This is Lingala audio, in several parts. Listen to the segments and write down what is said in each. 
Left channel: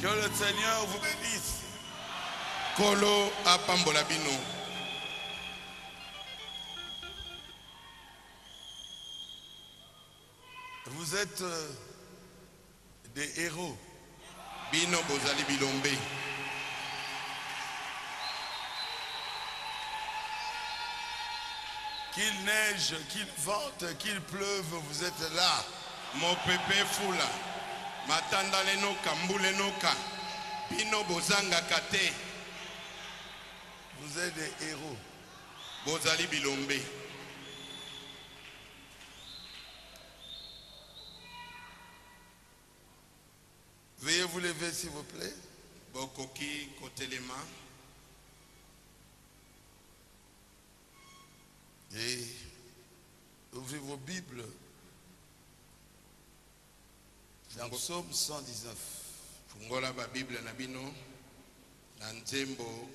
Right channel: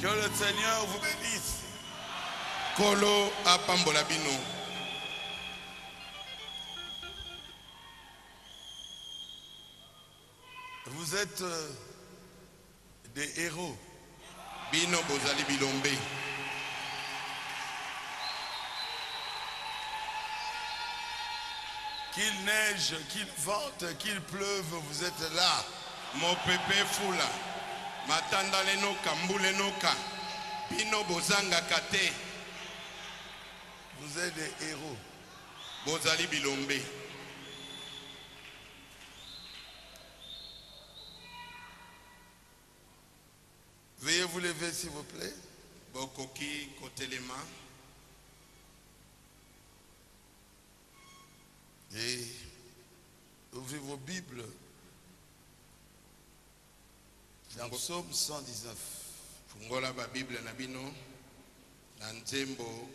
Que le Seigneur vous bénisse. Kolo apambola bino. Vous êtes des héros. Bino bozali bilombe. Qu'il neige, qu'il vente, qu'il pleuve, vous êtes là. Mon pepe fula. Matanda lenoka, mbule noka. Bino bozanga kate. Vous êtes des héros. Bozali bilombe. Veuillez vous lever s'il vous plaît. Bokoki kotelema. Et ouvrez vos Bibles dans Psaume 119. Fungola ba Bible na bino. Na nzembo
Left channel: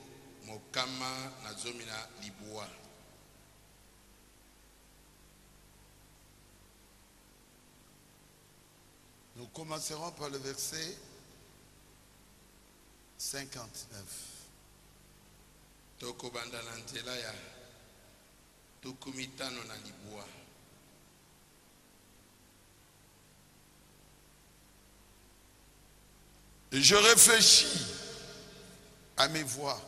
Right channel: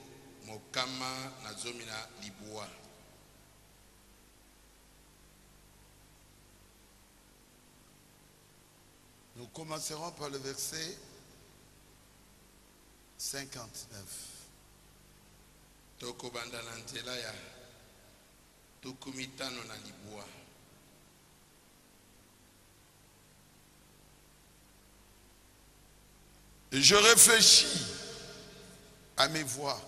mokama na zomi na libua. Nous commencerons par le verset 59. Toko banda na nzela ya tukumitano na libua. Je réfléchis à mes voies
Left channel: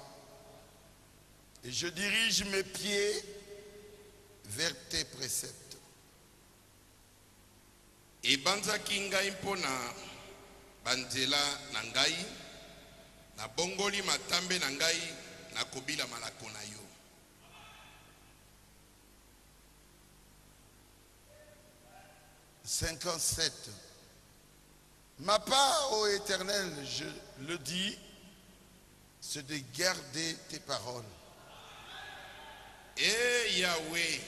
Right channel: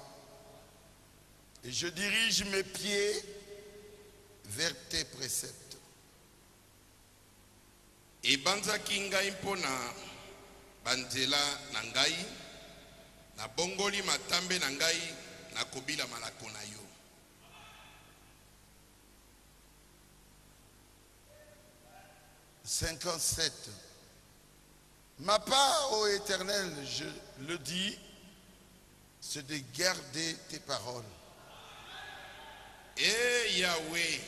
et je dirige mes pieds vers tes préceptes. Ebanzaki ngai mpona banzela na ngai, na bongoli matambe na ngai, na kobila malako na yo. « 57. Ma part, ô Éternel, je le dis, c'est de garder tes paroles. Eh Yahweh,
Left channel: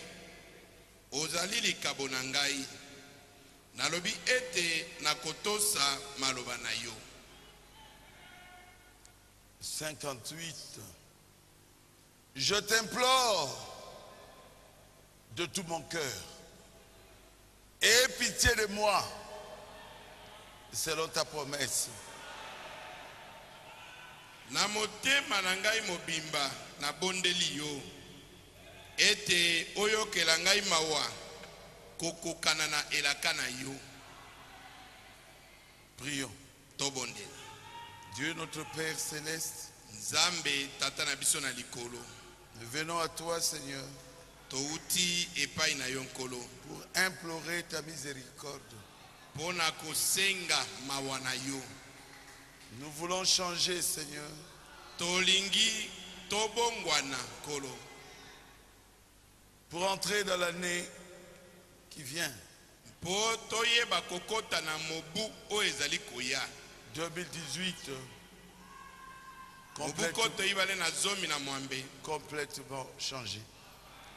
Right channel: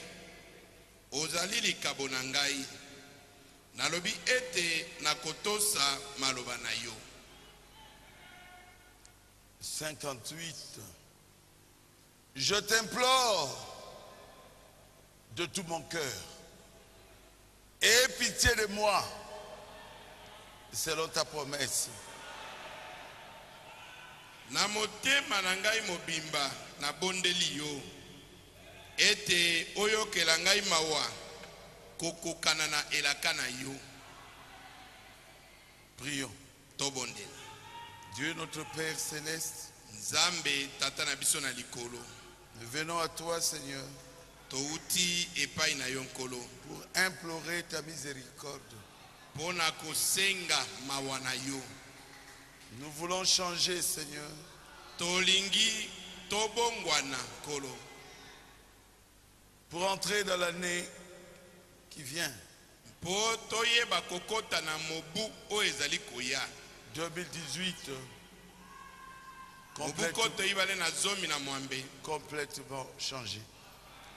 ozali likabo na ngai, nalobi ete nakotosa maloba na yo. 58. Je t'implore de tout mon cœur. Aie pitié de moi, selon ta promesse. Na motema na ngai mobimba na bondeli yo, ete oyokela ngai mawa kokokana na elaka na yo. Prions. Tobondela. Dieu notre Père céleste, Nzambe tata na biso na likolo, nous venons à toi, Seigneur, touti epai na yo nkolo, pour implorer ta miséricorde. pona kosenga mawa na yo. Nous voulons changer, Seigneur, Tolingi tobongwana nkolo, pour entrer dans l'année qui vient, po toyeba kokota na mobu oyo ezali koya. 2018, Mobuko toyibale na zomi na mwambe, complètement changé.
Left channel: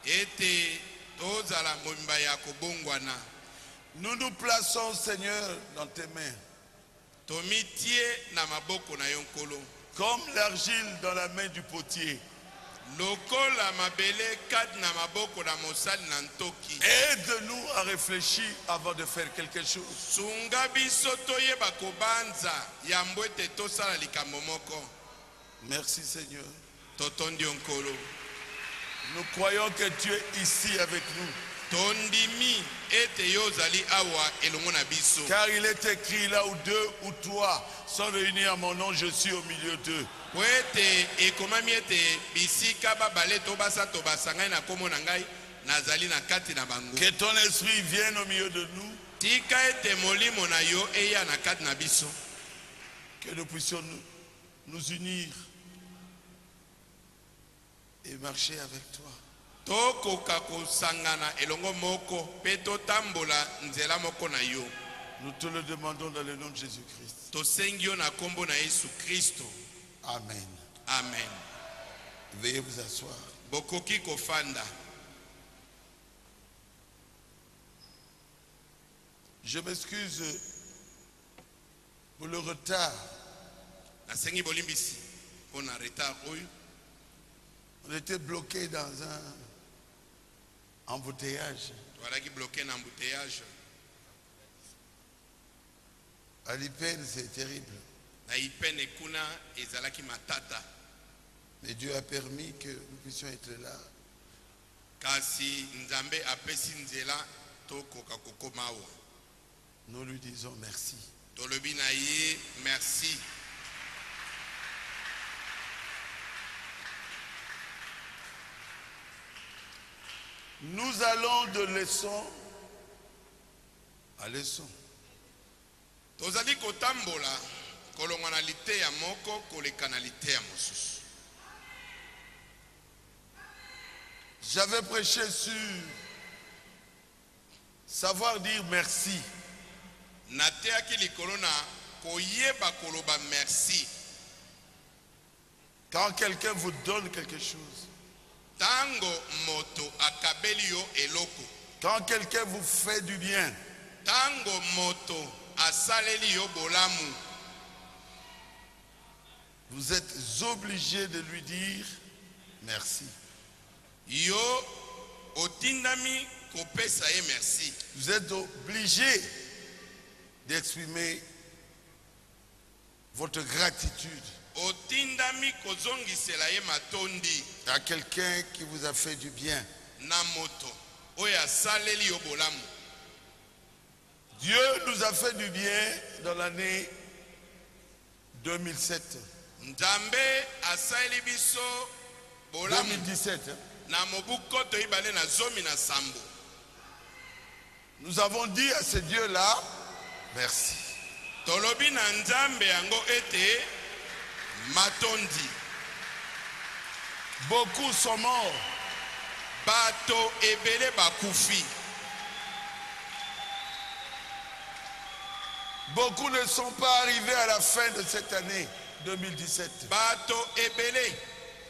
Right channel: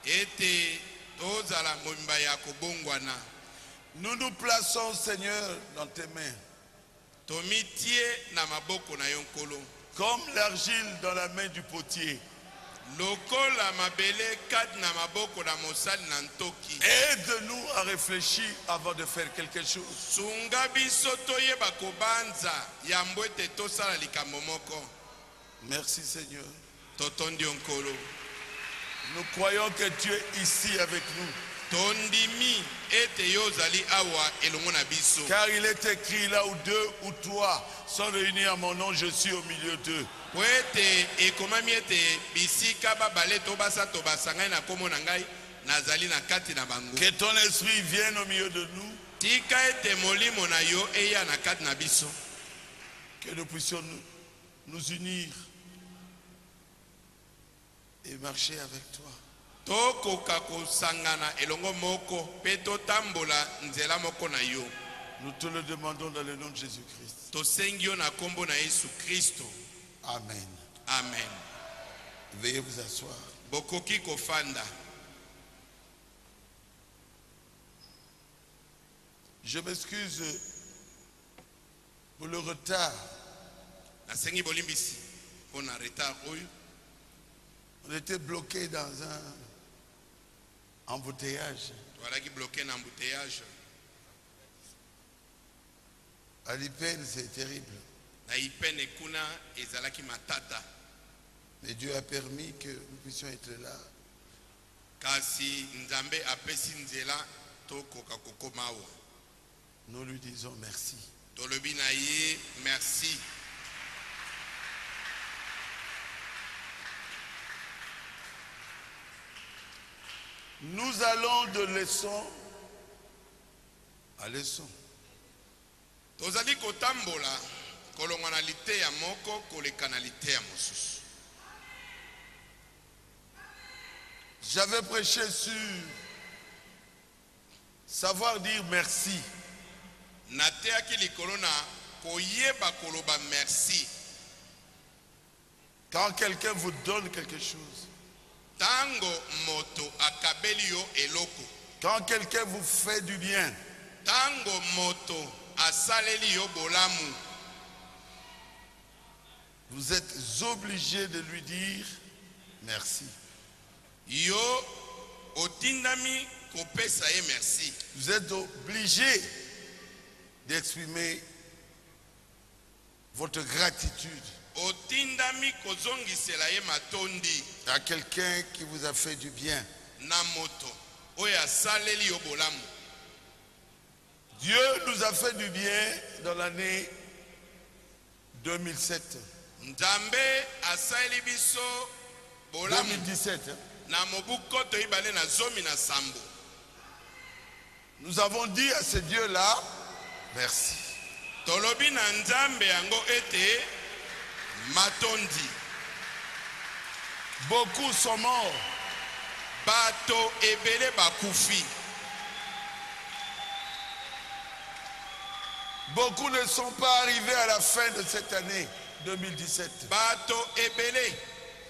ete tozala mobimba ya kobongwana. Nous nous plaçons, Seigneur, dans tes mains, Tomitie na maboko na yo nkolo, comme l'argile dans la main du potier. lokola mabele kati na maboko na mosali na ntoki. Aide-nous à réfléchir avant de faire quelque chose. Sunga biso toyeba kobanza yambo ete tosala likambo moko. Merci, Seigneur. Totondi yo nkolo, Nous croyons que tu es ici avec nous. tondimi ete yo ozali awa elongo na biso. Car il est écrit là où deux ou trois sont réunis à mon nom, je suis au milieu d'eux. Po ete ekomami ete bisika babale tobasa tobasa ngai na kombo na ngai nazali na kati na bango. Que ton esprit vienne au milieu de nous. Tika ete molimo na yo eya na kati na biso. Que nous puissions nous unir et marcher avec toi. Tokoka kosangana elongo moko pe totambola nzela moko na yo. Nous te le demandons dans le nom de Jésus-Christ. Tosengi yo na kombo na Yesu Kristo. Amen. Amen. Veuillez vous asseoir. Bokoki kofanda. Je m'excuse pour le retard. Nasengi bolimbisi pona retard oyo. On était bloqué dans un embouteillage. Toalaki bloqué na embouteillage. À l'IPN, c'est terrible. na ipene kuna ezalaki matata. Mais Dieu a permis que nous puissions être là. Kasi nzambe apesi nzela tokoka kokoma awa. Nous lui disons merci. Tolobi na ye merci. Nous allons de leçon à leçon. Tozali kotambola kolongwa na liteya moko koleka na liteya mosusu. J'avais prêché sur savoir dire merci. Nateyaki likolo na koyeba koloba merci. Quand quelqu'un vous donne quelque chose. Tango moto akabeli yo eloko. Quand quelqu'un vous fait du bien. Tango moto asaleli yo bolamu. Vous êtes obligé de lui dire merci. Yo otindami kopesa ye merci. Vous êtes obligé d'exprimer votre gratitude Otindami kozongisela ye matondi à quelqu'un qui vous a fait du bien. na moto oyo asaleli yo bolamu. Dieu nous a fait du bien dans l'année 2007. Nzambe asaleli biso bolamu 2017. na mobuko toyibale na zomi na sambo. Nous avons dit à ce Dieu-là, merci. Tolobi na nzambe yango ete matondi. Beaucoup sont morts. Bato ebele bakufi. Beaucoup ne sont pas arrivés à la fin de cette année 2017. Bato ebele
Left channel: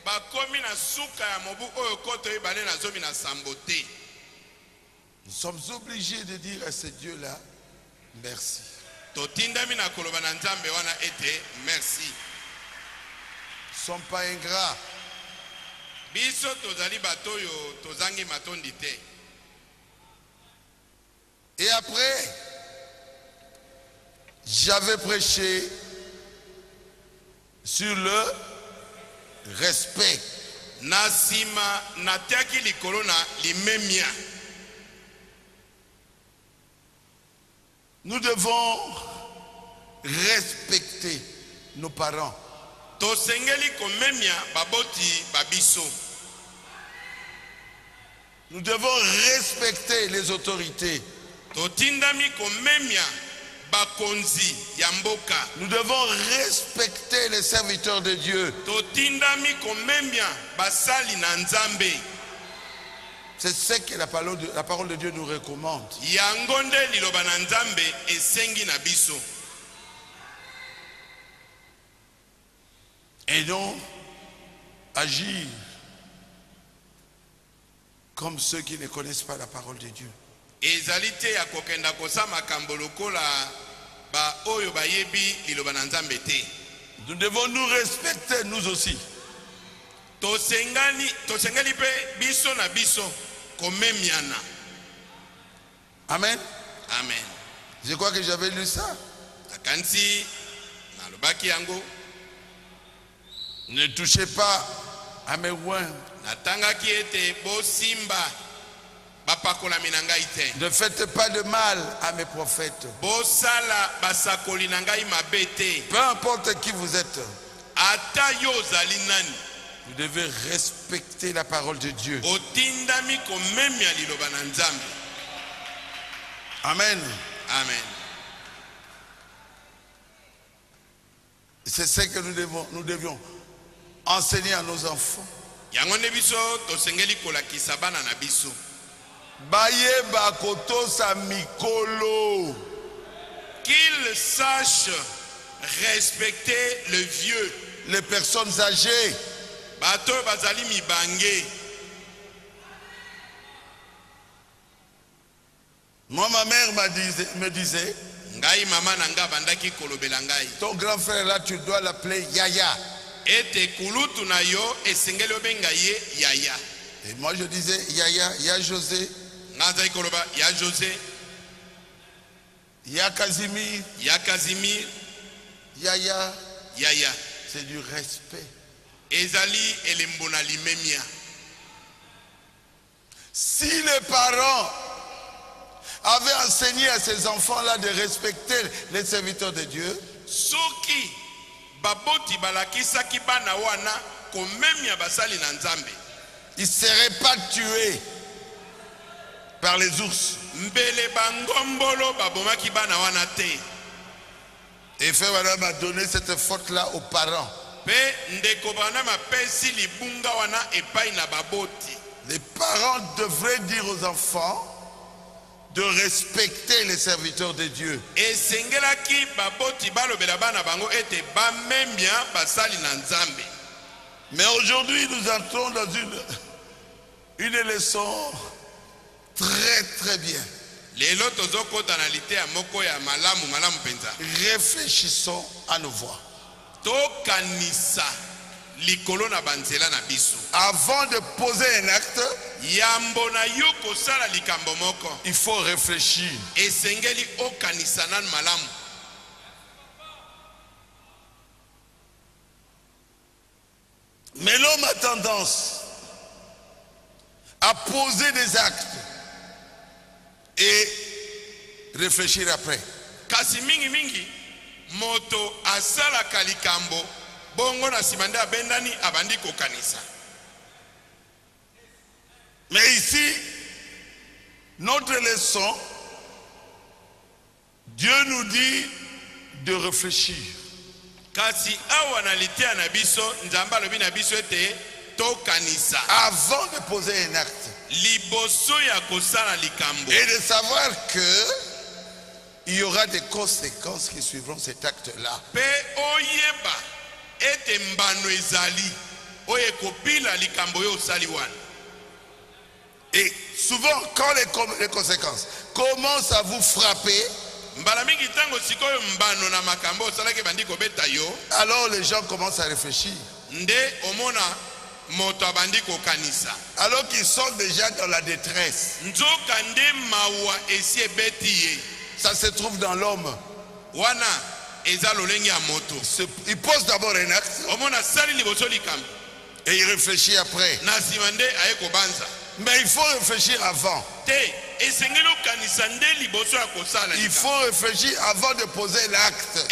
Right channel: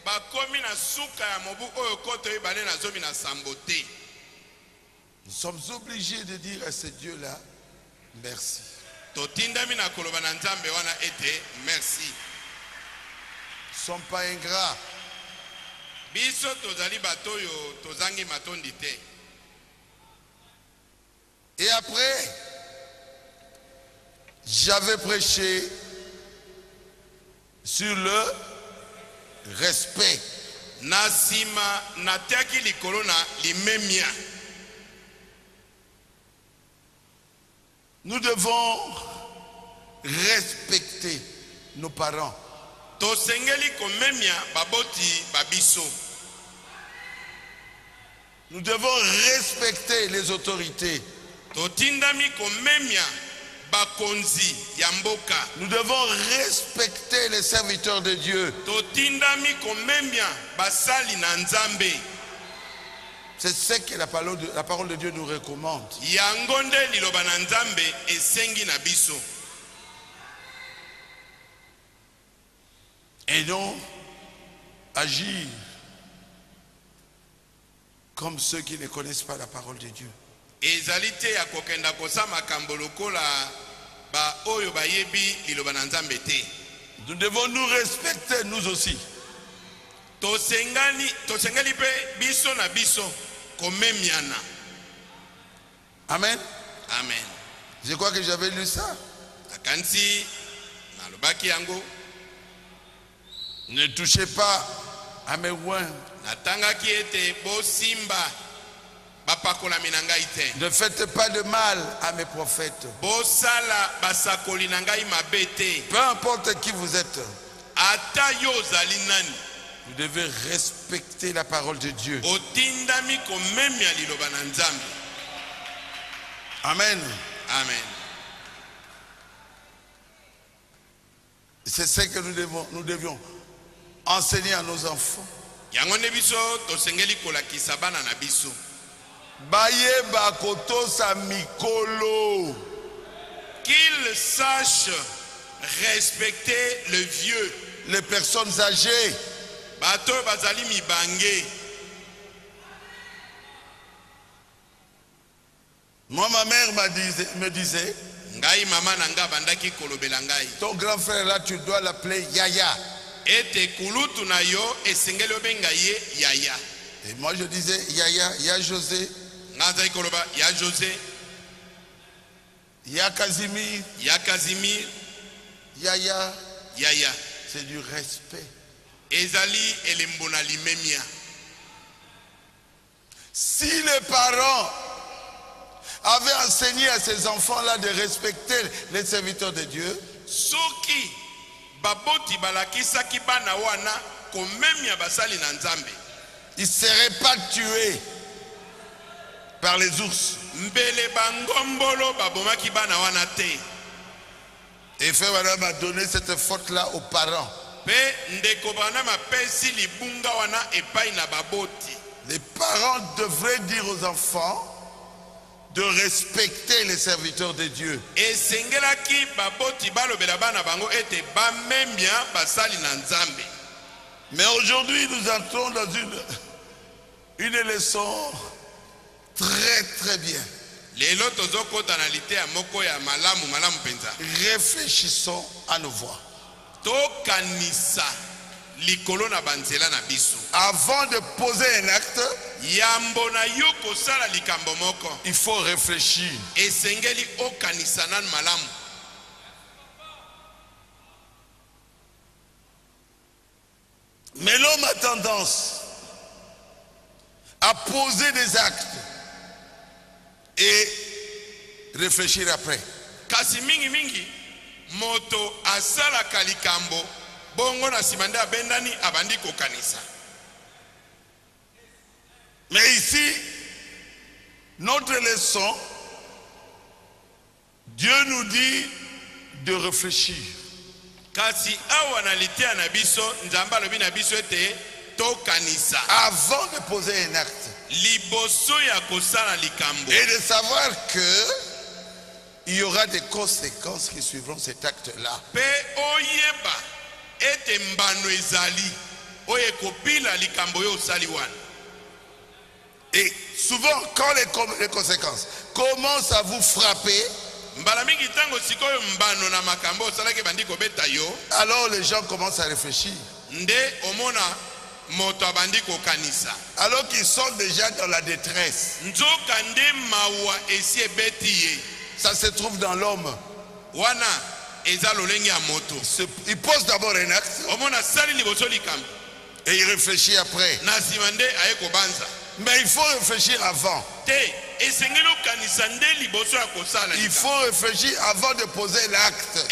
bakomi na suka ya mobu oyo koto ebale na zomi na sambo te. Nous sommes obligés de dire à ce Dieu-là, merci. Totindami na koloba na nzambe wana ete merci. Nous ne sommes pas ingrats. Biso tozali bato yo tozangi matondi te. Et après, j'avais prêché sur le respect. Nasima natiaki likolo na limemia. Nous devons respecter nos parents. Tosengeli komemia baboti babiso. Nous devons respecter les autorités. Totindami komemia bakonzi ya mboka. Nous devons respecter les serviteurs de Dieu. Totindami komemia basali na nzambe. C'est ce que la parole de Dieu nous recommande. Yangonde liloba na nzambe esengi na biso. Et donc, agir comme ceux qui ne connaissent pas la parole de Dieu. Ezalite ya kokenda kosama kambolokola ba oyo bayebi liloba na nzambe te. Nous devons nous respecter nous aussi. Tosengeli pe biso na biso komemiana. Amen. Amen. Je crois que j'avais lu ça. Akansi na lobaki yango. Ne touchez pas à mes oins. Natangaki ete bosimba bapakolami na ngai te. Ne faites pas de mal à mes prophètes. Bosala basakoli na ngai mabe te. Peu importe qui vous êtes, Ata yo ozali nani. vous devez respecter la parole de Dieu. Otindami komemia liloba na nzambe. Amen. Amen. C'est ce que nous devions enseigner à nos enfants. Yango ne biso tosengeli kolakisa bana na biso. Bayeba kotosa mikolo. Qu'ils sachent respecter le vieux. Les personnes âgées. Bato bazali mibange. Moi, ma mère me disait, Ngai mama nanga bandaki kolobela ngai. ton grand frère là, tu dois l'appeler Yaya. Ete kulutu na yo esengeli obenga ye yaya. Et moi je disais Yaya, ya José, Ngazali koloba ya José, ya Casimir, ya Casimir, Yaya, yaya c'est du respect. ezali elembo na limemia. Si les parents avaient enseigné à ces enfants-là de respecter les serviteurs de Dieu, soki baboti balakisaki bana wana komemia basali na Nzambe, ils ne seraient pas tués par les ours. mbele bangombolo babomaki bana wana te. Et Frère Branham a donné cette faute-là aux parents. Pe ndeko Branham apesi libunga wana epai na baboti. Les parents devraient dire aux enfants de respecter les serviteurs de Dieu. Esengelaki baboti balobela bana bango ete bamemia basali na Nzambe. Mais aujourd'hui, nous entrons dans une leçon très très bien. Lelo tozokota na lite ya moko ya malamu penza. Réfléchissons à nos voix. Tokanisa likolo na banzela na biso. Avant de poser un acte, yambo na yo kosala likambo moko, il faut réfléchir. Esengeli okanisa nan malamu. Mais l'homme a tendance à poser des actes et réfléchir après. Kasi mingi moto asalaka likambo bongo na simande abendani abandi kokanisa. Mais ici, notre leçon, Dieu nous dit de réfléchir. Kasi awa na litea na biso Nzambe alobi na biso ete tokanisa avant de poser un acte liboso ya kosala likambo, et de savoir que il y aura des conséquences qui suivront cet acte-là. Pe oyeba ete mbano ezali oye kopila likambo yo osali wana. Et souvent, quand les conséquences commencent à vous frapper, mbala mingi tango sikoyo mbano na makambo osalaki bandi kobeta yo, alors les gens commencent à réfléchir. Nde omona moto abandi kokanisa. Alors qu'ils sont déjà dans la détresse. Nzoka nde mawa esi ebeti ye. Ça se trouve dans l'homme. Wana eza lolenge ya moto. Il pose d'abord un acte. Omona sali liboso likambo. Et il réfléchit après. Na sima nde aye kobanza. Mais il faut réfléchir avant. Il faut réfléchir avant de poser l'acte.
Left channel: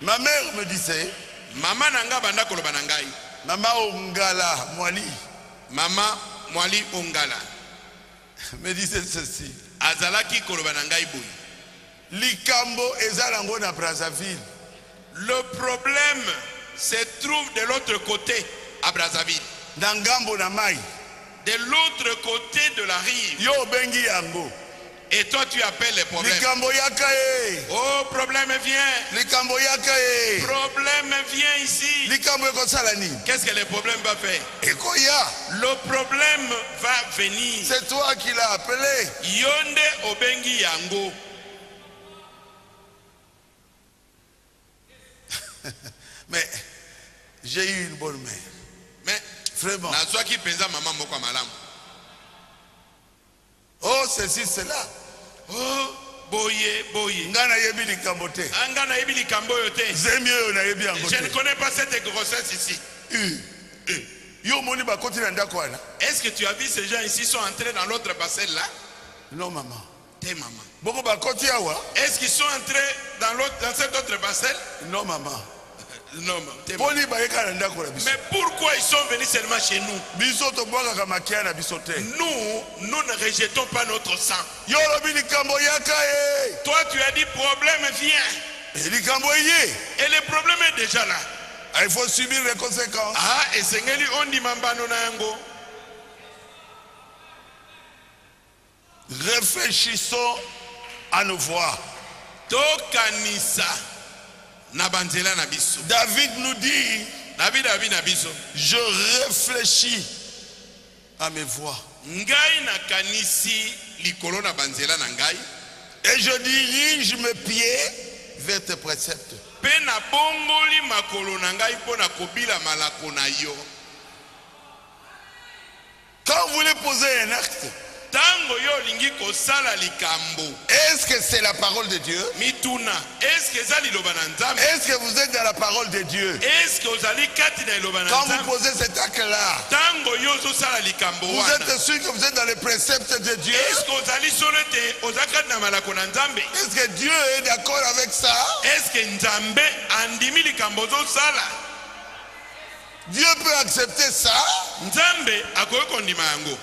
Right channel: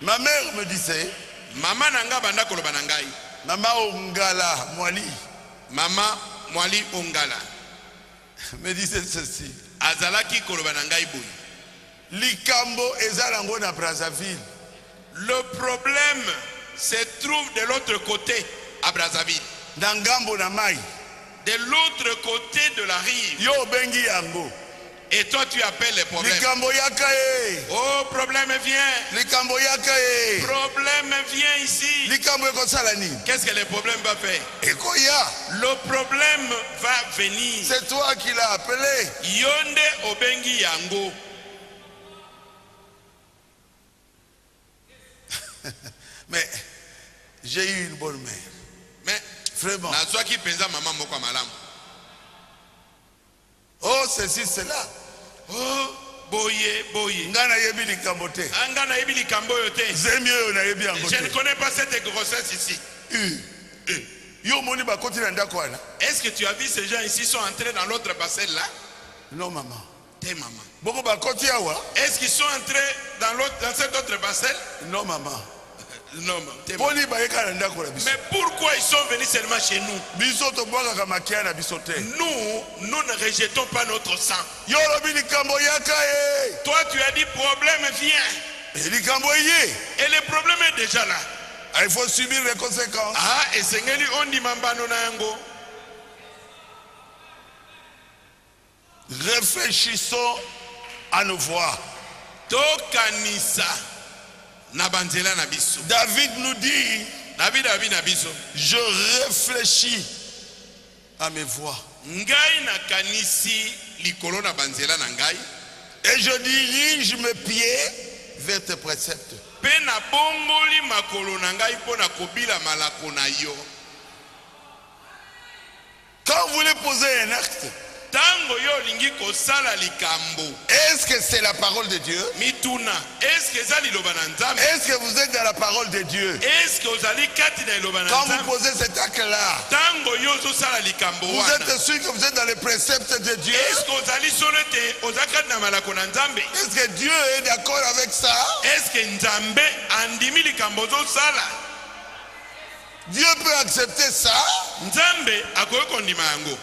Ma mère me disait, Mama nanga banda koloba nangai. Mama Ongala Mwali. Mama Mwali Ongala me disait ceci. Azalaki koloba nangai boy. Likambo ezalango na Brazzaville. Le problème se trouve de l'autre côté à Brazzaville. Dangambo na mai. De l'autre côté de la rive. Yo bengi yango. Et toi tu appelles les problèmes. Likambo yakae. Oh, problème vient. Likambo yakae. Problème vient ici. Likambo ekosalani. Qu'est-ce que le problème va faire? Ekoya. Le problème va venir. C'est toi qui l'as appelé. Yonde obengi yango. Mais j'ai eu une bonne mère. Mais vraiment. Nazwaki penza maman moko malamu. Oh, ceci, cela. Oh, boye, boye. Ngana yebi likambo te. Ngana yebi likambo yo te. Zemio na yebi yango te. Je ne connais pas cette grossesse ici. Yo moni ba koti na ndako wana. Est-ce que tu as vu ces gens ici sont entrés dans l'autre parcelle là? Non maman. T'es maman. Boko ba koti awa. Est-ce qu'ils sont entrés dans cette autre parcelle? Non maman. Non maman. Boni ba yeka na ndako la biso. Mais pourquoi ils sont venus seulement chez nous? Biso to boka ka makia na biso te. Nous ne rejetons pas notre sang. Yo lobi likambo yakae. Toi tu as dit problème vient. Likambo yé. Et le problème est déjà là. Il faut subir les conséquences. Ah, et sengeli ondi mambano na yango. Réfléchissons à nos voix. Tokanisa na banzela na biso. David nous dit, David na biso, je réfléchis à mes voix. Ngai na kanisi likolo na banzela na ngai. Et je dirige mes pieds vers tes préceptes. Pe na bongoli makolo na ngai po na kobila malako na yo. Quand vous voulez poser un acte, tango tango yo lingi kosala likambo. Est-ce que c'est la parole de Dieu? Mituna, est-ce que ça liloba na nzambe? Est-ce que vous êtes dans la parole de Dieu? Est-ce que ozali kati na liloba na Quand nzambe? vous posez cet acte-là, Tango yo zosala likambo vous wana. êtes sûr que vous êtes dans les préceptes de Dieu? Est-ce que ozali solete ozakati na malako na nzambe? Est-ce que Dieu est d'accord avec ça? Est-ce que nzambe andimi likambo zosala? Dieu peut accepter ça? Nzambe akoki kondima yango?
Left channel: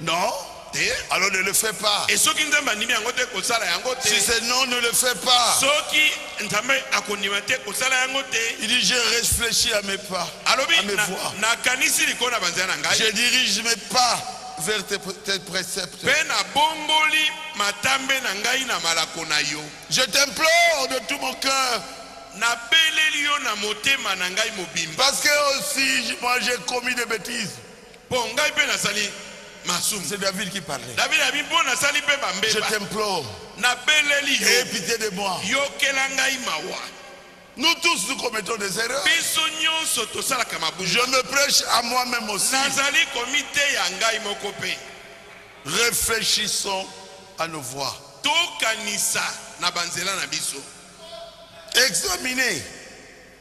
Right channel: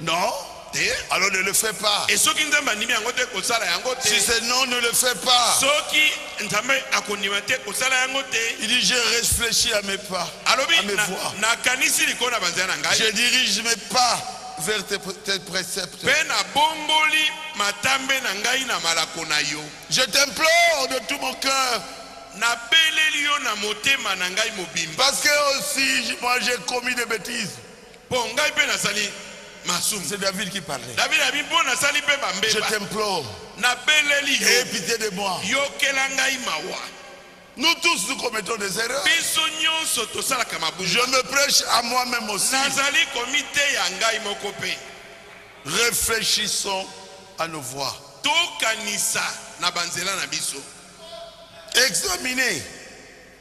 Non. Te. Alors ne le fais pas. Et soki nzambe andimi yango te kosala yango te. Si c'est non, ne le fais pas. Soki nzambe akondima te kosala yango te. Il dit, je réfléchis à mes pas, Alobi à mes voies. nakanisi likolo na banzela na ngai. Je dirige mes pas vers tes préceptes. Pe na bomboli matambe na ngai na malako na yo. Je t'implore de tout mon cœur. Na beleli yo na motema na ngai mobimba. Parce que aussi, moi j'ai commis des bêtises. Po ngai pe nasali masumu. C'est David qui parlait. David abi po nasali pe Je bambeba. t'implore. Na beleli Aie yo. pitié de moi. Yokela ngai mawa. Nous tous, nous commettons des erreurs. Biso nyonso tosalaka mabunga. Je me prêche à moi-même aussi. Nazali komite ya ngai moko pe. Réfléchissons à nos voies. Tokanisa na banzela na biso. Examinez.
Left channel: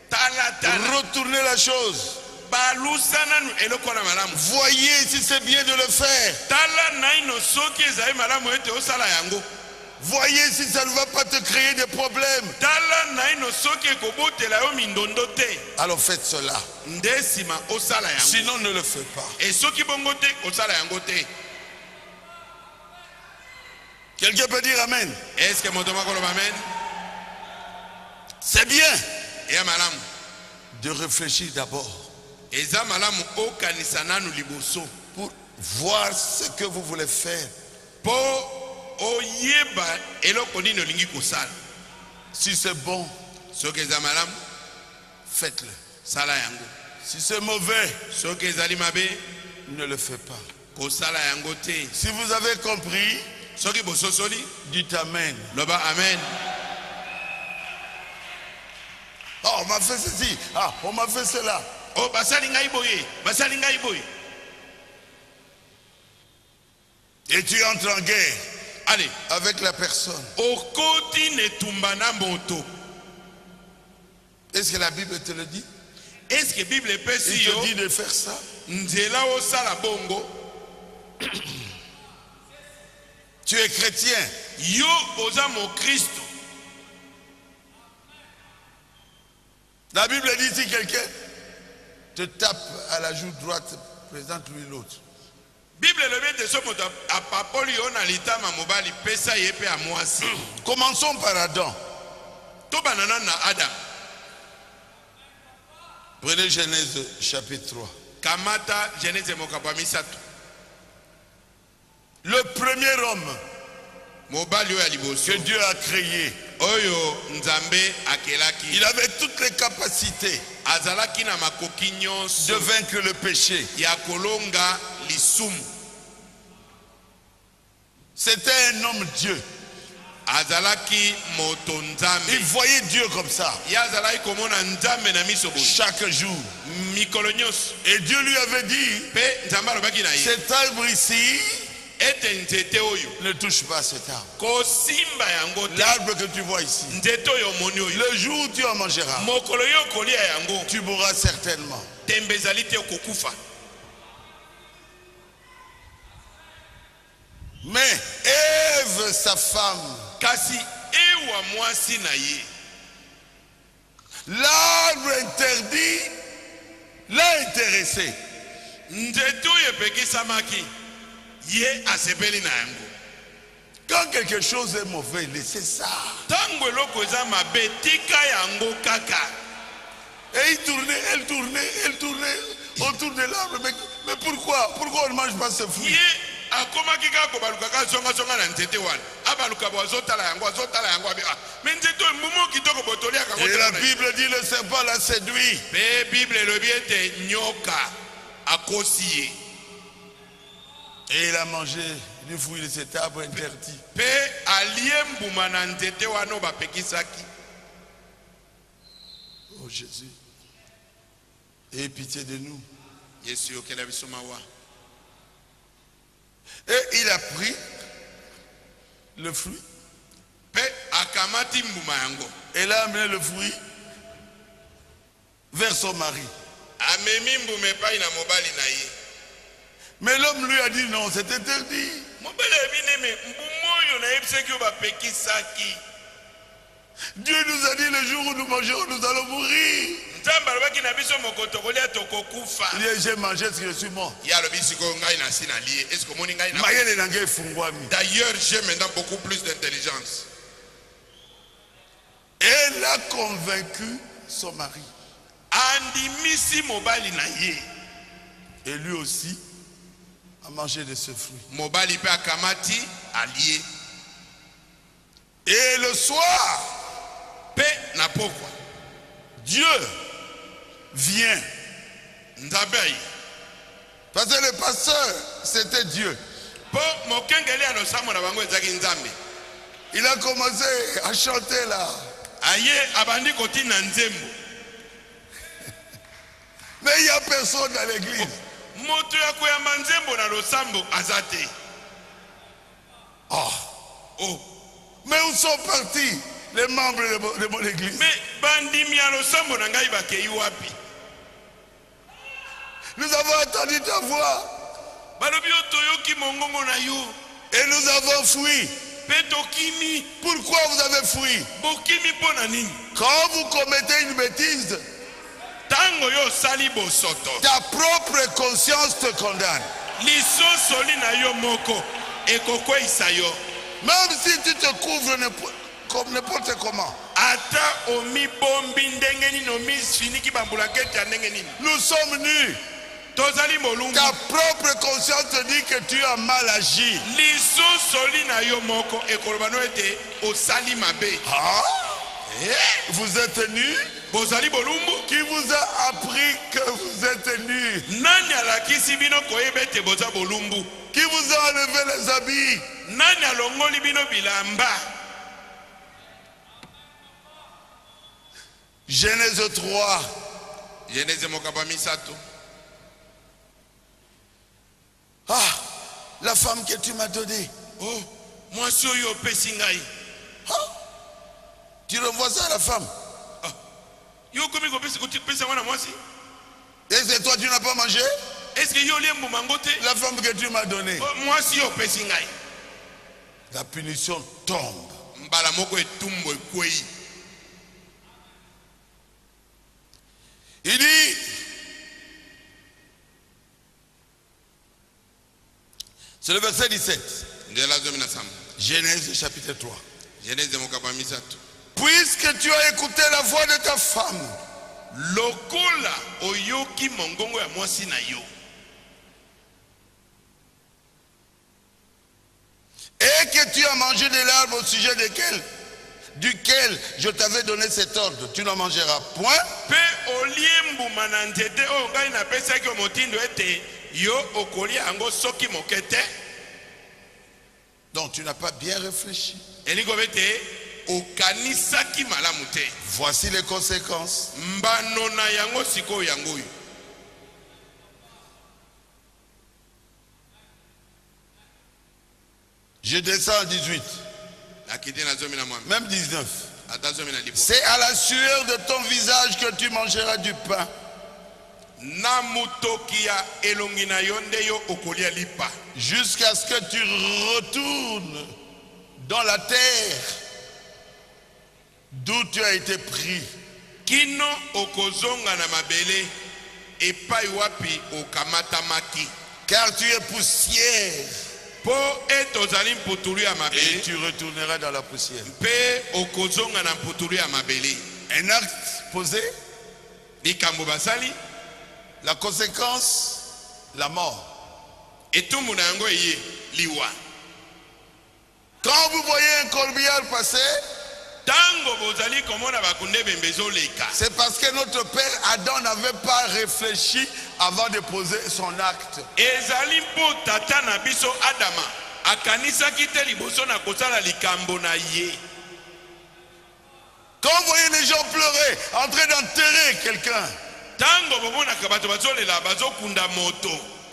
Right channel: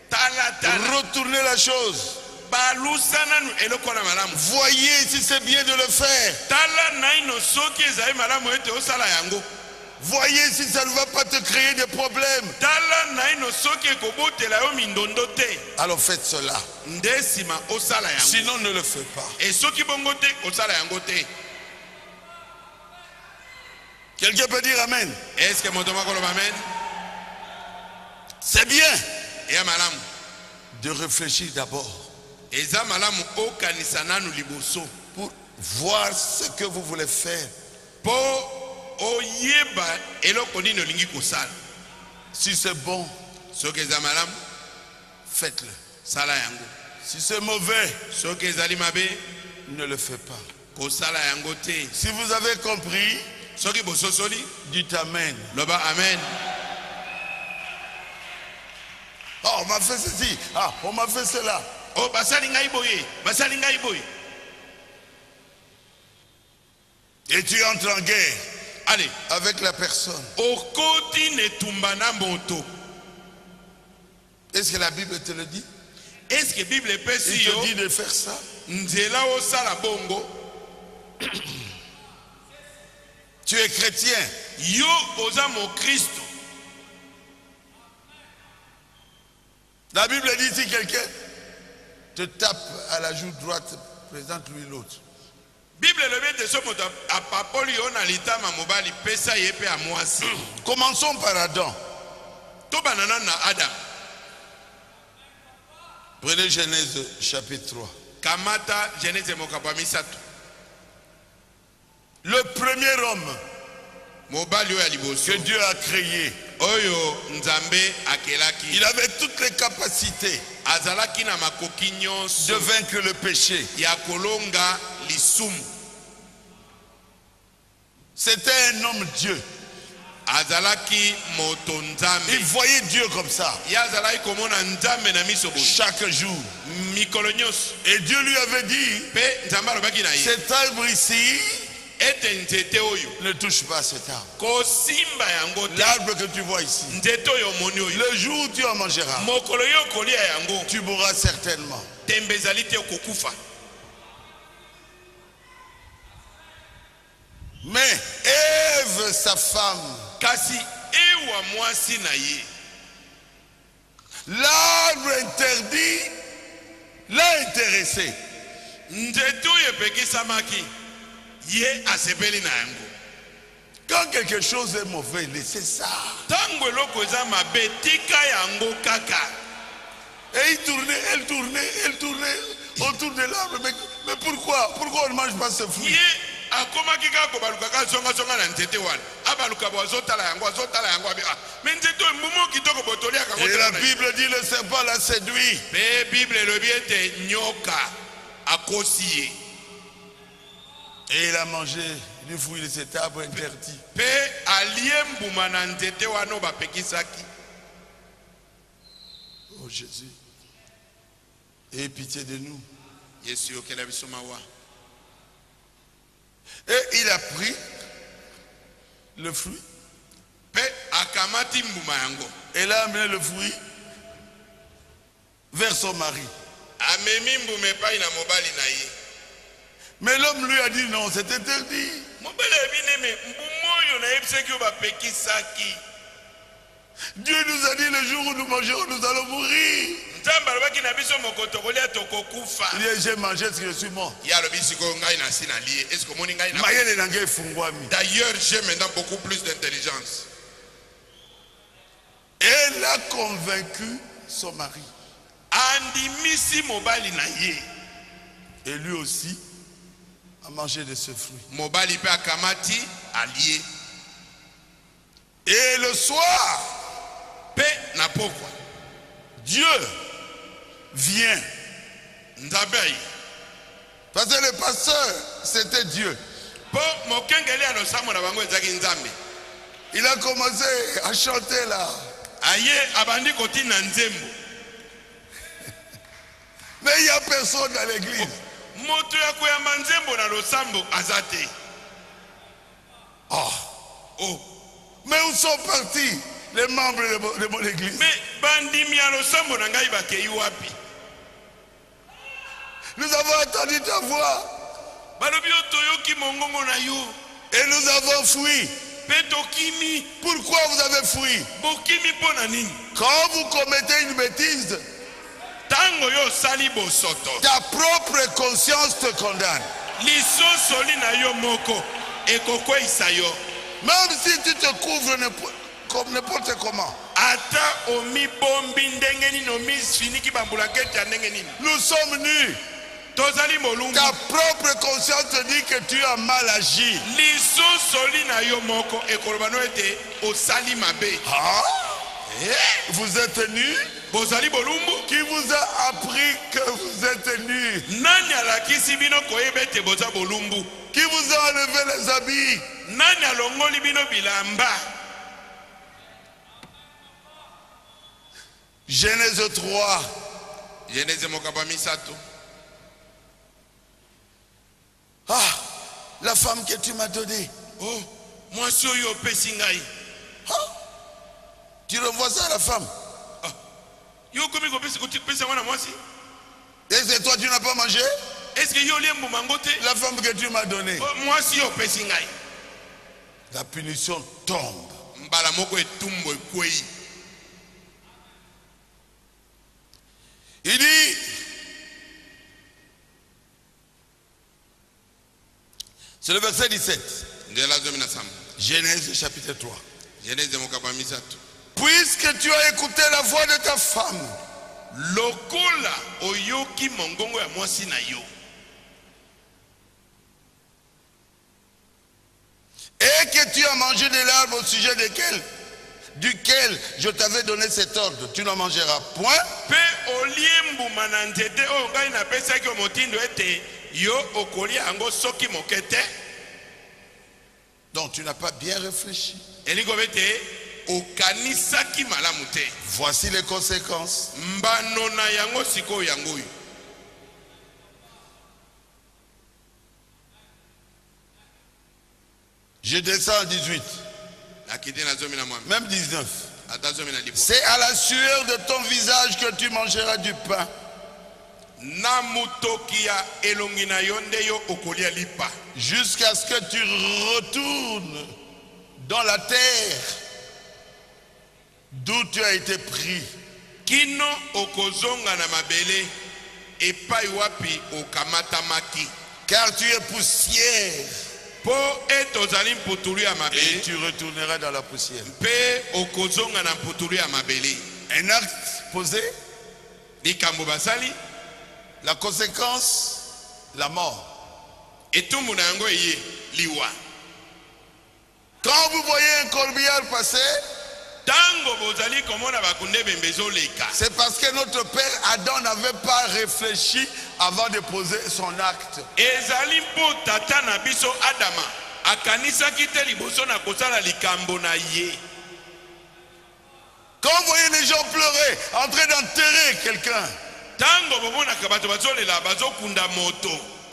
Tala. Retournez la chose. Balusana nu eloko na malamu. Voyez si c'est bien de le faire. Tala naino soki ezali malamu ete osala yango. Voyez si ça ne va pas te créer des problèmes. Tala naino soki ekobotela yo mindondo te. Alors faites cela. Nde sima osala yango. Sinon ne le faites pas. Et soki bongo te osala yango te. Quelqu'un peut dire amen. Est-ce que moto moko loba amen? C'est bien Eya malamu. de réfléchir d'abord Eza malamu okanisa nanu liboso. pour voir ce que vous voulez faire. Po oyeba eloko nini olingi kosala. Si c'est bon, Soki eza malamu, faites-le. sala yango. Si c'est mauvais, Soki ezali mabe, ne le faites pas. kosala yango te. Si vous avez compris, Soki bososoli, dites amen. loba amen. Oh, on m'a fait ceci. Ah, on m'a fait cela. Oh, basali ngai boye, basali ngai boye. Et tu entres en guerre Allez, avec la personne. okoti netumbana moto. Est-ce que la Bible te le dit? Est-ce que Bible Il epesi te yo dit de faire ça? nzela osala bongo? Tu es chrétien. Yo oza mo Kristo. La Bible dit si quelqu'un te tape à la joue droite, présente-lui l'autre. Bible elobi ete so moto apapoli yo na litama mobali pesa ye pe ya mwasi. Commençons par Adam. Tobanana na Adam. Prenez Genèse chapitre 3. Kamata Genèse mokapa misato. Le premier homme Mobali oyo ya liboso. que Dieu a créé, Oyo nzambe akelaki. il avait toutes les capacités Azalaki na makoki de nyonso vaincre le péché. ya kolonga lisumu. C'était un homme Dieu. Azalaki moto Il nzambe. voyait Dieu comme ça Ye azalaki komona nzambe na miso boye. chaque jour. Mikolo nyonso. Et Dieu lui avait dit, Pe nzambe alobaki na ye. cet arbre ici, Ete nzete oyo. ne touche pas cet arbre. Kosimba yango te. L'arbre que tu vois ici, Nzete oyo moni oyo. le jour où tu en mangeras, Mokolo yo kolia yango. tu mourras certainement. Tembe ezali te kokufa. Mais Ève, sa femme, Kasi ewa mwasi na ye. l'arbre interdit l'a intéressé. Nzete oyo epekisamaki. Ye asepeli na yango. Quand quelque chose est mauvais, laissez ça. Tango eloko eza mabe tika yango kaka. Et il tournait, elle tournait autour de l'arbre. Mais pourquoi? Pourquoi on ne mange pas ce fruit? Ye akomaki kaka kobalukaka zonga na nzete wana. Abaluka bo azotala yango abi. Me nzete oyo mbumu kitoko botoliaka yango. Et la Bible dit le serpent l'a séduit. Pe Bible elobi ete nyoka akosi ye. Et il a mangé du fruit de cet arbre interdit. Pe alie mbuma na nzete wana oyo bapekisaki. Oh Jésus, aie pitié de nous. Yesu yokela biso mawa. Et il a pris le fruit. Pe akamati mbuma yango. Et il a amené le fruit vers son mari. Amemi mbume pai na mobali na ye. Mais l'homme lui a dit non, c'est interdit. Dieu nous a dit le jour où nous mangerons, nous allons mourir. Il dit j'ai mangé ce que je suis mort. D'ailleurs, j'ai maintenant beaucoup plus d'intelligence. Elle a convaincu son mari. Et lui aussi a mangé de ce fruit. Mobali pe akamati allié. Et le soir, pe na pokwa, Dieu vient. Ndabei. Parce que le pasteur, c'était Dieu. Po mokengeli anosamo na bango ezaki nzambe. Il a commencé à chanter là. Aye abandi kotina nzembo. Mais il n'y a personne dans l'église. Moto ya koyamba nzembo na losambo azate. Oh. Oh. Mais où sont partis les membres de mon église? Mais bandimi ya losambo na ngai bakei wapi? Nous avons entendu ta voix. Balobi otoyoki mongongo na yo. Et nous avons fui. Petokimi. Pourquoi vous avez fui? Bokimi pona nini? Quand vous commettez une bêtise, tango yo sali bosoto. Ta propre conscience te condamne. Lisoso li na yo moko ekokweisa yo. Même si tu te couvres comme n'importe comment. Ata omi bombi ndenge nini omi finiki bambulaketi ya ndenge nini. Nous sommes nus. Tozali molungu. Ta propre conscience te dit que tu as mal agi. Lisoso li na yo moko ekoloba no ete osali mabe. Ah? Vous êtes nus? Bozali bolumbu. Qui vous a appris que vous êtes nus? Nani alakisi bino koyeba ete boza bolumbu? Qui vous a enlevé les habits? Nani alongoli bino bilamba? Genèse 3. Genèse mokaba misato. Ah, la femme que tu m'as donnée. Oh, moi soyo pesi ngai. Ah, tu revois ça à la femme? Ah. Yo komi ko pesi wana mwasi? Et c'est toi tu n'as pas mangé? Est-ce que yo liembu mangote? La femme que tu m'as donnée. Oh, mwasi yo pesi ngai. La punition tombe. Mbala moko etumbo ekwei. Il dit, c'est le verset 17. Genèse chapitre 3. Puisque tu as écouté la voix de ta femme, lokola oyoki mongongo ya mwasi na yo, et que tu as mangé de l'arbre au sujet duquel je t'avais donné cet ordre, tu n'en mangeras point. Pe oliembu manantete o ngai na pesaki motindo ete yo okolia ango soki mokete. Donc tu n'as pas bien réfléchi. Eliko bete okanisaki malamu te. Voici les conséquences. Mbano na yango siko yango. Je descends à 18. Même 19. C'est à la sueur de ton visage que tu mangeras du pain. Jusqu'à ce que tu retournes dans la terre d'où tu as été pris. Kino okozonga na mabele epai wapi okamatamaki. Car tu es poussière. Et tu retourneras dans la poussière. Un acte posé. La conséquence, la mort. Quand vous voyez un corbillard passer, c'est parce que notre père Adam n'avait pas réfléchi avant de poser son acte. Quand vous voyez les gens pleurer, en train d'enterrer quelqu'un,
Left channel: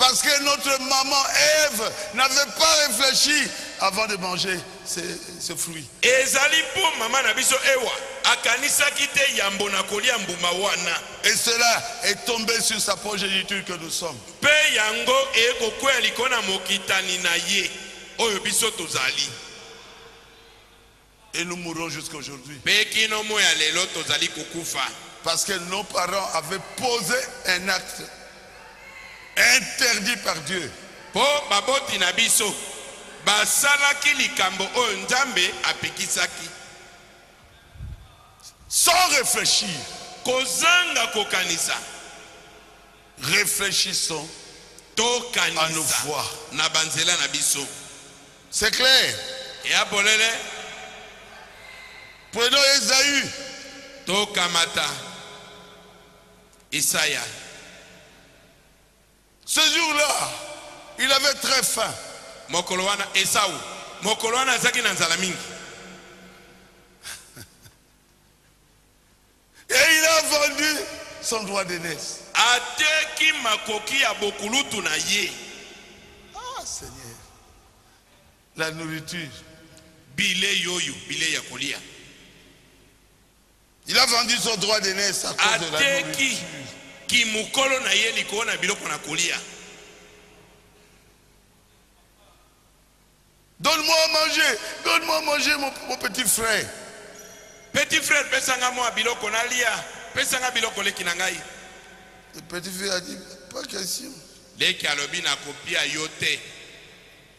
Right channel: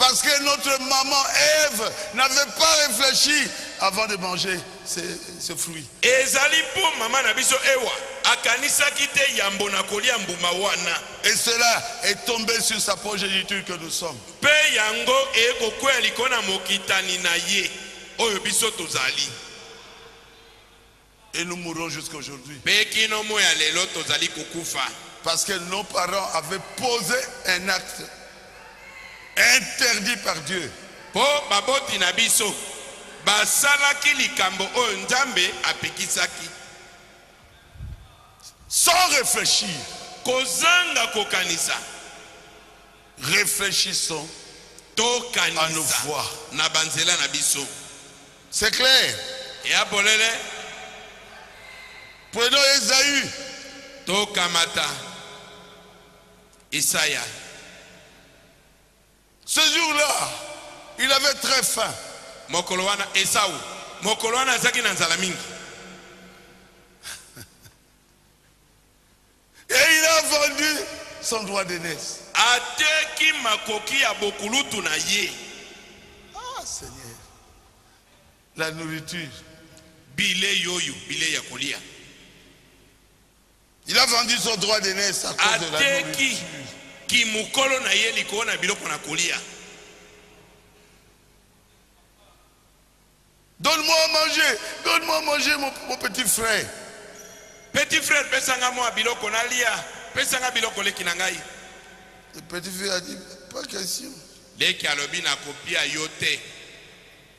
Parce que notre maman Ève n'avait pas réfléchi avant de manger ce fruit. Et cela est tombé sur sa progéniture que nous sommes. Et nous mourrons jusqu'à aujourd'hui. Parce que nos parents avaient posé un acte interdit par Dieu. Sans réfléchir. Réfléchissons à nos voix. C'est clair. Prenons Esaü. Isaïa. Ce jour-là, il avait très faim. Mokolowana Esau. Mokolowana zaki na nzala mingi. Et il a vendu son droit d'aînesse. Ateki makoki ya bokulutu na ye. Ah Seigneur. La nourriture. Bile yoyo, bile ya kolia. Il a vendu son droit d'aînesse à cause de la nourriture. Ki mukolo na ye liko na biloko na kolia. Donne-moi à manger, donne-moi à manger mon petit frère. Petit frère, pesanga mo biloko na lia, pesanga biloko leki na ngai. Le petit frère a dit, pas question. Leki alobi na kopia yote.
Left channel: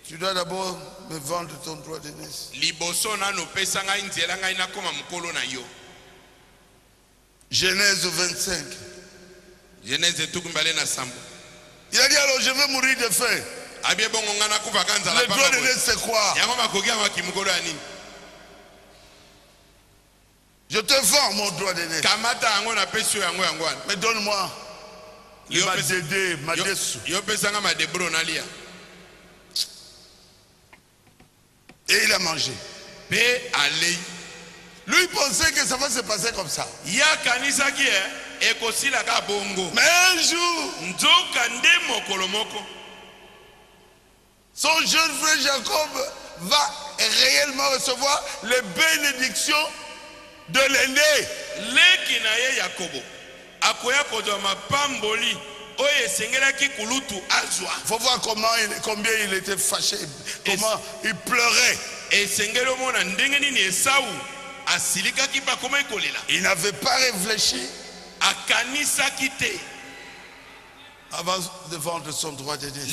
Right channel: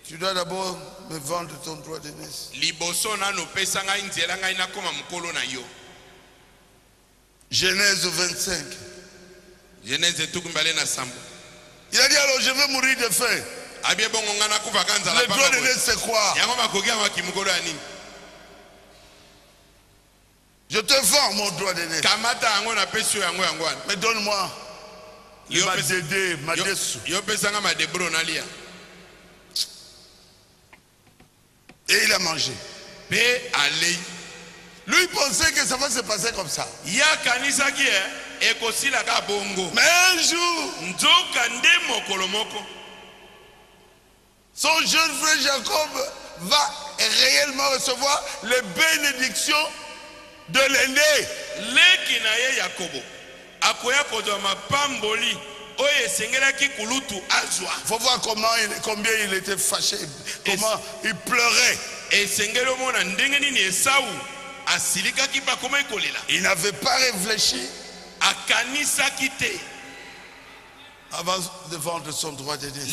Tu dois d'abord me vendre ton droit d'aînesse. Liboso na no pesanga nzela ngai na koma mukolo na yo. Genèse 25. Genèse tukumbale na sambo. Il a dit alors je vais mourir de faim. Le droit d'aînesse c'est quoi? Je te vends mon droit d'aînesse. Mais donne-moi ma dédé, ma dessous. Et il a mangé. Lui il pensait que ça va se passer comme ça. Mais un jour, son jeune frère Jacob va réellement recevoir les bénédictions de l'aîné. Il faut voir combien il était fâché, comment il pleurait. Il n'avait pas réfléchi avant de vendre son droit d'aînesse.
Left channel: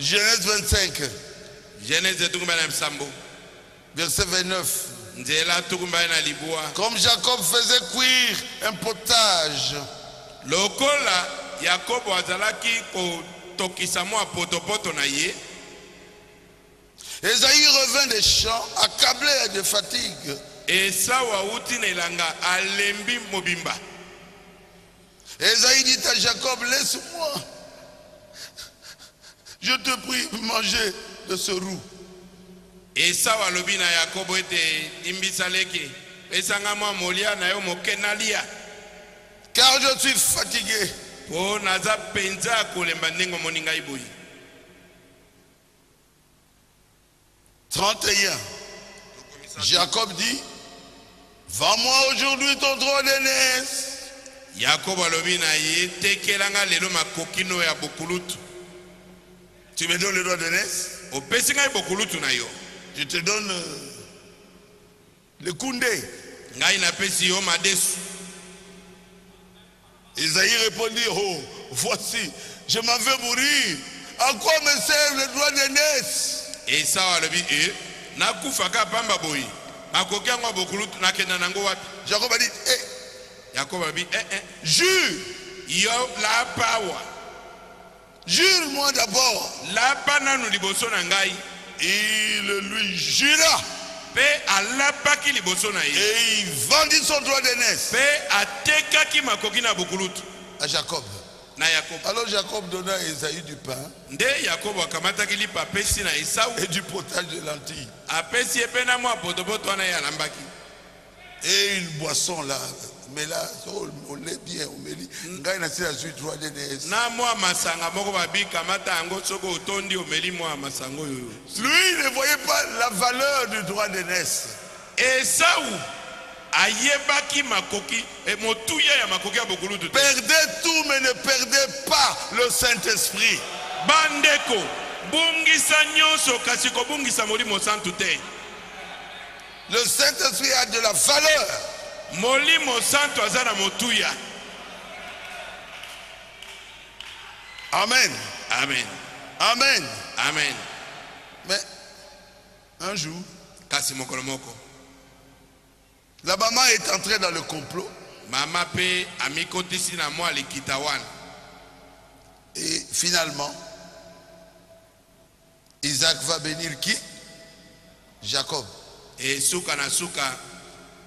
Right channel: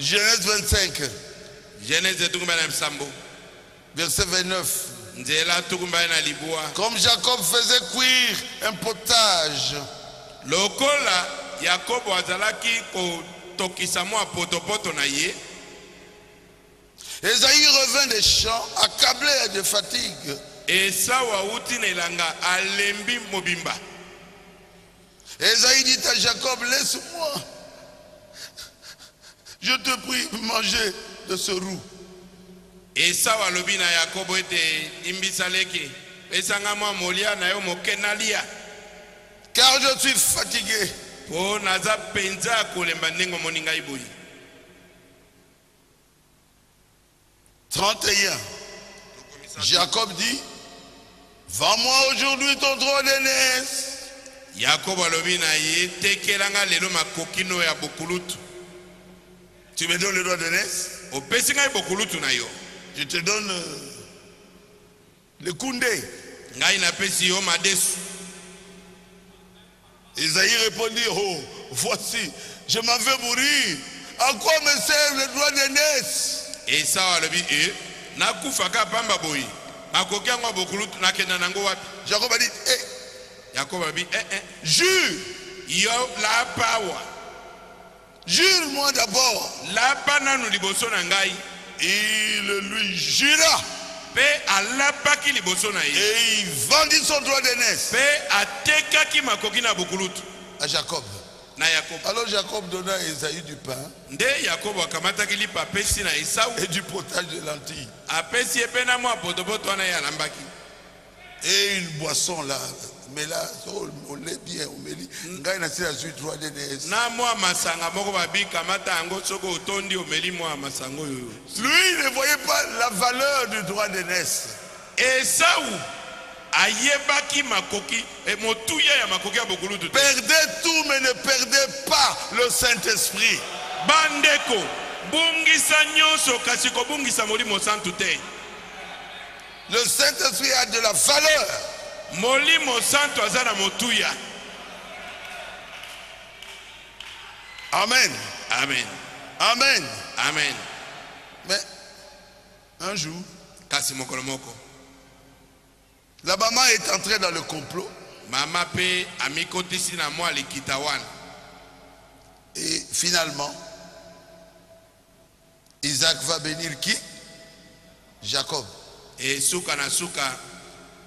Genèse 25. Verset 29. Comme Jacob faisait cuire un potage, Esaïe revint des champs, accablé de fatigue. Esaïe dit à Jacob, laisse-moi, je te prie, manger de ce roux. Car je suis fatigué. 31. Jacob dit, vends-moi aujourd'hui ton droit d'aînesse. Tu me donnes le droit d'aînesse? Je te donne le koundé. Isaïe répondit, oh, voici, je m'en vais mourir. À quoi me sert le droit d'aînesse? Jacob a dit, jure. Jure-moi d'abord. Il lui jura. Et il vendit son droit d'aînesse à Jacob. Alors Jacob donna à Esaü du pain et du potage de lentilles. Et une boisson là, Mais là, on l'est bien, on me dit. Ngai na sila suite 3DNS. Na moi masanga moko babi kamata yango soko otondi omeli moi masango yo. Lui, il ne voyait pas la valeur du droit d'aînesse. Esau ayebaki makoki e motuya ya makoki abokulu tout. Perdez tout, mais ne perdez pas le Saint-Esprit. Bandeko bungisa nyonso kasi ko bungisa molimo santu te. Le Saint-Esprit a de la valeur. Molimo santu azana motuya. Amen. Amen. Amen. Amen. Mais un jour, kasi mokolo moko la maman est entrée dans le complot. Mama pe amikotisi na moi likitawan. Et finalement, Isaac va bénir qui? Jacob. Et suka na suka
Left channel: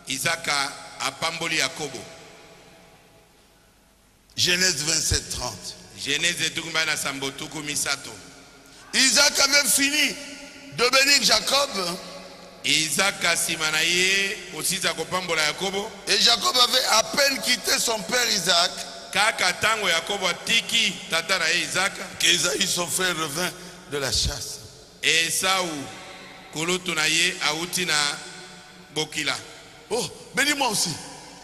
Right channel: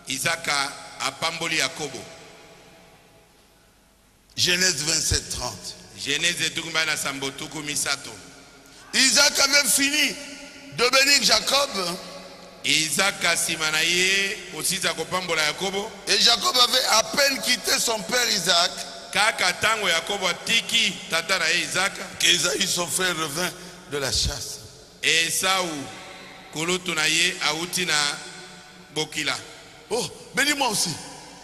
Isaka apamboli Yakobo. Genèse 27:30. Genèse etukumba na sambotuku misato. Isaac avait fini de bénir Jacob. Isaka simanaye osisa kopambola Yakobo. Et Jacob avait à peine quitté son père Isaac. Kaka tango Yakobo atiki tata na Isaka. Qu'Ésaü, son frère, revint de la chasse. Esau kulutu na ye auti na bokila. Oh, bénis-moi aussi.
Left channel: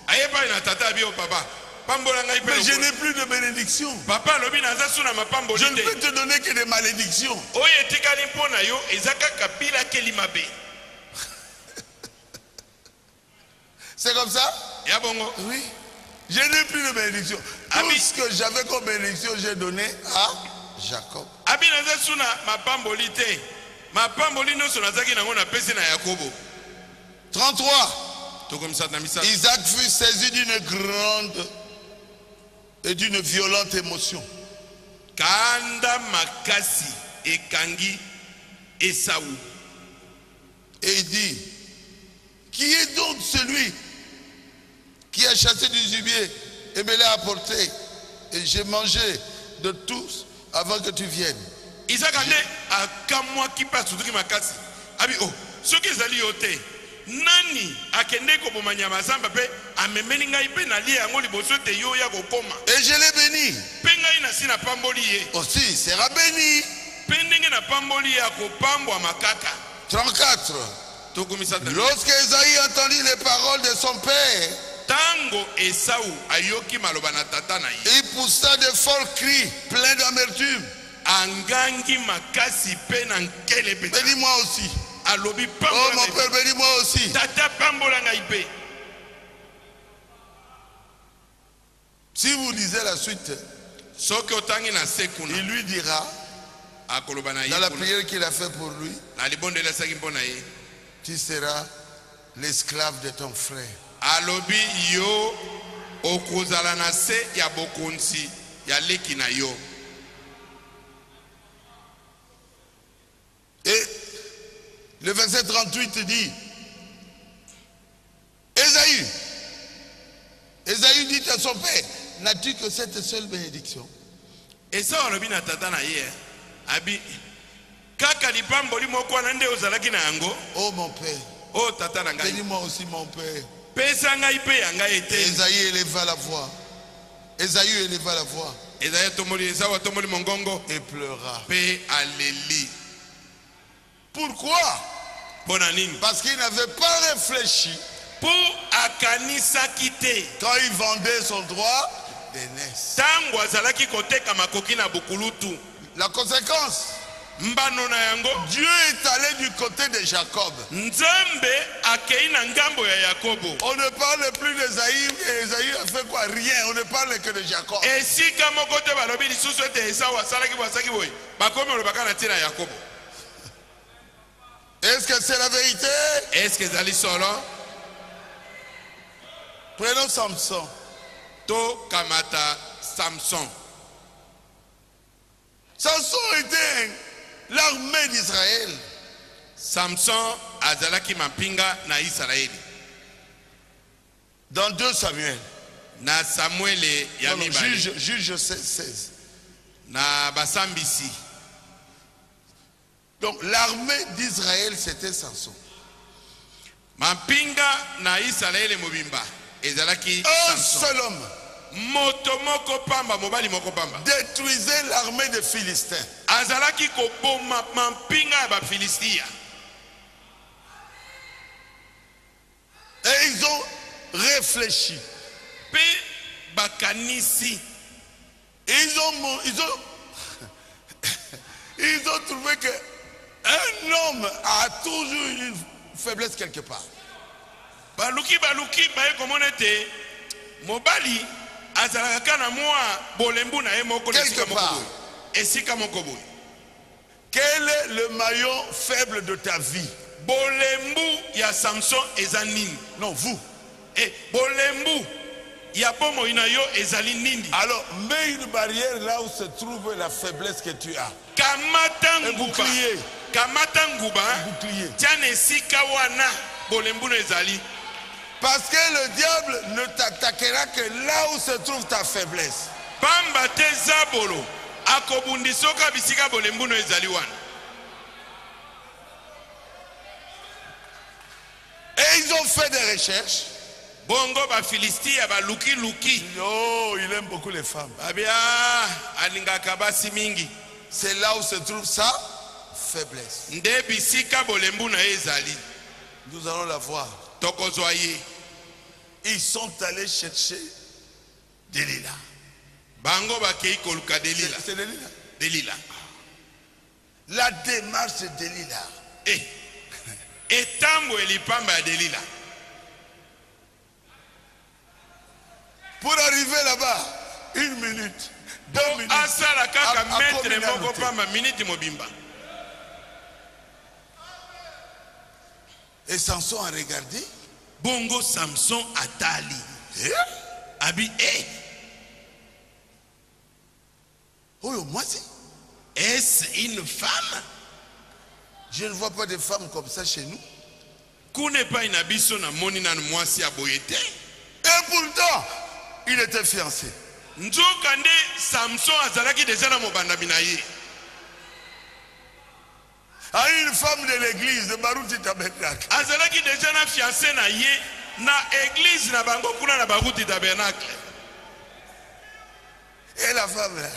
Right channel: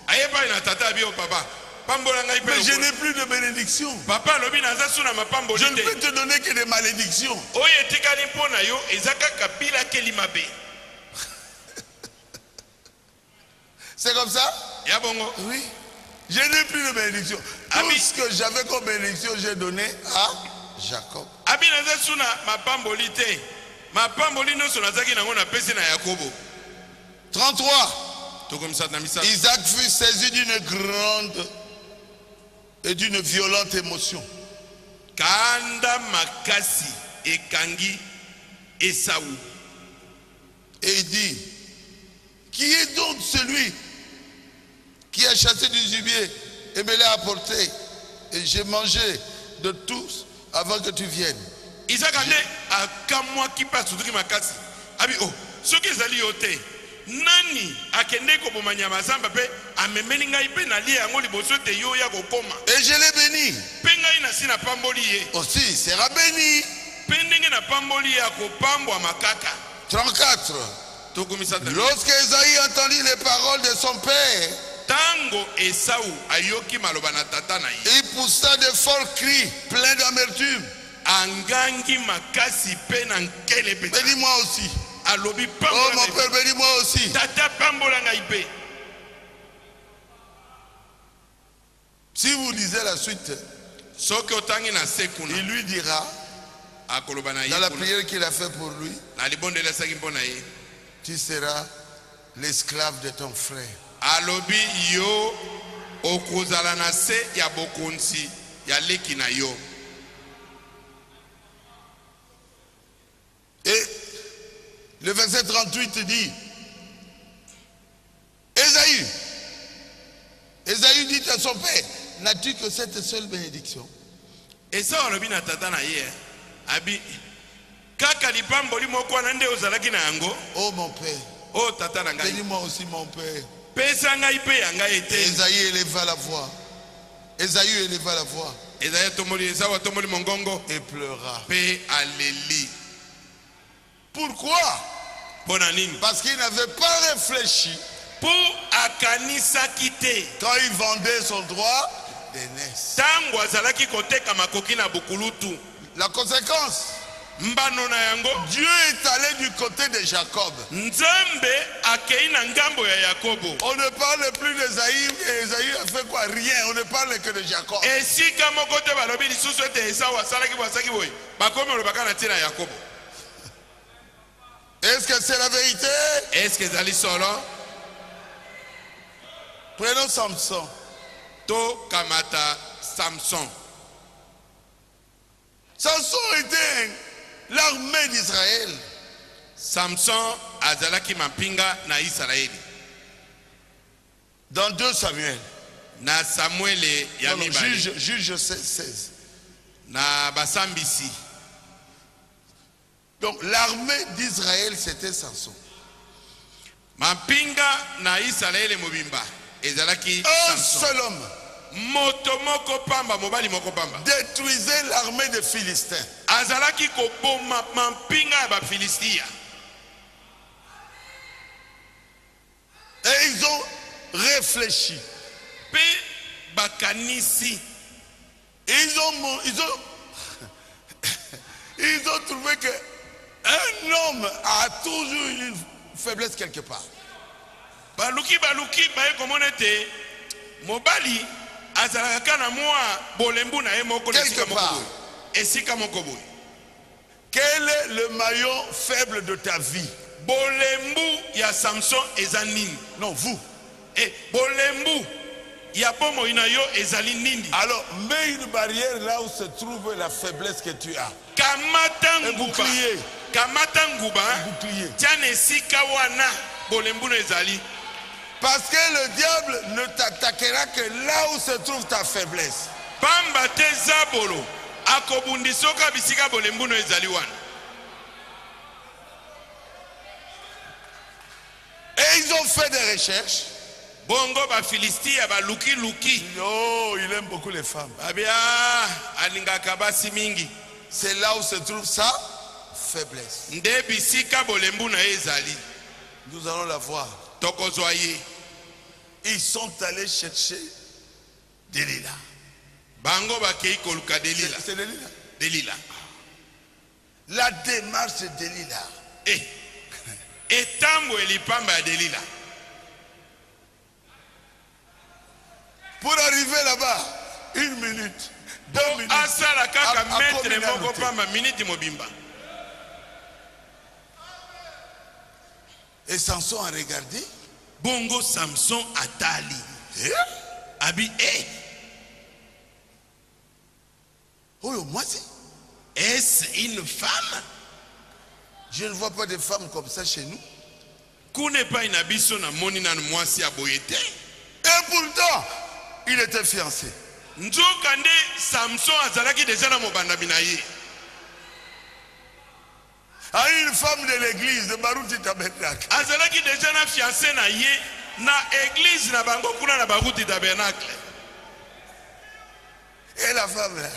Ayeba ina tata bio papa. Pambola ngai pe. Mais je n'ai plus de bénédiction. Papa lobi naza suna mapamboli. Je ne peux te donner que des malédictions. Oye tikali mpona yo ezaka kapila kelimabe. C'est comme ça? Yabongo. Oui. Je n'ai plus de bénédiction. Tout ce que j'avais comme bénédiction, j'ai donné à Jacob. Abi naza suna mapamboli te. Mapamboli no suna zaki nango na pesi na Yakobo. 33. Tokomisa. Isaac fut saisi d'une grande et d'une violente émotion. Kanda makasi ekangi Esau. Et il dit, qui est donc celui qui a chassé du gibier et me l'a apporté, et j'ai mangé de tous avant que tu viennes? Isaac ande akamwa kipa sutuki makasi. Abi oh, soki ezali yote. Nani akende ko bomanya mazamba pe amemeni ngai pe na lia yango liboso te yo ya kokoma. Et je l'ai béni. Pe ngai na sina pamboli ye. Aussi, il sera béni. Pe ndenge na pamboli ya kopambwa makaka. 34. Lorsque Esaïe entendit les paroles de son père, tango Esau ayoki maloba na tata na ye. Il poussa de forts cris pleins d'amertume. Angangi makasi pe na nkele pe. Bénis-moi aussi. Alobi Oh pambola. mon père, bénis-moi aussi. Tata pambola ngai pe. Si vous lisez la suite, Soki otangi na sekuna. il lui dira, Akoloba na ye. dans la prière qu'il a fait pour lui, Na libondela saki mpona ye. tu seras l'esclave de ton frère. Alobi yo okozala na se ya bokonzi ya leki na yo. Et le verset 38 dit, Esaü dit à son père, n'as-tu que cette seule bénédiction? Esau alobi na tata na ye. Abi kaka lipamboli moko na nde ozalaki na yango. Oh mon père, Oh tata na ngai. bénis-moi aussi mon père. Pesa ngai pe ya ngai ete. Esaü éleva la voix. Esaü éleva la voix Esau tomoli mongongo et pleura. pe aleli. Pourquoi? Mpona nini? Parce qu'il n'avait pas réfléchi Po akanisaki te. quand il vendait son droit d'aînesse. Tango azalaki koteka makoki na bukulutu. La conséquence, Mbano na yango. Dieu est allé du côté de Jacob. Nzambe akei na ngambo ya Yakobo. On ne parle plus d'Esaü, et Esaü a fait quoi? Rien. On ne parle que de Jacob. Esika moko te balobi lisusu ete Esau asalaki boasaki boye. Bakomi olobaka na ntina ya Yakobo. Est-ce que c'est la vérité? Est-ce que ezali solo? Prenons Samson. To kamata Samson. Samson était l'armée d'Israël. Samson azalaki mapinga na Israeli. Dans 2 Samuel. Na Samuel ya Non, mibale. juge 16. Na basambisi. Donc l'armée d'Israël, c'était Samson. Mapinga na Israeli mobimba. ezalaki Un Samson. seul homme Moto moko pamba, mobali moko pamba. détruisait l'armée des Philistins. Azalaki koboma mampinga ba Philistia. Et ils ont réfléchi. Pe bakanisi. Ils ont trouvé que un homme a toujours une faiblesse quelque part. Baluki baye komona te mobali azalaka na mwa bolembu na ye moko na Quelque esika moko part. boye. Esika moko boye. Quel est le maillon faible de ta vie? Bolembu ya Samson eza nini? Non, vous. Bolembu ya bomo ina yo ezali nini? Alors, mets une barrière là où se trouve la faiblesse que tu as. Kamata Un nguba. bouclier. Kamata nguba. Un bouclier. Tiana esika wana bolembu na ezali. Parce que le diable ne t'attaquera que là où se trouve ta faiblesse. Pamba te zabolo akobundisoka bisika bolembu na ezali wana. Et ils ont fait des recherches. Bongo ba Philistia ba luki. Oh, il aime beaucoup les femmes. Abia alingaka basi mingi. C'est là où se trouve sa faiblesse. Nde bisika bolembu na ezali. Nous allons la voir. Tokozwa ye. Ils sont allés chercher Delilah. Bango ba kei koluka Delila. C'est Delilah. Delila. La démarche de Delilah. Etambo elipamba ya Delila. Pour arriver là-bas, 1 minute, 2 minutes. Asala kaka metre communauté. moko pamba minute mobimba. Et Samson a regardé. Bongo Samson atali. Abi Oh, moi c'est. est-ce une femme? Je ne vois pas de femmes comme ça chez nous. Kune pa inabiso na moni na mwasi aboyete. Et pourtant, il était fiancé. Nzoka nde Samson azalaki deja na mobanda binaye. À une femme de l'église de Baruti Tabernacle. Azalaki deja na fiancé na ye na église na bango kuna na Baruti Tabernacle. Et la femme là.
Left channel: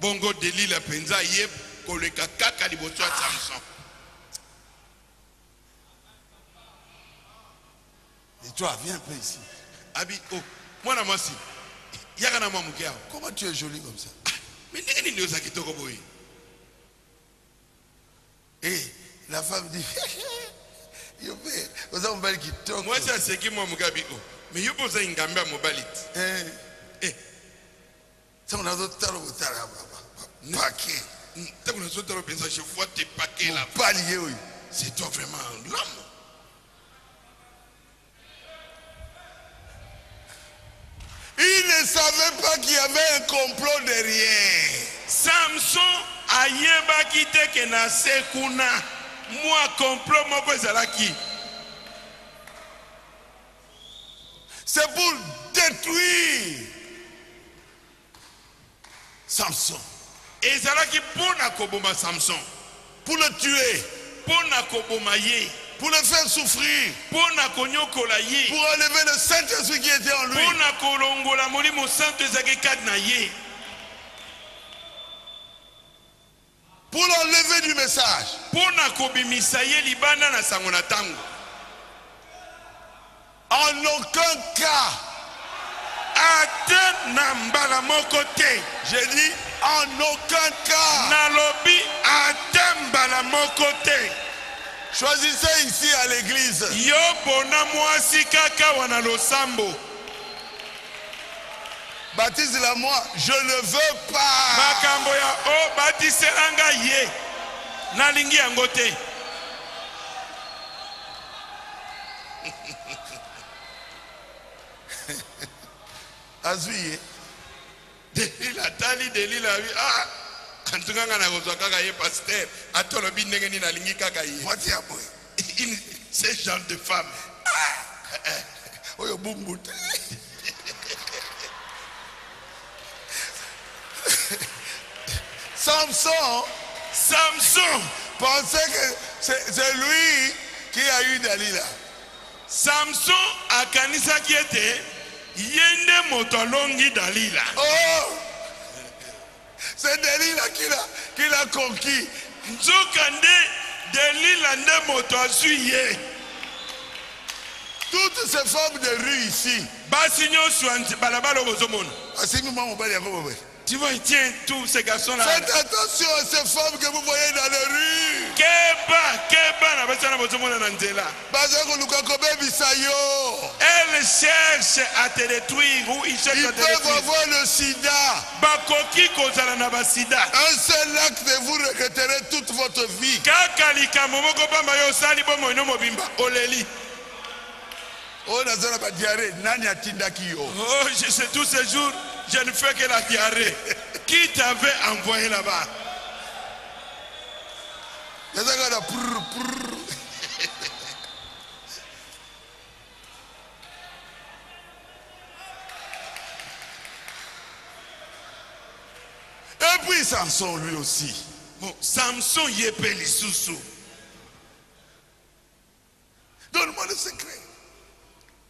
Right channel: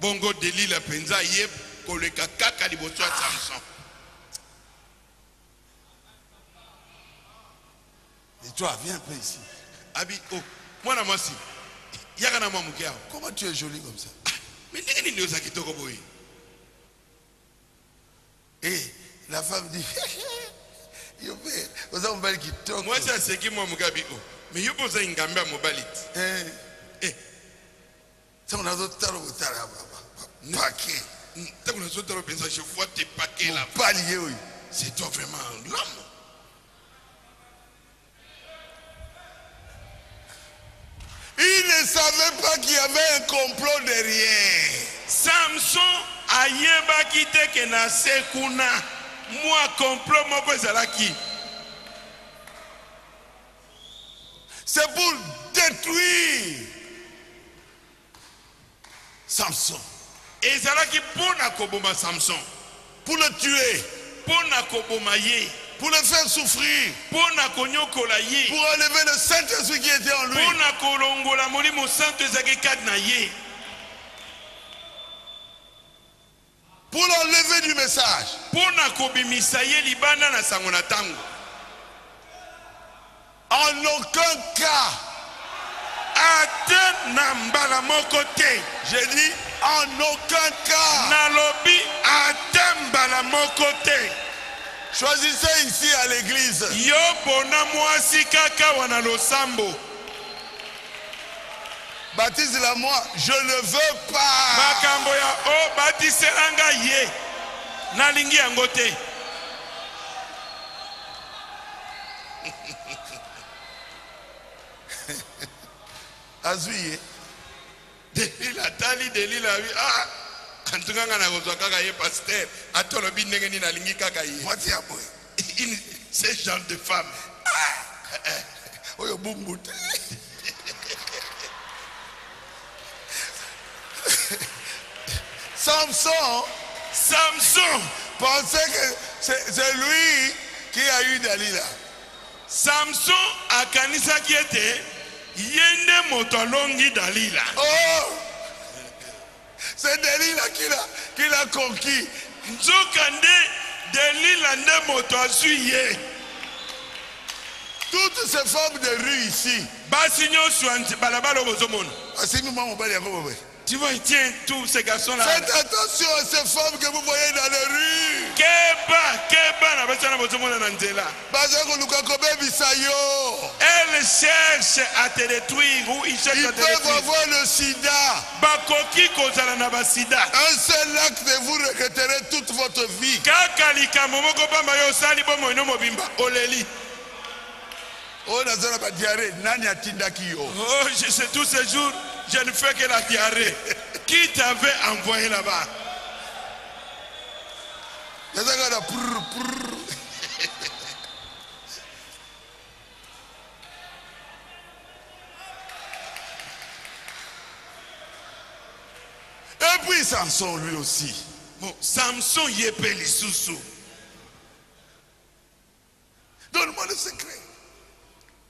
Bongo Delila penza ye koleka kaka liboso ya Samson. Et toi, viens un peu ici. Abi mwana mwasi yaka na mwamuke yao. Comment tu es jolie comme ça? Mais ndenge nini oza kitoko boye? Et la femme dit, vous avez un bel qui toque. Mwasi aseki mwamuke abi mais yo poza ingambe ya mobali. Ça on a d'autres paquet. Tant qu'on a sauté le pensage, je vois tes paquets là. Pas lié, oui. C'est toi vraiment l'homme. Il ne savait pas qu'il y avait un complot derrière. Samson ayeba kiteke na sekuna. Moi complot moko ezalaki. C'est pour détruire Samson. Ezalaki pona koboma Samson. Pour le tuer. Pona koboma ye. Pour le faire souffrir. Pona konyokola ye. Pour enlever le Saint-Esprit qui était en lui. Pona kolongola molimo santo ezaki kati na ye. Pour l'enlever du message. Pona kobimisa ye libanda na sango na tango. En aucun cas. Ate na mbala moko te. J'ai dit en aucun cas. Nalobi ate mbala moko te. Choisissez ici à l'église. Yo bona mwasi kaka wana losambo. Baptise-la moi. Je ne veux pas. Makambo ya o batiselanga ye. Nalingi yango te. Azuye. Delila tali Delila wi antunganga na kozwa kaka ye pasteur atolobi ndenge nini nalingi kaka ye. Moi tiens moi. Ce genre de femme. Oyo bumbut. Samson Samson pensait que c'est lui qui a eu Dalila. Samson akanisaki ete yende moto alongi Dalila. Oh, c'est Dalila qui l'a conquis. Nzokande Dalila nde moto azuye. Toutes ces femmes de rue ici. Basi nyonso balabala bozomona. Tu vois, tiens tous ces garçons-là. Faites attention à ces femmes que vous voyez dans les rues. Keba na basana bozomona na nzela. Elles cherchent à te détruire ou ils cherchent Ils à te détruire. peuvent avoir le sida. Bakoki kozala na basida. Un seul acte et vous regretterez toute votre vie. Kaka likambo moko pamba yo sali bomo ino mobimba oleli. Oh, nazana ba diarrhée, nani atindaki yo. Oh, je sais tous ces jours, je ne fais que la diarrhée. Qui t'avait envoyé là-bas? Nazana la prrr. Et puis Samson lui aussi. Bon, Samson yepeli susu. Donne-moi le secret.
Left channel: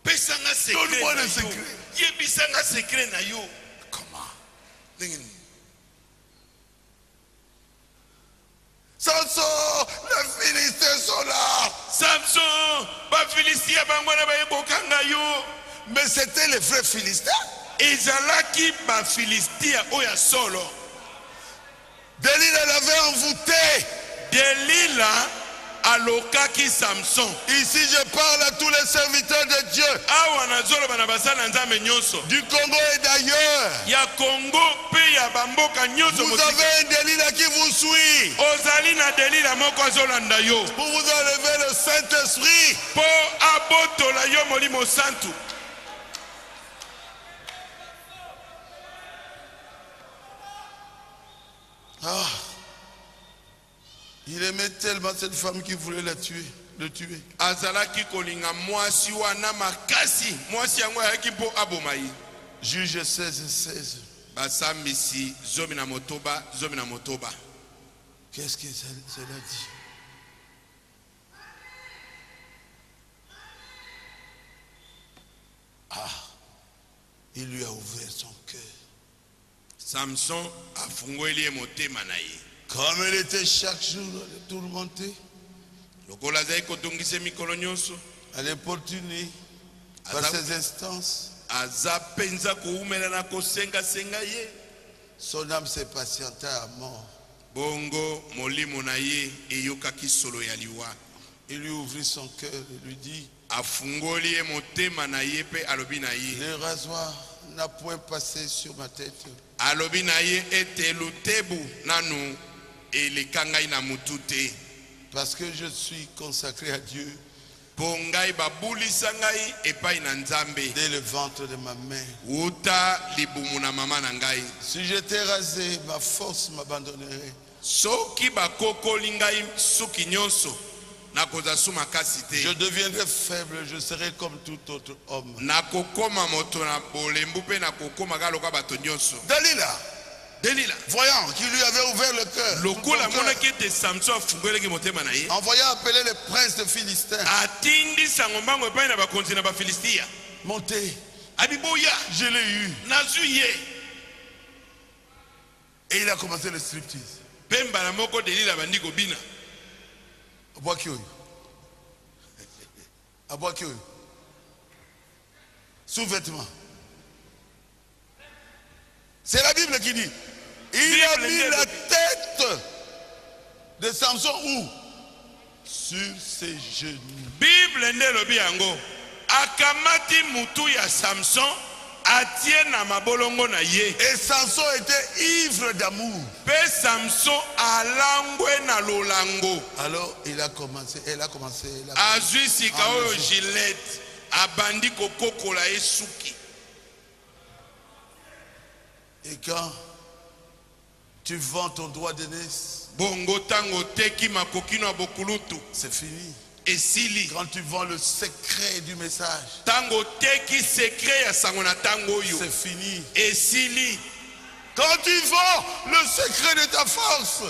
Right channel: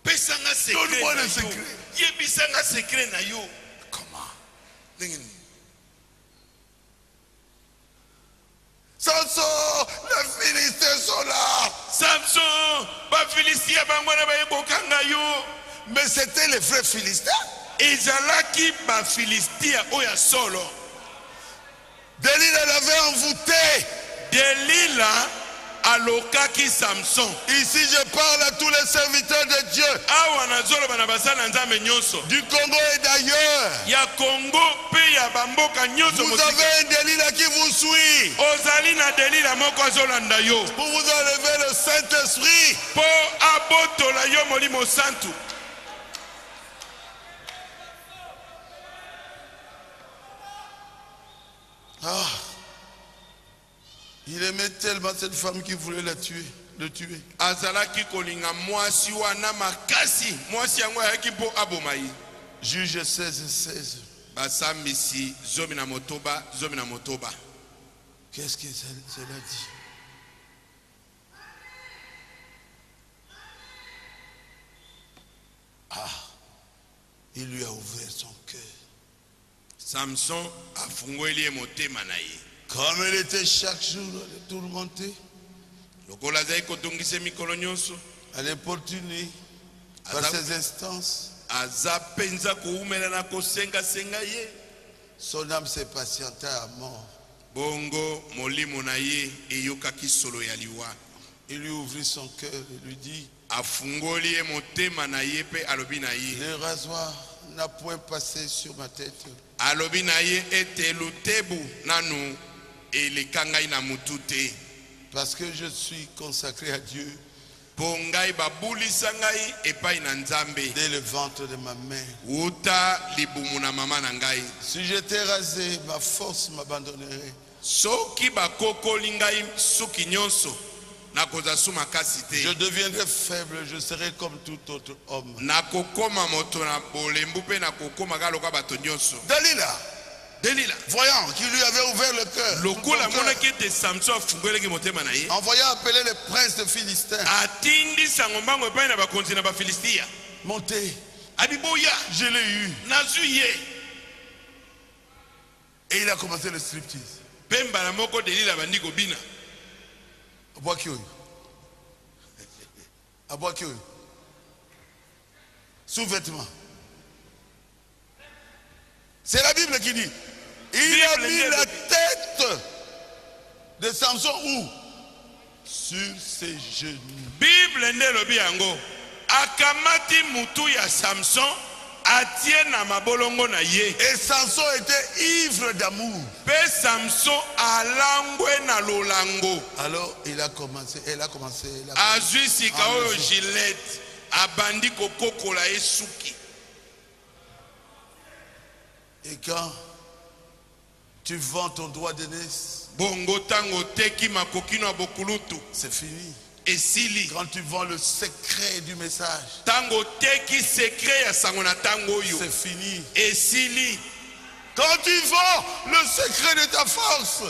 Pesanga secret. Donne-moi le secret. Yebisanga secret na yo. Comment? Samson, les Philistins sont là. Samson, ba Philistia bangwana ba yebokanga yo. Mais c'était les vrais Philistins. Ezalaki ba Philistia oya solo. Dalila l'avait envoûté. Dalila alokaki Samson. Ici je parle à tous les serviteurs de Dieu. Awa nazolo bana basala nzambe nyonso. Du Congo et d'ailleurs. Ya Congo pe ya bamboka nyonso. Vous avez un Dalila qui vous suit. Ozali na Dalila moko azolanda yo. Pour vous enlever le Saint-Esprit. Po abotola yo molimo santu. Ah. Il aimait tellement cette femme qu'il voulait le tuer. Azalaki kolinga mwasi wana makasi. Mwasi yango ayaki po abomai. Juge 16:16. Basambisi zomi na motoba. Qu'est-ce que cela dit? Ah. Il lui a ouvert son cœur. Samson afungweli motema na ye. Comme il était chaque jour tourmenté, à l'importuner par ses instances, son âme s'est patientée à mort. Il lui ouvrit son cœur et lui dit: le rasoir n'a point passé sur ma tête. Parce que je suis consacré à Dieu dès le ventre de ma mère. Si j'étais rasé, ma force m'abandonnerait. Je deviendrai faible, je serai comme tout autre homme. Dalila, voyant qu'il lui avait ouvert le cœur, en voyant appeler les princes de Philistins, montez, je l'ai eu. Et il a commencé le striptease. Sous-vêtements. C'est la Bible qui dit. Il a mis la tête de Samson où? Sur ses genoux. Bible ndelobi yango. Akamati mutu ya Samson atie na mabolongo na ye. Et Samson était ivre d'amour. Pe Samson alangwe na lolango. Alors elle a commencé. Azui sikaoyo Gillette abandi kokokola esuki. Et quand tu vends ton droit d'aînesse, bongo tango teki makokino abokulutu, c'est fini. Et sili. Quand tu vends le secret du message, tango teki secret ya sangona tango yo, c'est fini. Et sili. Quand tu vends le secret de ta force,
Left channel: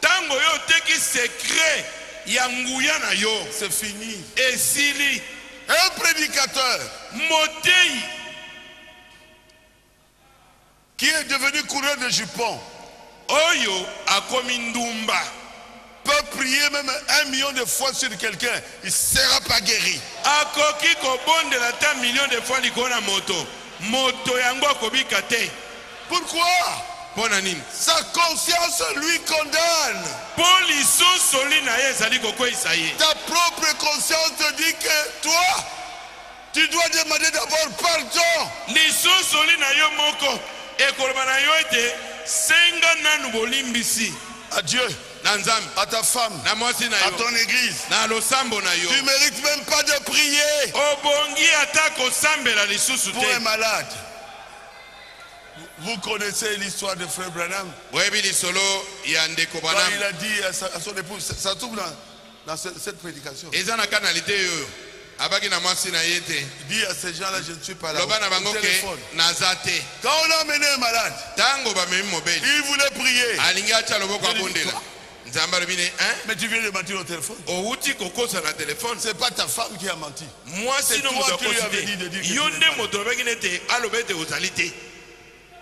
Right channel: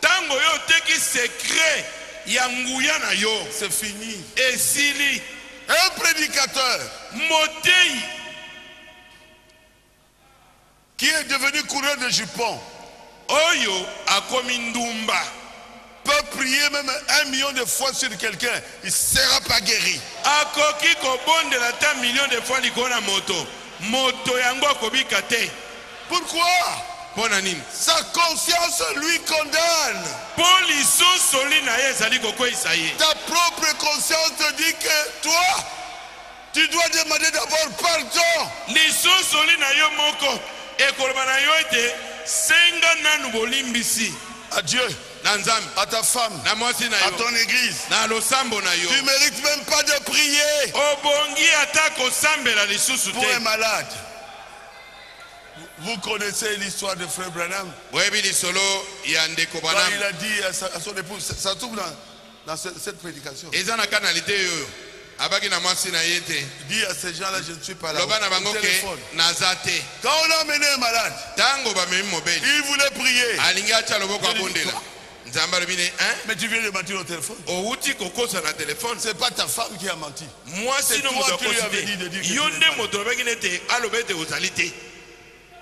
tango yo teki secret ya nguya na yo, c'est fini. Et sili. Un prédicateur motei qui est devenu coureur de jupons oyo akomi ndumba peut prier même 1 million de fois sur quelqu'un, il ne sera pas guéri. akoki kobondela ta million de fois likolo na moto yango akobika te. Pourquoi? Mpona nini? Sa conscience lui condamne. Po lisusu li na ye ezali kokweyisa ye. Ta propre conscience te dit que toi, tu dois demander d'abord pardon. Lisusu li na yo moko ekoloba na yo ete senga nanu bolimbisi. À Dieu, à ta femme, à ton église. Tu ne mérites même pas de prier pour un malade. Vous connaissez l'histoire de Frère Branham. Quand il a dit à son épouse, ça trouve dans cette prédication. Il dit à ces gens-là, je ne suis pas là. Quand on a amené un malade, il voulait prier. Mais tu viens de mentir au téléphone. C'est pas ta femme qui a menti. C'est toi qui lui avais dit de dire que tu n'es pas là.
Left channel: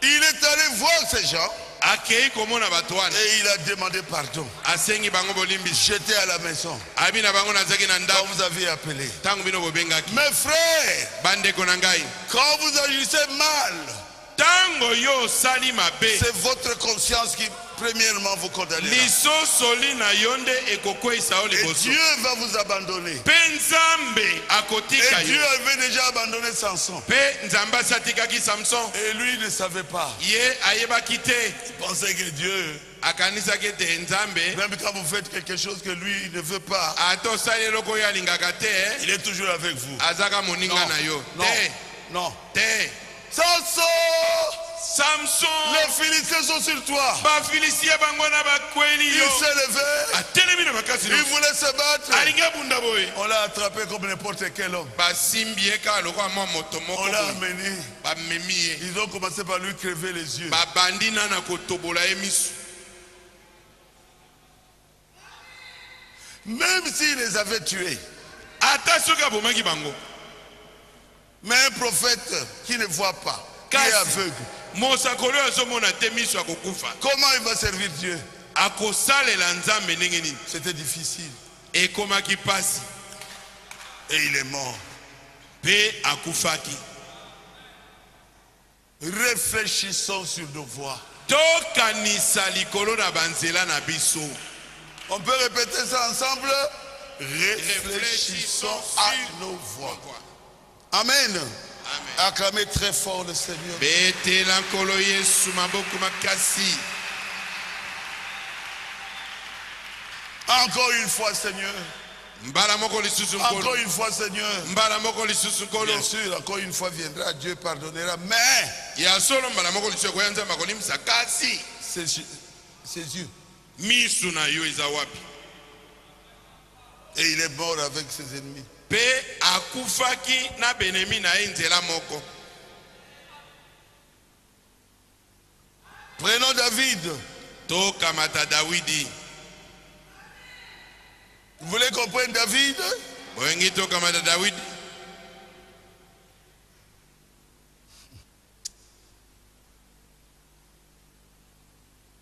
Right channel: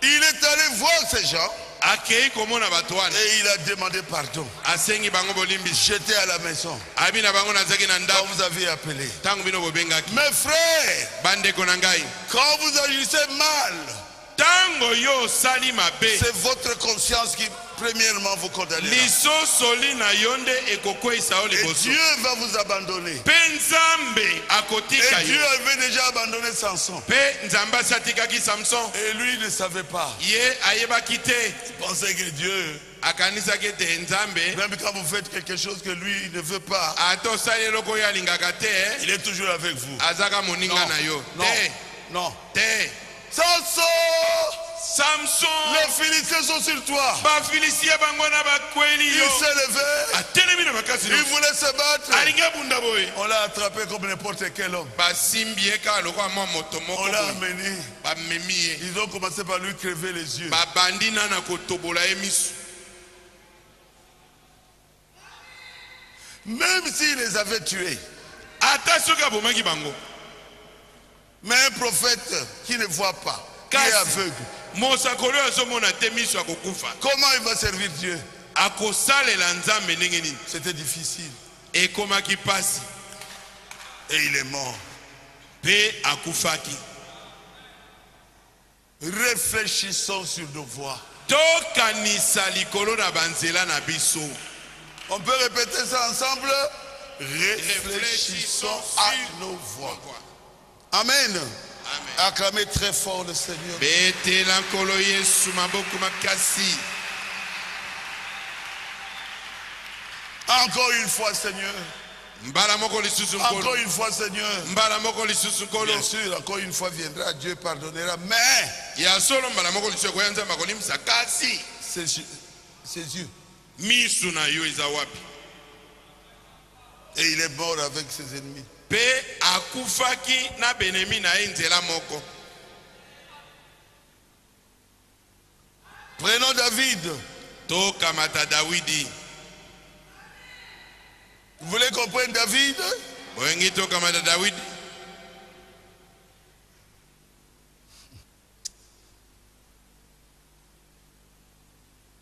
Il est allé voir ces gens et il a demandé pardon. J'étais à la maison quand vous avez appelé. Mes frères, quand vous agissez mal, c'est votre conscience qui premièrement vous condamnera. Et Dieu va vous abandonner. Et Dieu avait déjà abandonné Samson. Et lui ne savait pas. Il pensait que Dieu, même quand vous faites quelque chose que lui ne veut pas, il est toujours avec vous. Non. Samson, les Philistins sont sur toi. Il s'est levé. Il voulait se battre. On l'a attrapé comme n'importe quel homme. On l'a amené. Ils ont commencé par lui crever les yeux. Même s'il les avait tués. Mais un prophète qui ne voit pas, qui est aveugle, comment il va servir Dieu? C'était difficile. Et il est mort. Réfléchissons sur nos voies. On peut répéter ça ensemble. Réfléchissons à nos voies. Amen. Acclamez très fort le Seigneur. Encore une fois, Seigneur. Encore une fois, Seigneur. Bien sûr, encore une fois viendra, Dieu pardonnera. Mais ses yeux. Et il est mort avec ses ennemis. Prenons David. Vous voulez qu'on prenne David?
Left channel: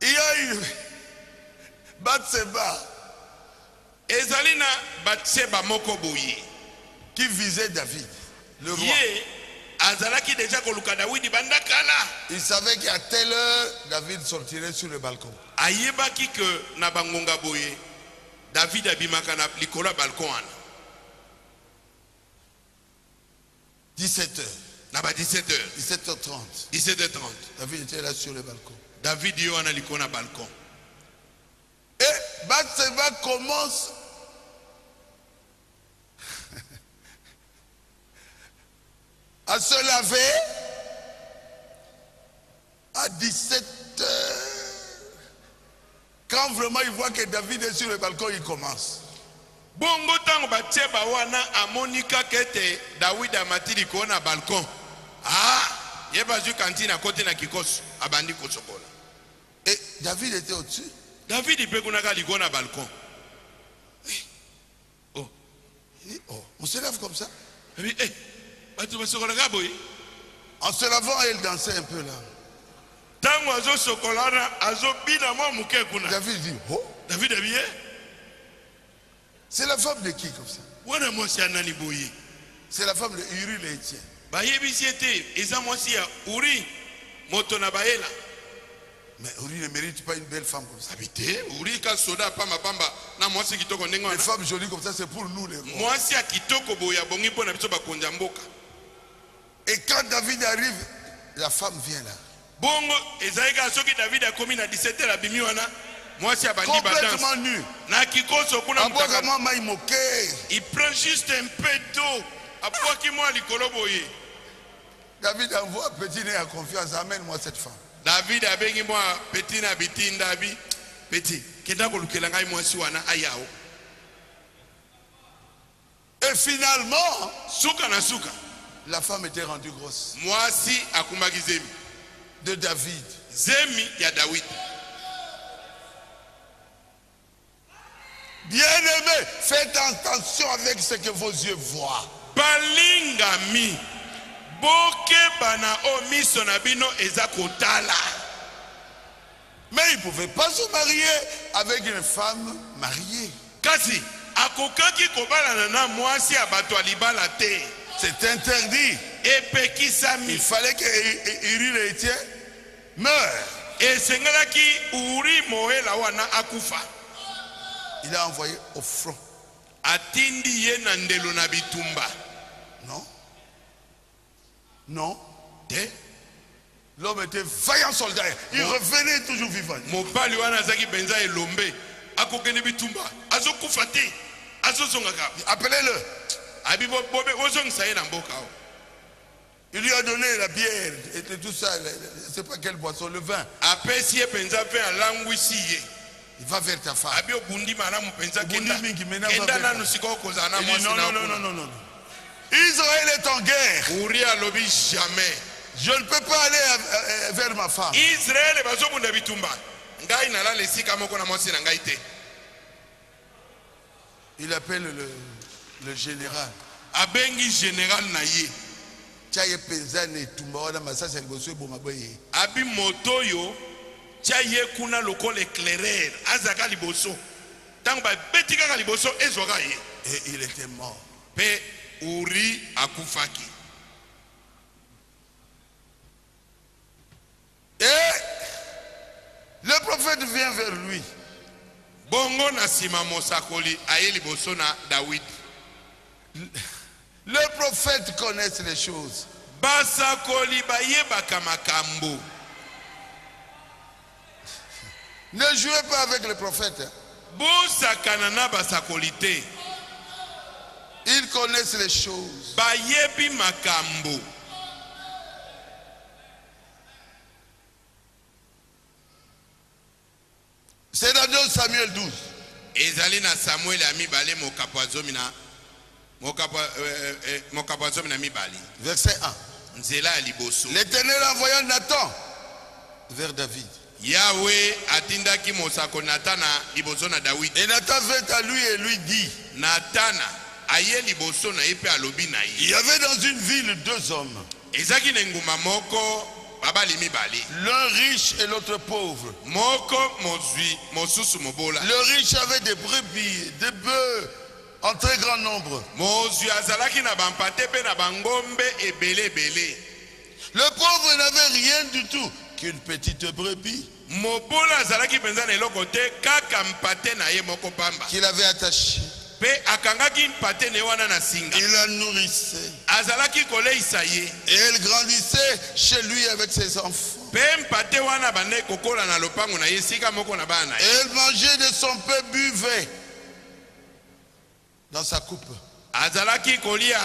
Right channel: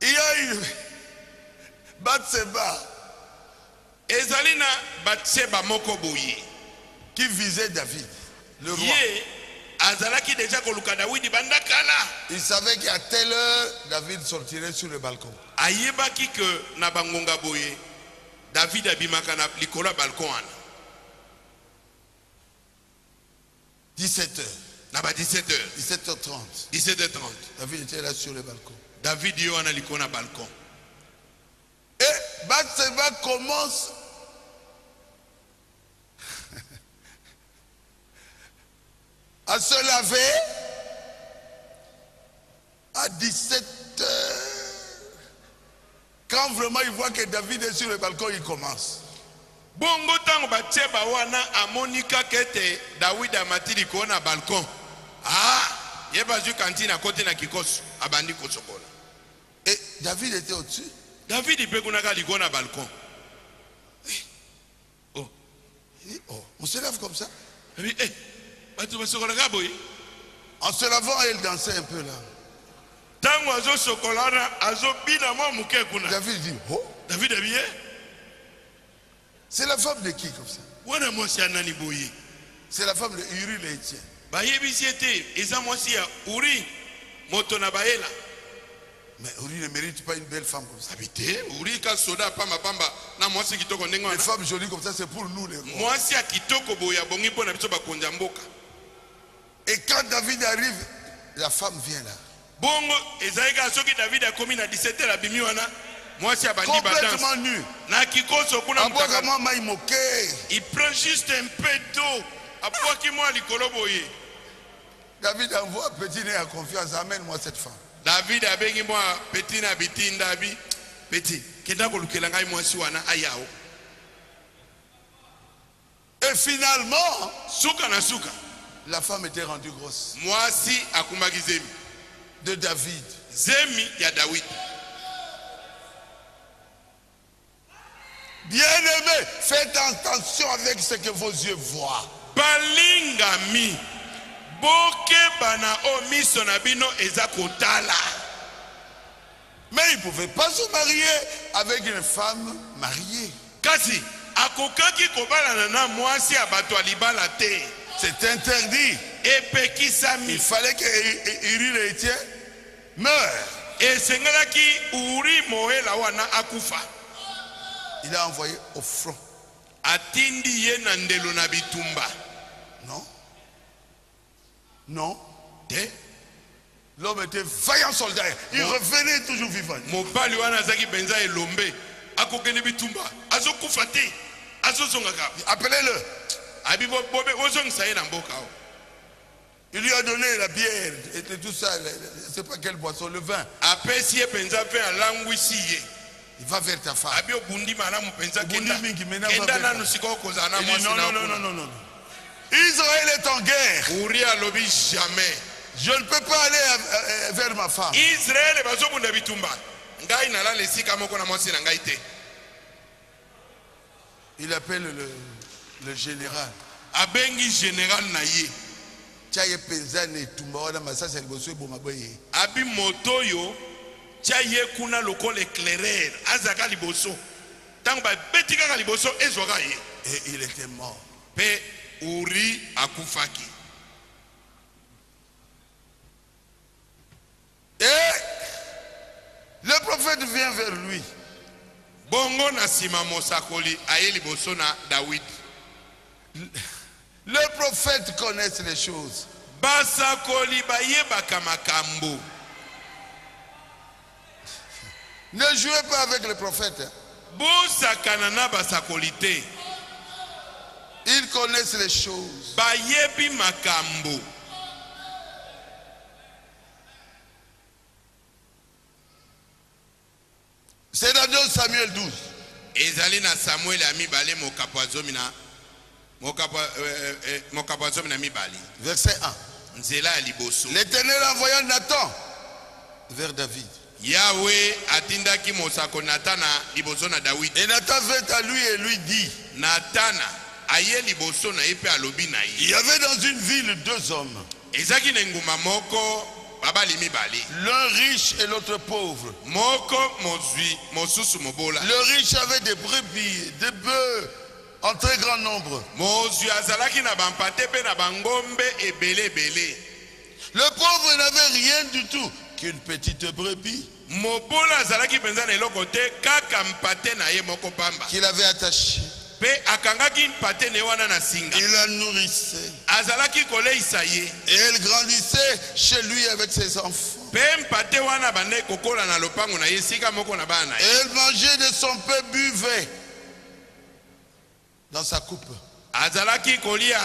Il y a une Batseba qui visait David, le roi. Il savait qu'à telle heure, David sortirait sur le balcon. 17h. 17h30. David était là sur le balcon. Et Batseba commence à se laver à 17h. Quand vraiment il voit que David est sur le balcon, il commence. Bongo tango Batseba wana amonika kete David amatili kona balcon. Yeba zu kantina kote na kikoso abandi kosokola. Et David était au-dessus. David il peut kunaka likona balcon. On se lève comme ça. En se lavant, elle dansait un peu là. David dit, oh, c'est la femme de qui comme ça? C'est la femme de Uri l'Éthienne. Mais Uri ne mérite pas une belle femme comme ça. Une femme jolie comme ça, c'est pour nous les rois. Et quand David arrive, la femme vient là. Complètement nu. Il prend juste un peu d'eau. David envoie petit nez à confiance. Amène-moi cette femme. David a béni moi petit na biti ndabi petit. Kenda kolukela ngai mwasi wana ayao. Et finalement, suka na suka, la femme était rendue grosse. Mwasi akumbaki zemi de David. Zemi ya David. Bien-aimés, faites attention avec ce que vos yeux voient. Balingami boke bana omiso na bino ezakotala. Mais il ne pouvait pas se marier avec une femme mariée. Kasi akokaki kobalana na mwasi abato alibala te. C'est interdit. Epekisami. Il fallait que Uri l'Éthienne meure. Et sengalaki Uri moela wana akufa. Il a envoyé au front. Atindi ye na ndelo na bitumba. Non. Non. L'homme était vaillant soldat. Il revenait toujours vivant. Mobali wana zaki benza elombe. Akokene bitumba. Azokufa te. Azozongaka. Appelez-le. Abibo bobe ozongisa ye na mboka. Il lui a donné la bière et tout ça. Je ne sais pas quelle boisson, le vin. Apesi ye benza pe alangwisi ye. Il va vers ta femme. Abi obundi maramu penza kenda. Kenda nanu siko kozana mwasi na. Non. Israël est en guerre. Uri alobi jamais. Je ne peux pas aller vers ma femme. Israël bazobunda bitumba. Ngai nala lesika moko na mwasi na ngai te. Il appelle le général. Abengi général na ye. Chaye penzane tumba wana masasa liboso eboma boye. Abi motoyo chaye kuna lokole éclaireur azaka liboso. Tango ba betika ka liboso ezoka ye. Et il était mort. Pe Uri akufaki. Et le prophète vient vers lui. Bongo na sima mosakoli aye liboso na David. Le prophète connaît les choses. Basakoli bayebaka makambo. Ne jouez pas avec le prophète. Bosakana na basakoli te. Ils connaissent les choses. Bayebi makambo. C'est dans 2 Samuel 12. Ezali na Samuel ami bale mokapazomi na mokapazomi na mibali. Verset 1. Nzela liboso. L'Éternel envoya Nathan vers David. Yahweh atindaki mosako Natana liboso na David. Et Nathan vint à lui et lui dit. Natana aye liboso na epe alobi na ye. Il y avait dans une ville 2 hommes. Ezaki nguma moko babali mibali. L'un riche et l'autre pauvre. Moko mozwi mosusu mobola. Le riche avait des brebis, des bœufs en très grand nombre. Mozwi azalaki na bampate pe na bangombe ebele bele. Le pauvre n'avait rien du tout qu'une petite brebis. Mobola azalaki penza na eloko te kaka mpate na ye moko pamba. Qu'il avait attaché. Pe akangaki mpate ne wana na singa. Il la nourrissait. Azalaki koleisa ye. Et elle grandissait chez lui avec ses enfants. Pe mpate wana bane kokola na lopango na ye sika moko na bana. Et elle mangeait de son pain, buvait dans sa coupe. Azalaki kolia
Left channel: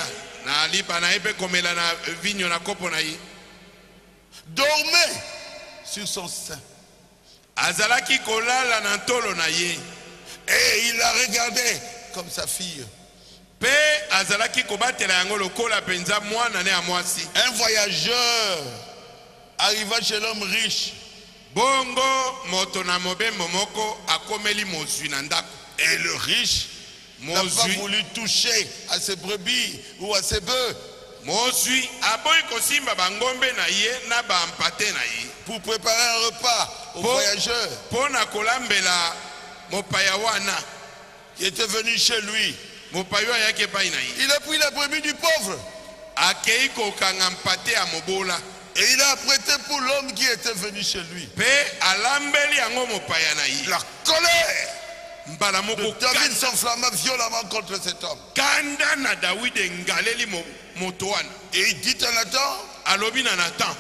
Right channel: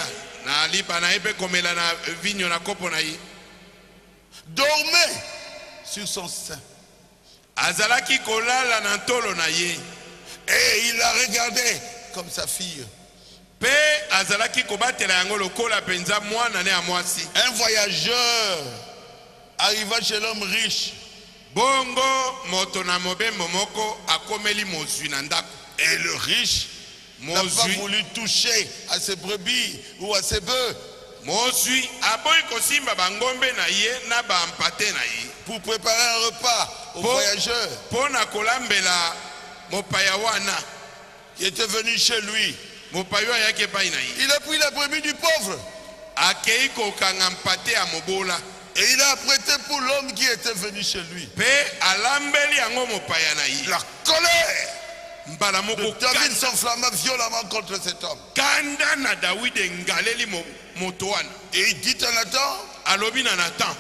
na lipa na epe komela na vinyo na kopo na ye. Dormait sur son sein. Azalaki kolala na tolo na ye. Et il la regardait comme sa fille. Pe azalaki kobatela yango lokola penza mwana ne amwasi. Un voyageur arriva chez l'homme riche. Bongo moto na mobembo moko akomeli mozwi na ndako. Et le riche n'a pas voulu toucher à ses brebis ou à ses bœufs. Pour préparer un repas aux voyageurs qui étaient venus chez lui. Il a pris la brebis du pauvre. Et il a apprêté pour l'homme qui était venu chez lui. La colère de David s'enflamma violemment contre cet homme. Et il dit à Nathan,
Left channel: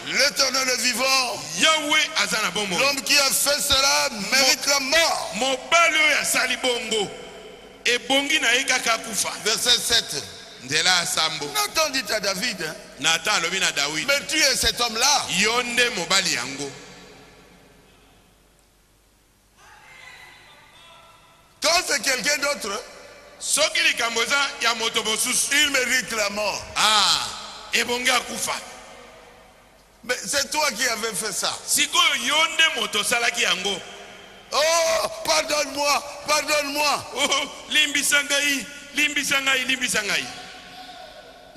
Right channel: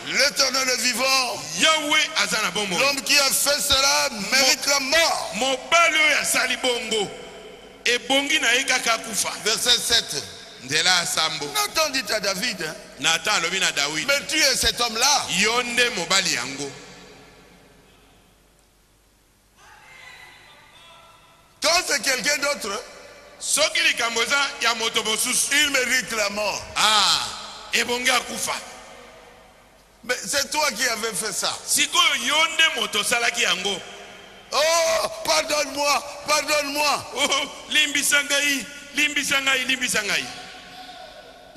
l'Éternel est vivant. L'homme qui a fait cela mérite la mort. Verset 7. Nathan dit à David, mais tu es cet homme-là. Quand c'est quelqu'un d'autre, il mérite la mort. Mais c'est toi qui avais fait ça. Oh, pardonne-moi, pardonne-moi.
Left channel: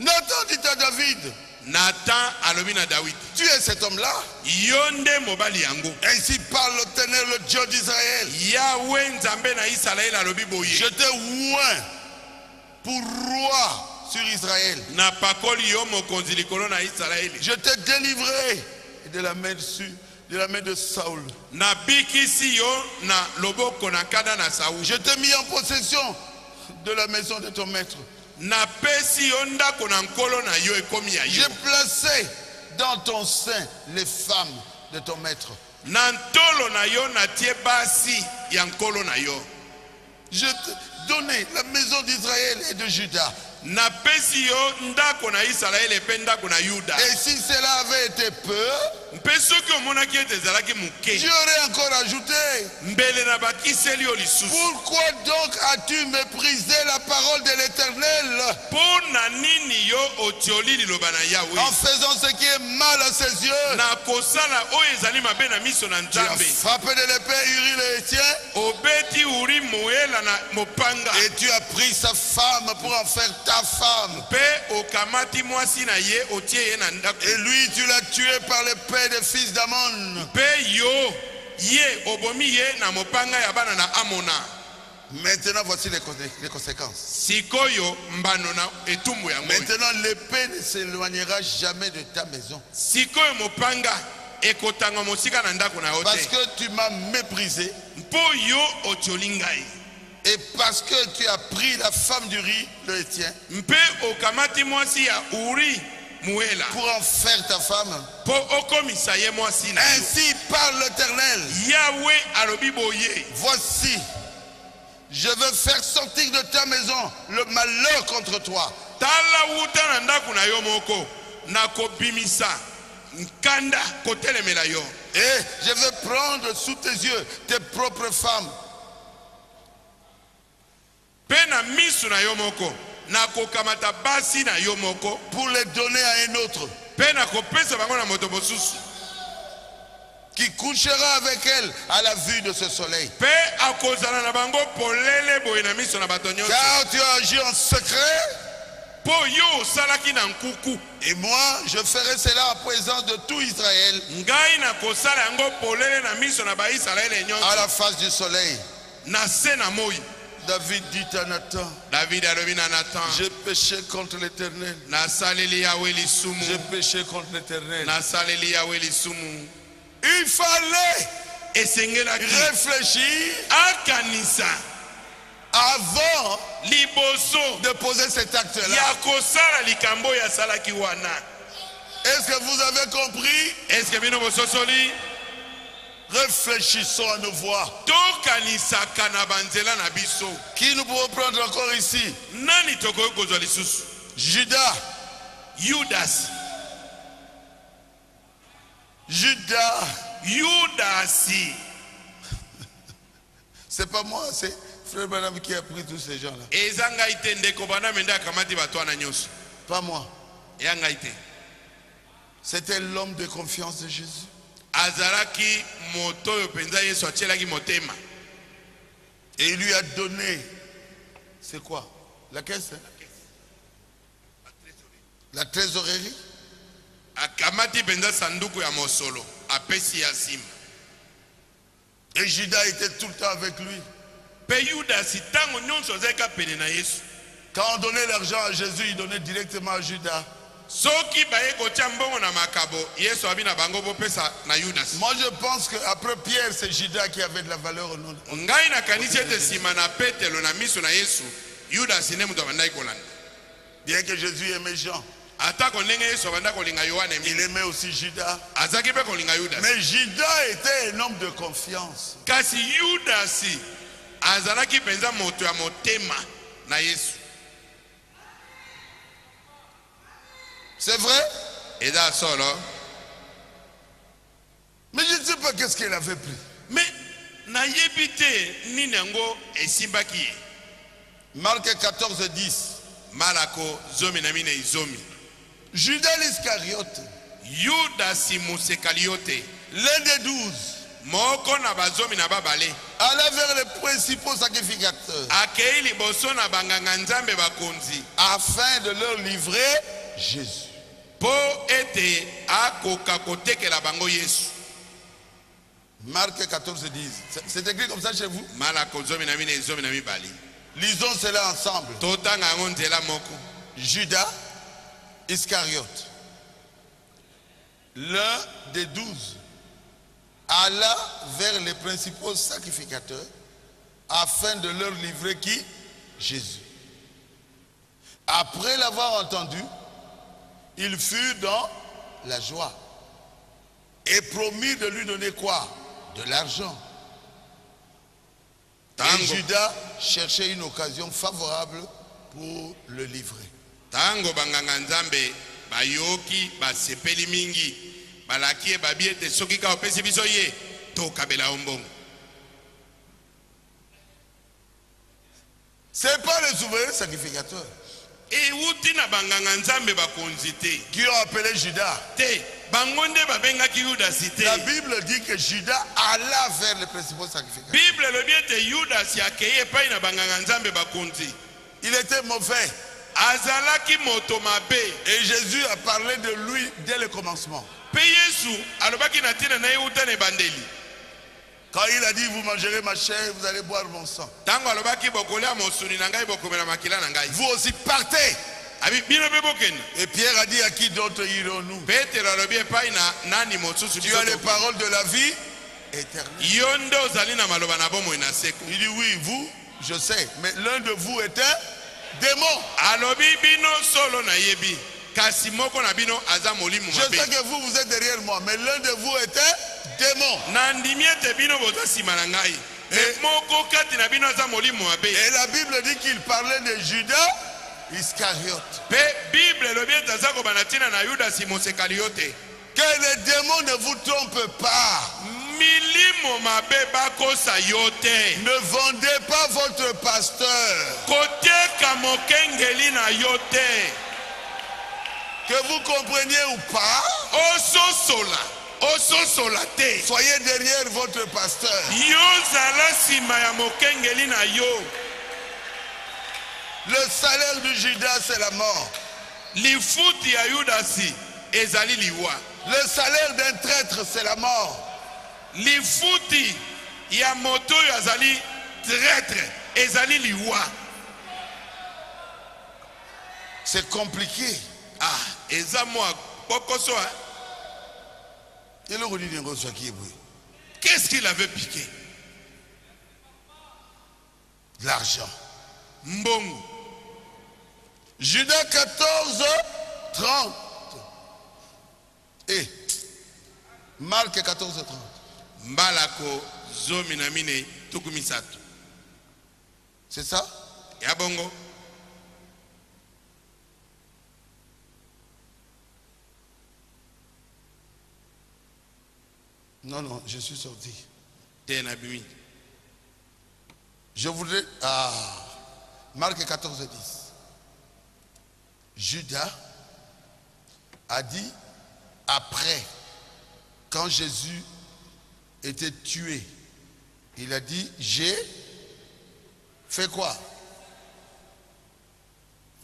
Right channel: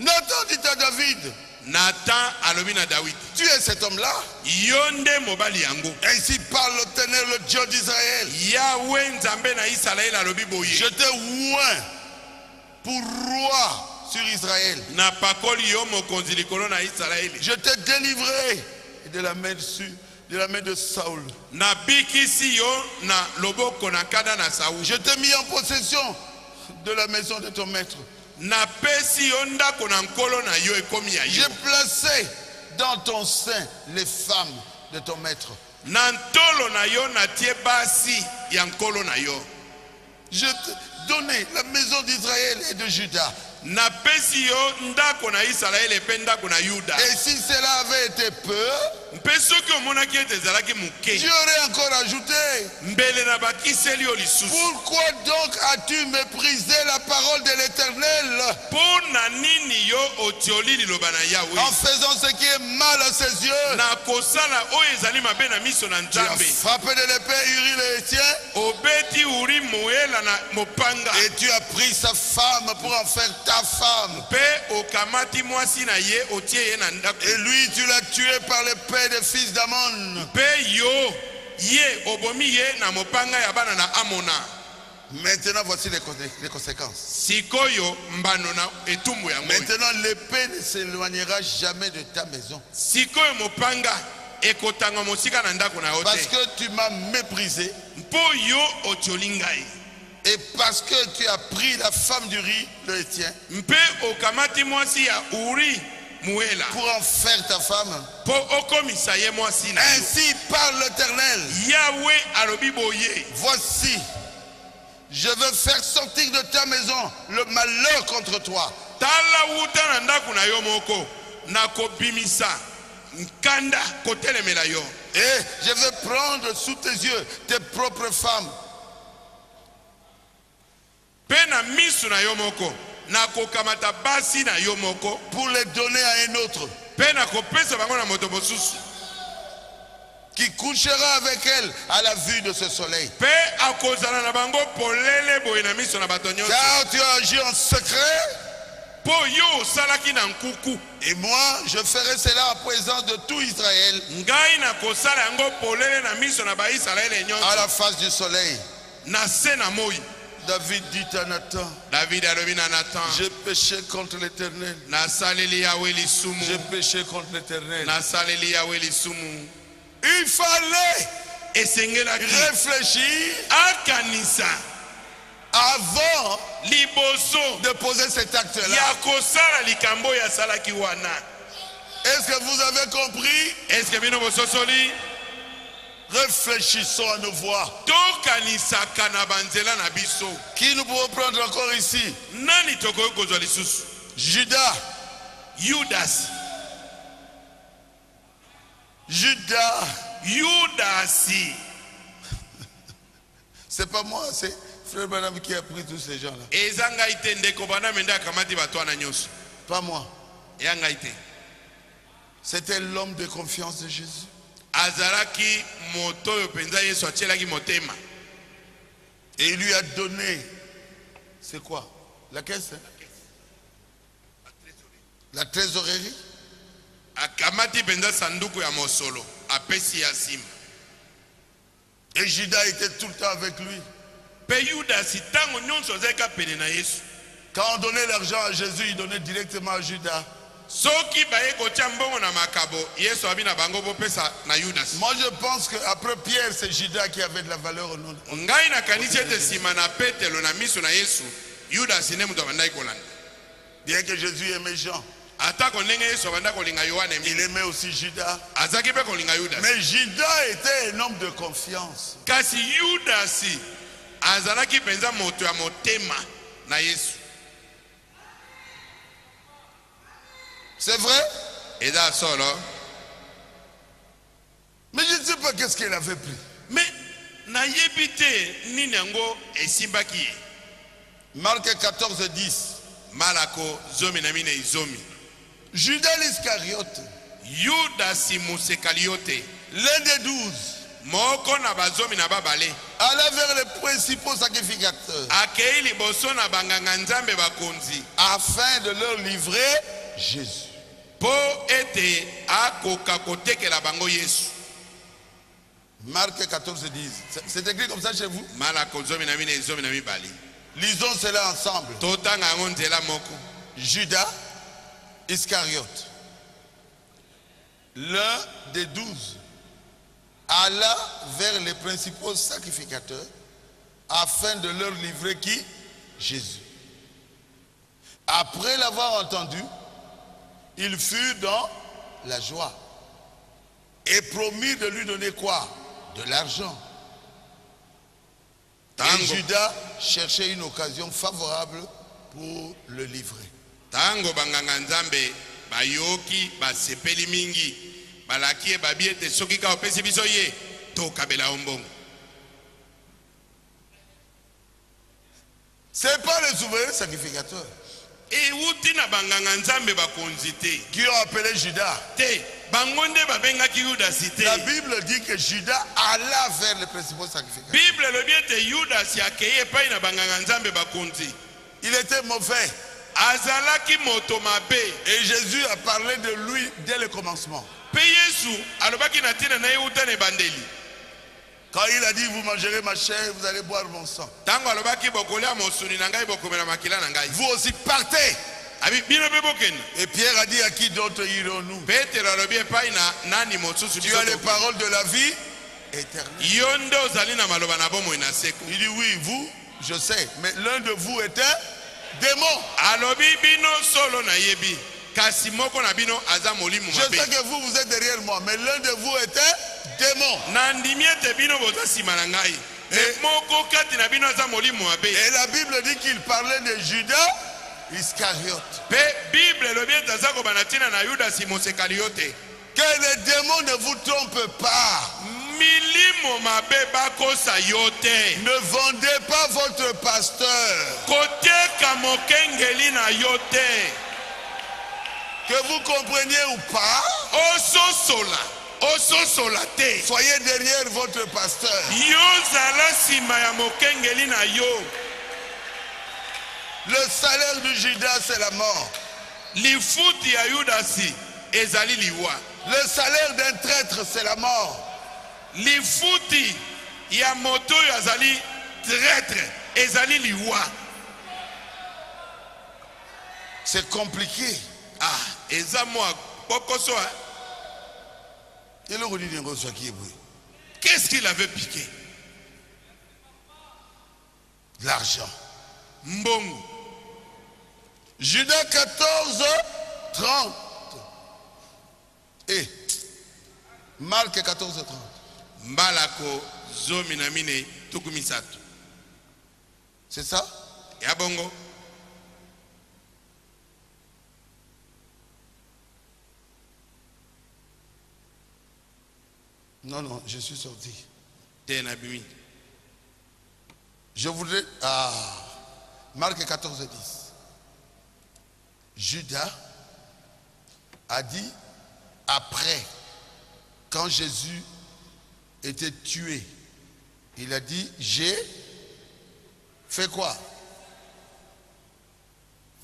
Nathan dit à David, tu es cet homme-là. Ainsi parle l'Éternel, le Dieu d'Israël. Je t'ai oint pour roi sur Israël. Je t'ai délivré de la main de Saoul. Je t'ai mis en possession de la maison de ton maître. J'ai placé dans ton sein les femmes de ton maître. Je t'ai donné la maison d'Israël et de Juda. Et si cela avait été peu, j'aurais encore ajouté. Pourquoi donc as-tu méprisé la parole de l'Éternel en faisant ce qui est mal à ses yeux? Tu as frappé de l'épée Uri le Héthien et tu as pris sa femme pour en faire ta femme. Et lui tu l'as tué par l'épée des fils d'Ammon. Maintenant voici les conséquences. Maintenant l'épée ne s'éloignera jamais de ta maison. Parce que tu m'as méprisé. Et parce que tu as pris la femme d'Uri, le Héthien, pour en faire ta femme. Ainsi parle l'Éternel. Voici, je veux faire sortir de ta maison le malheur contre toi. Et je vais prendre sous tes yeux tes propres femmes. Pour les donner à un autre qui couchera avec elle à la vue de ce soleil. Car tu as agi en secret. Et moi je ferai cela en présence de tout Israël à la face du soleil. David dit à Nathan, j'ai péché contre l'Éternel. J'ai péché contre l'Éternel. Il fallait réfléchir avant de poser cet acte-là. Est-ce que vous avez compris? Réfléchissons à nos voix. Qui nous pouvons prendre encore ici? Judas. C'est pas moi, c'est Frère Branham qui a pris tous ces gens-là. Pas moi. C'était l'homme de confiance de Jésus. Et il lui a donné C'est quoi? La caisse, hein? La trésorerie. Akamati penza sanduku ya mosolo. Apesi ya sim. Et Judas était tout le temps avec lui. Pe Yuda si tango nyonso zeka pene na Yesu. Quand on donnait l'argent à Jésus, il donnait directement à Judas. Soki baye kotia mbongo na makabo, Yesu abina bango bopesa na Yudas. Moi je pense qu'après Pierre, c'est Judas qui avait de la valeur au nom de Dieu. Ngai na kanisi ete sima na Petelo na miso na Yesu, Yudas ne muto bandai kolanda. Bien que Jésus aimait Jean, Atako ndenge Yesu abanda kolinga Yohane, il aimait aussi Judas. azaki pe kolinga Yudas. Mais Judas était un homme de confiance. Kasi Yudas azalaki penza moto ya motema na Yesu. C'est vrai? Et là solo. Mais je ne sais pas qu'est-ce qu'il avait pris. Mais na yebite nini yango esimbaki. Marc 14, 10. Malako zomi na mine izomi. Judas l'Iscariote, Yudas Musekaliote, l'un des 12, moko na bazomi na babale, alla vers les principaux sacrificateurs akei liboso na banganga nzambe bakonzi, afin de leur livrer Jésus. po ete akoka kotekela bango Yesu. Marc 14, 10. C'est écrit comme ça chez vous? Malako zomi na mine izomi na mibali. Lisons cela ensemble. Totanga yango nzela moko. Judas Iscariote, l'un des 12, alla vers les principaux sacrificateurs afin de leur livrer qui? Jésus. Après l'avoir entendu, il fut dans la joie et promit de lui donner quoi? De l'argent. Et Judas cherchait une occasion favorable pour le livrer. Tango banganga nzambe bayoki basepeli mingi balaki babi ete soki ka opesi biso ye tokabela ombongo. C'est pas les souverains sacrificateurs Et uti na banganga nzambe bakonzi te qui ont appelé Judas. te bango nde babengaki Yudas te. La Bible dit que Judas alla vers les principaux sacrificateurs. Bible elobi ete Yudas akei epai na banganga nzambe bakonzi. Il était mauvais. Azalaki moto mabe. Et Jésus a parlé de lui dès le commencement. Pe Yesu alobaki na tina na ye uta na ebandeli. Quand il a dit, vous mangerez ma chair, vous allez boire mon sang. Tango alobaki bokolia mosuni na ngai bokomela makila na ngai. Vous aussi partez. Abi bino be bokenda. Et Pierre a dit, à qui d'autre irons-nous? Petero alobi epai na nani mosusu Tu as les paroles de la vie éternelle. yo nde ozali na maloba na bomoi na seko. Il dit, oui, vous, je sais. Mais l'un de vous est un démon. Alobi bino solo na yebi kasi moko na bino aza molimo Je mabe. sais que vous êtes derrière moi, mais l'un de vous est un démon. Na ndimi ete bino boza nsima na ngai me moko kati na bino aza molimo mabe. Et la Bible dit qu'il parlait de Judas Iscariote. Pe Bible elobi ete aza kobanda ntina na Yudasi Mosekaliote. Que les démons ne vous trompent pas. Milimo mabe bakosa yo te. Ne vendez pas votre pasteur. Koteka mokengeli na yo te. Que vous compreniez ou pas, ososola te. soyez derrière votre pasteur. Yo zala nsima ya mokengeli na yo. Le salaire de Judas, c'est la mort. Lifuti ya Yudasi ezali liwa. Le salaire d'un traître, c'est la mort. Lifuti ya moto oyo azali traître ezali liwa. C'est compliqué. Ah, eza mwa bokoso. Qu'est-ce qu'il avait piqué? De l'argent. Mbongo. Judas 14, 30. Et Marc 14, 30. Mbalako zomi na mine tukumisato. C'est ça? Ya bongo. Non, non, je suis sorti. Tenabimi. Je voudrais... Ah, Marc 14, 10. Judas a dit, après, quand Jésus était tué, il a dit, j'ai fait quoi?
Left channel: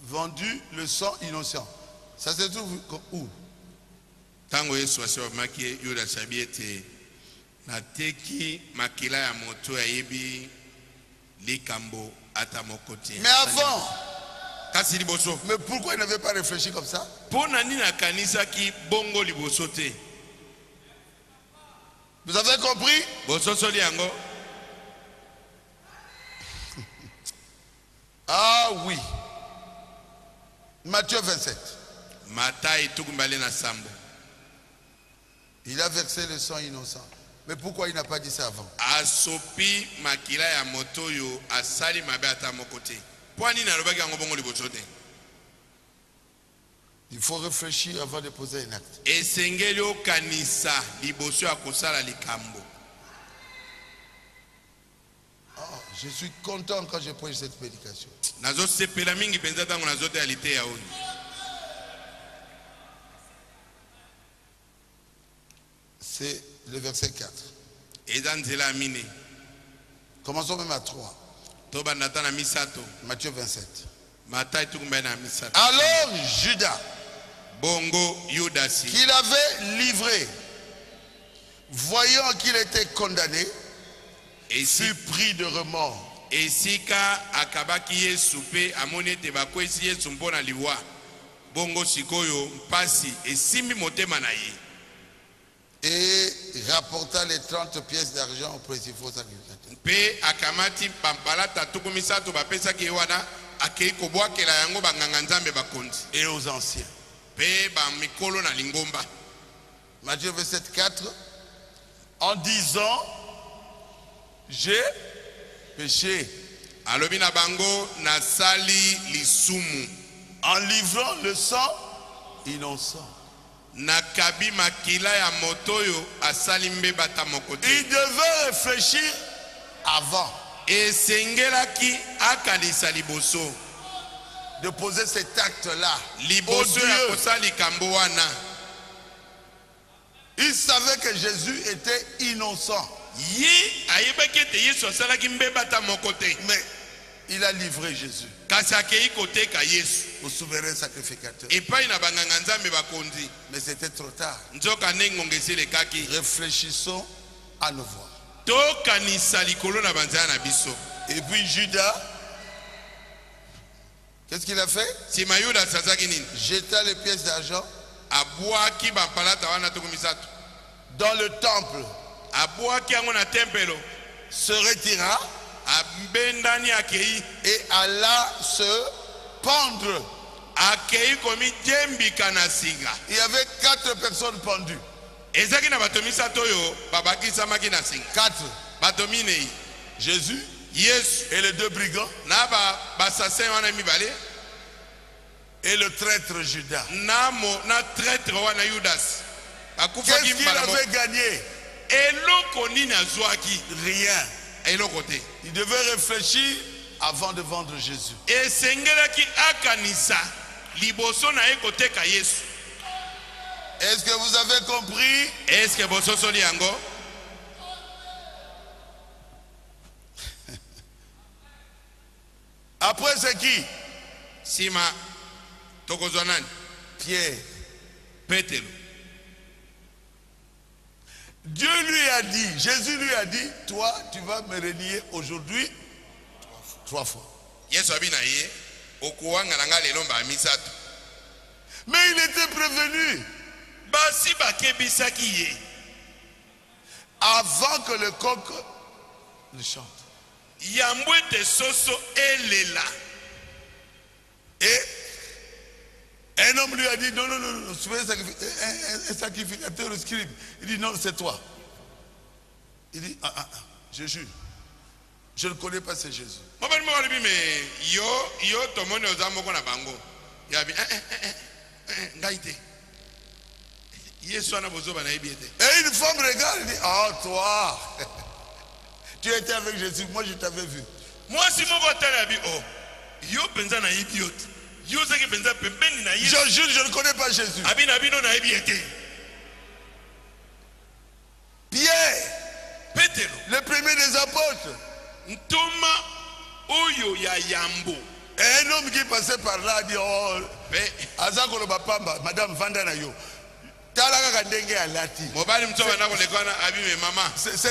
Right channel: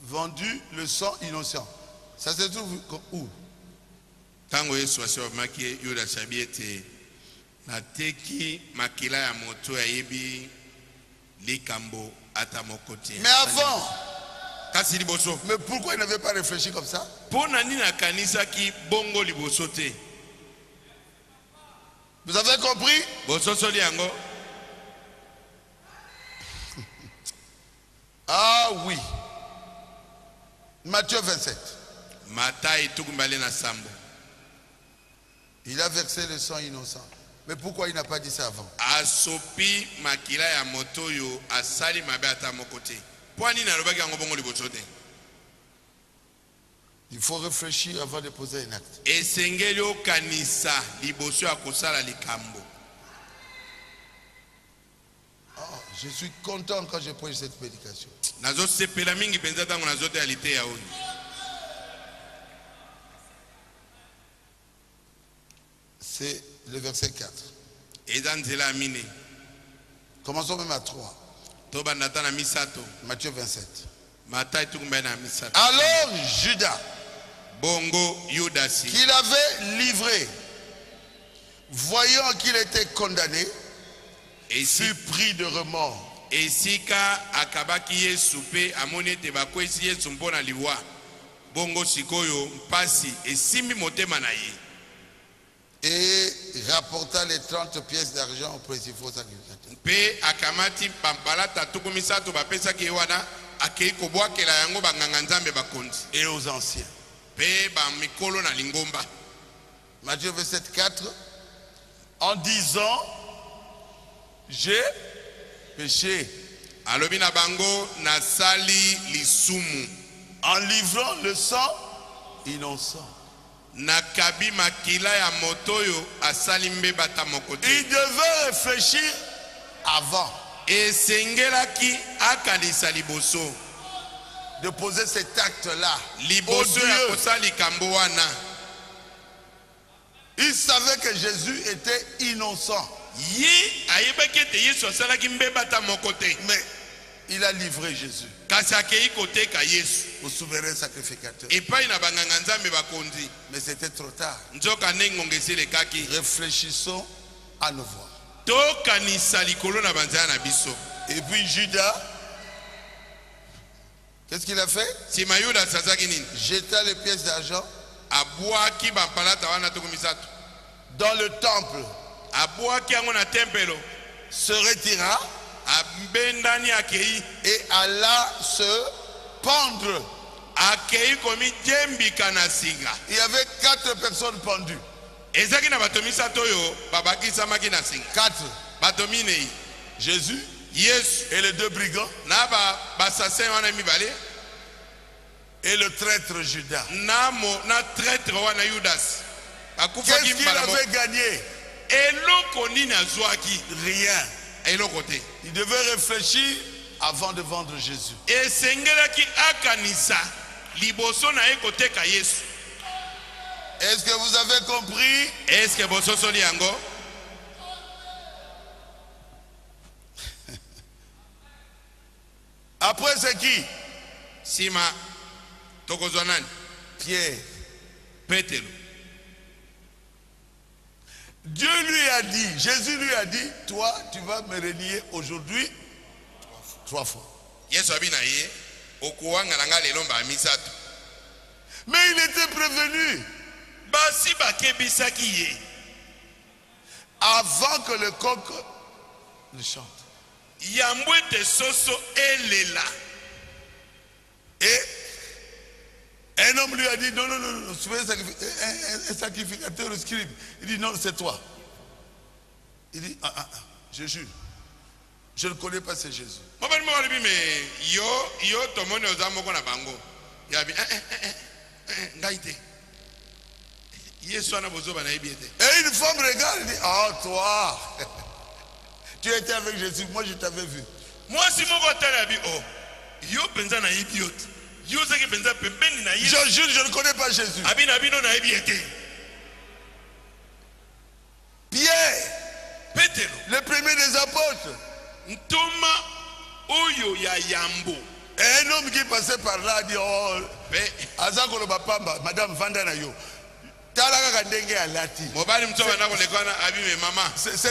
vendu le sang innocent. Ça se trouve où? Tango Yesu asibamaki Yuda sabiete na teki makila ya moto yebi likambo atamokoti. Mais avant, kasi liboso. mais pourquoi il n'avait pas réfléchi comme ça? Pona nina kanisa ki bongo liboso te. Vous avez compris? Boso soli yango. Ah oui. Matthieu 27. Matai tukumbale na sambo. Il a versé le sang innocent. Mais pourquoi il n'a pas dit ça avant? Asopi makila ya moto yo asali mabe atamokote. Pwani na lobaki yango bongo liboso te. Il faut réfléchir avant de poser un acte. Esengeli okanisa liboso ya kosala likambo. Oh, je suis content quand je prêche cette prédication. Nazo sepela mingi penza tango nazo te alite ya oni. C'est le verset 4. Ezanzela mine. Commençons même à 3. Toba natana misato. Matthieu 27. Matai tukumba na misato. Alors Judas, Bongo Yudasi. qu'il avait livré, voyant qu'il était condamné, fut pris de remords. Esika akabaki Yesu pe amone te bakwesi Yesu mpona liwa. Bongo sikoyo mpasi esimi motema na ye. Et rapporta les 30 pièces d'argent aux principaux sacrificateurs. Pe akamati pampala tatuku misato bapesaki wana akei kobwakela yango banganga nzambe bakonzi. Et aux anciens. Pe ba mikolo na lingomba. Matthieu 27, 4. En disant, j'ai péché. Alobi na bango nasali lisumu. En livrant le sang innocent. Nakabi makila ya motoyo asali mbeba tamokote. Il devait réfléchir avant Esengelaki akalisa liboso. de poser cet acte-là. Liboso ya kosali kambo wana. Il savait que Jésus était innocent. Yi ayebaki ete Yesu asalaki mbeba tamokote. Mais il a livré Jésus Kasi akei koteka Yesu. au souverain sacrificateur. Epai na banganga nzambe bakonzi. Mais c'était trop tard. Nzoka nengonga eselekaki. Réfléchissons à nouveau. Tokanisa likolo na banzaya na biso. Et puis Judas, qu'est-ce qu'il a fait? Sima Yuda asazaki nini? Jeta les pièces d'argent Abwaki bampalata wana tuku misato. dans le temple, Abwaki yango na tempelo. se retira Abendani akei. et alla se pendre. Akei komi jembika na singa. Il y avait 4 personnes pendues. Ezaki na bato misato oyo babakisamaki na singa. 4. Bato minei. Jésus Yesu et les 2 brigands na basassin wana mibale. et le traître Judas. Na traître wana Yudas. Qu'est-ce qu'il avait gagné? Eloko nini azwaki? Rien. Eloko te. Il devait réfléchir avant de vendre Jésus. Esengelaki akanisa liboso na ye koteka Yesu. Est-ce que vous avez compris? Est-ce que bososoli yango? Après c'est qui? Sima tokozwa nani? Pierre. Petelo. Dieu lui a dit, Jésus lui a dit, toi tu vas me renier aujourd'hui 3 fois. Yesu abi na ye okuwanga na nga lelo mba misato. Mais il était prévenu Basi bakebisaki ye avant que le coq ne chante. yambo ete soso elela. Et un homme lui a dit, non, non, non, non, un sacrificateur, le scribe. Il dit, non, c'est toi. Il dit, je jure, je ne connais pas ce Jésus. Mobali mo walibi me yo tomoni oza moko na bango. Yabi ngai te. Yesu ana bozoba na yebi ete. Et une femme regarde et dit, oh toi, tu étais avec Jésus, moi je t'avais vu. Moi si moko tala yabi oh yo penza na yebi yote. Yo seki penza pembeni na Yesu. Je jure, je ne connais pas Jésus. Abi na bino na yebi ete. Pierre, Petelo, le premier des apôtres, ntoma oyo ya yambo Un homme qui passait par là dit, oh, Azakolo Bapamba, Madame Vandanayo. C'est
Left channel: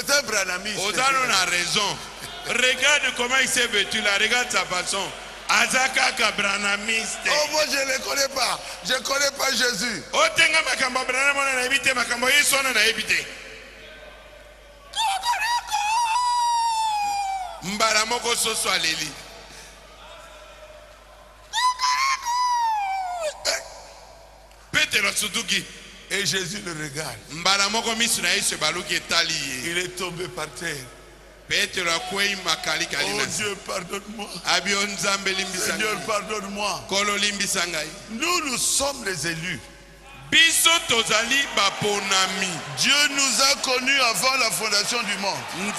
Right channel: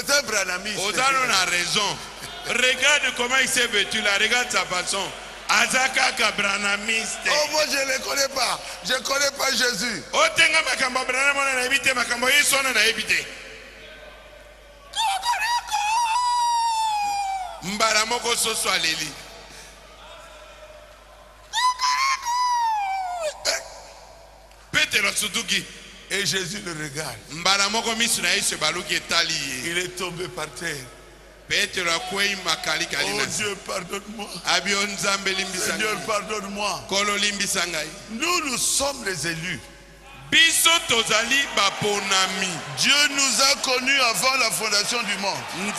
un branamiste. Ozano a raison. Regarde comment il s'est vêtu là, regarde sa façon. Azaka kabranamiste. Oh, moi je ne le connais pas. Je ne connais pas Jésus. Otenga makambo branamona na ebite makambo Yesu na ebite. Mbaramoko soso aleli. Pétero Suduki. Et Jésus le regarde. Il est tombé par terre. Oh Dieu, pardonne-moi. Seigneur, pardonne-moi. Nous sommes les élus. Dieu nous a connus avant la fondation du monde. Même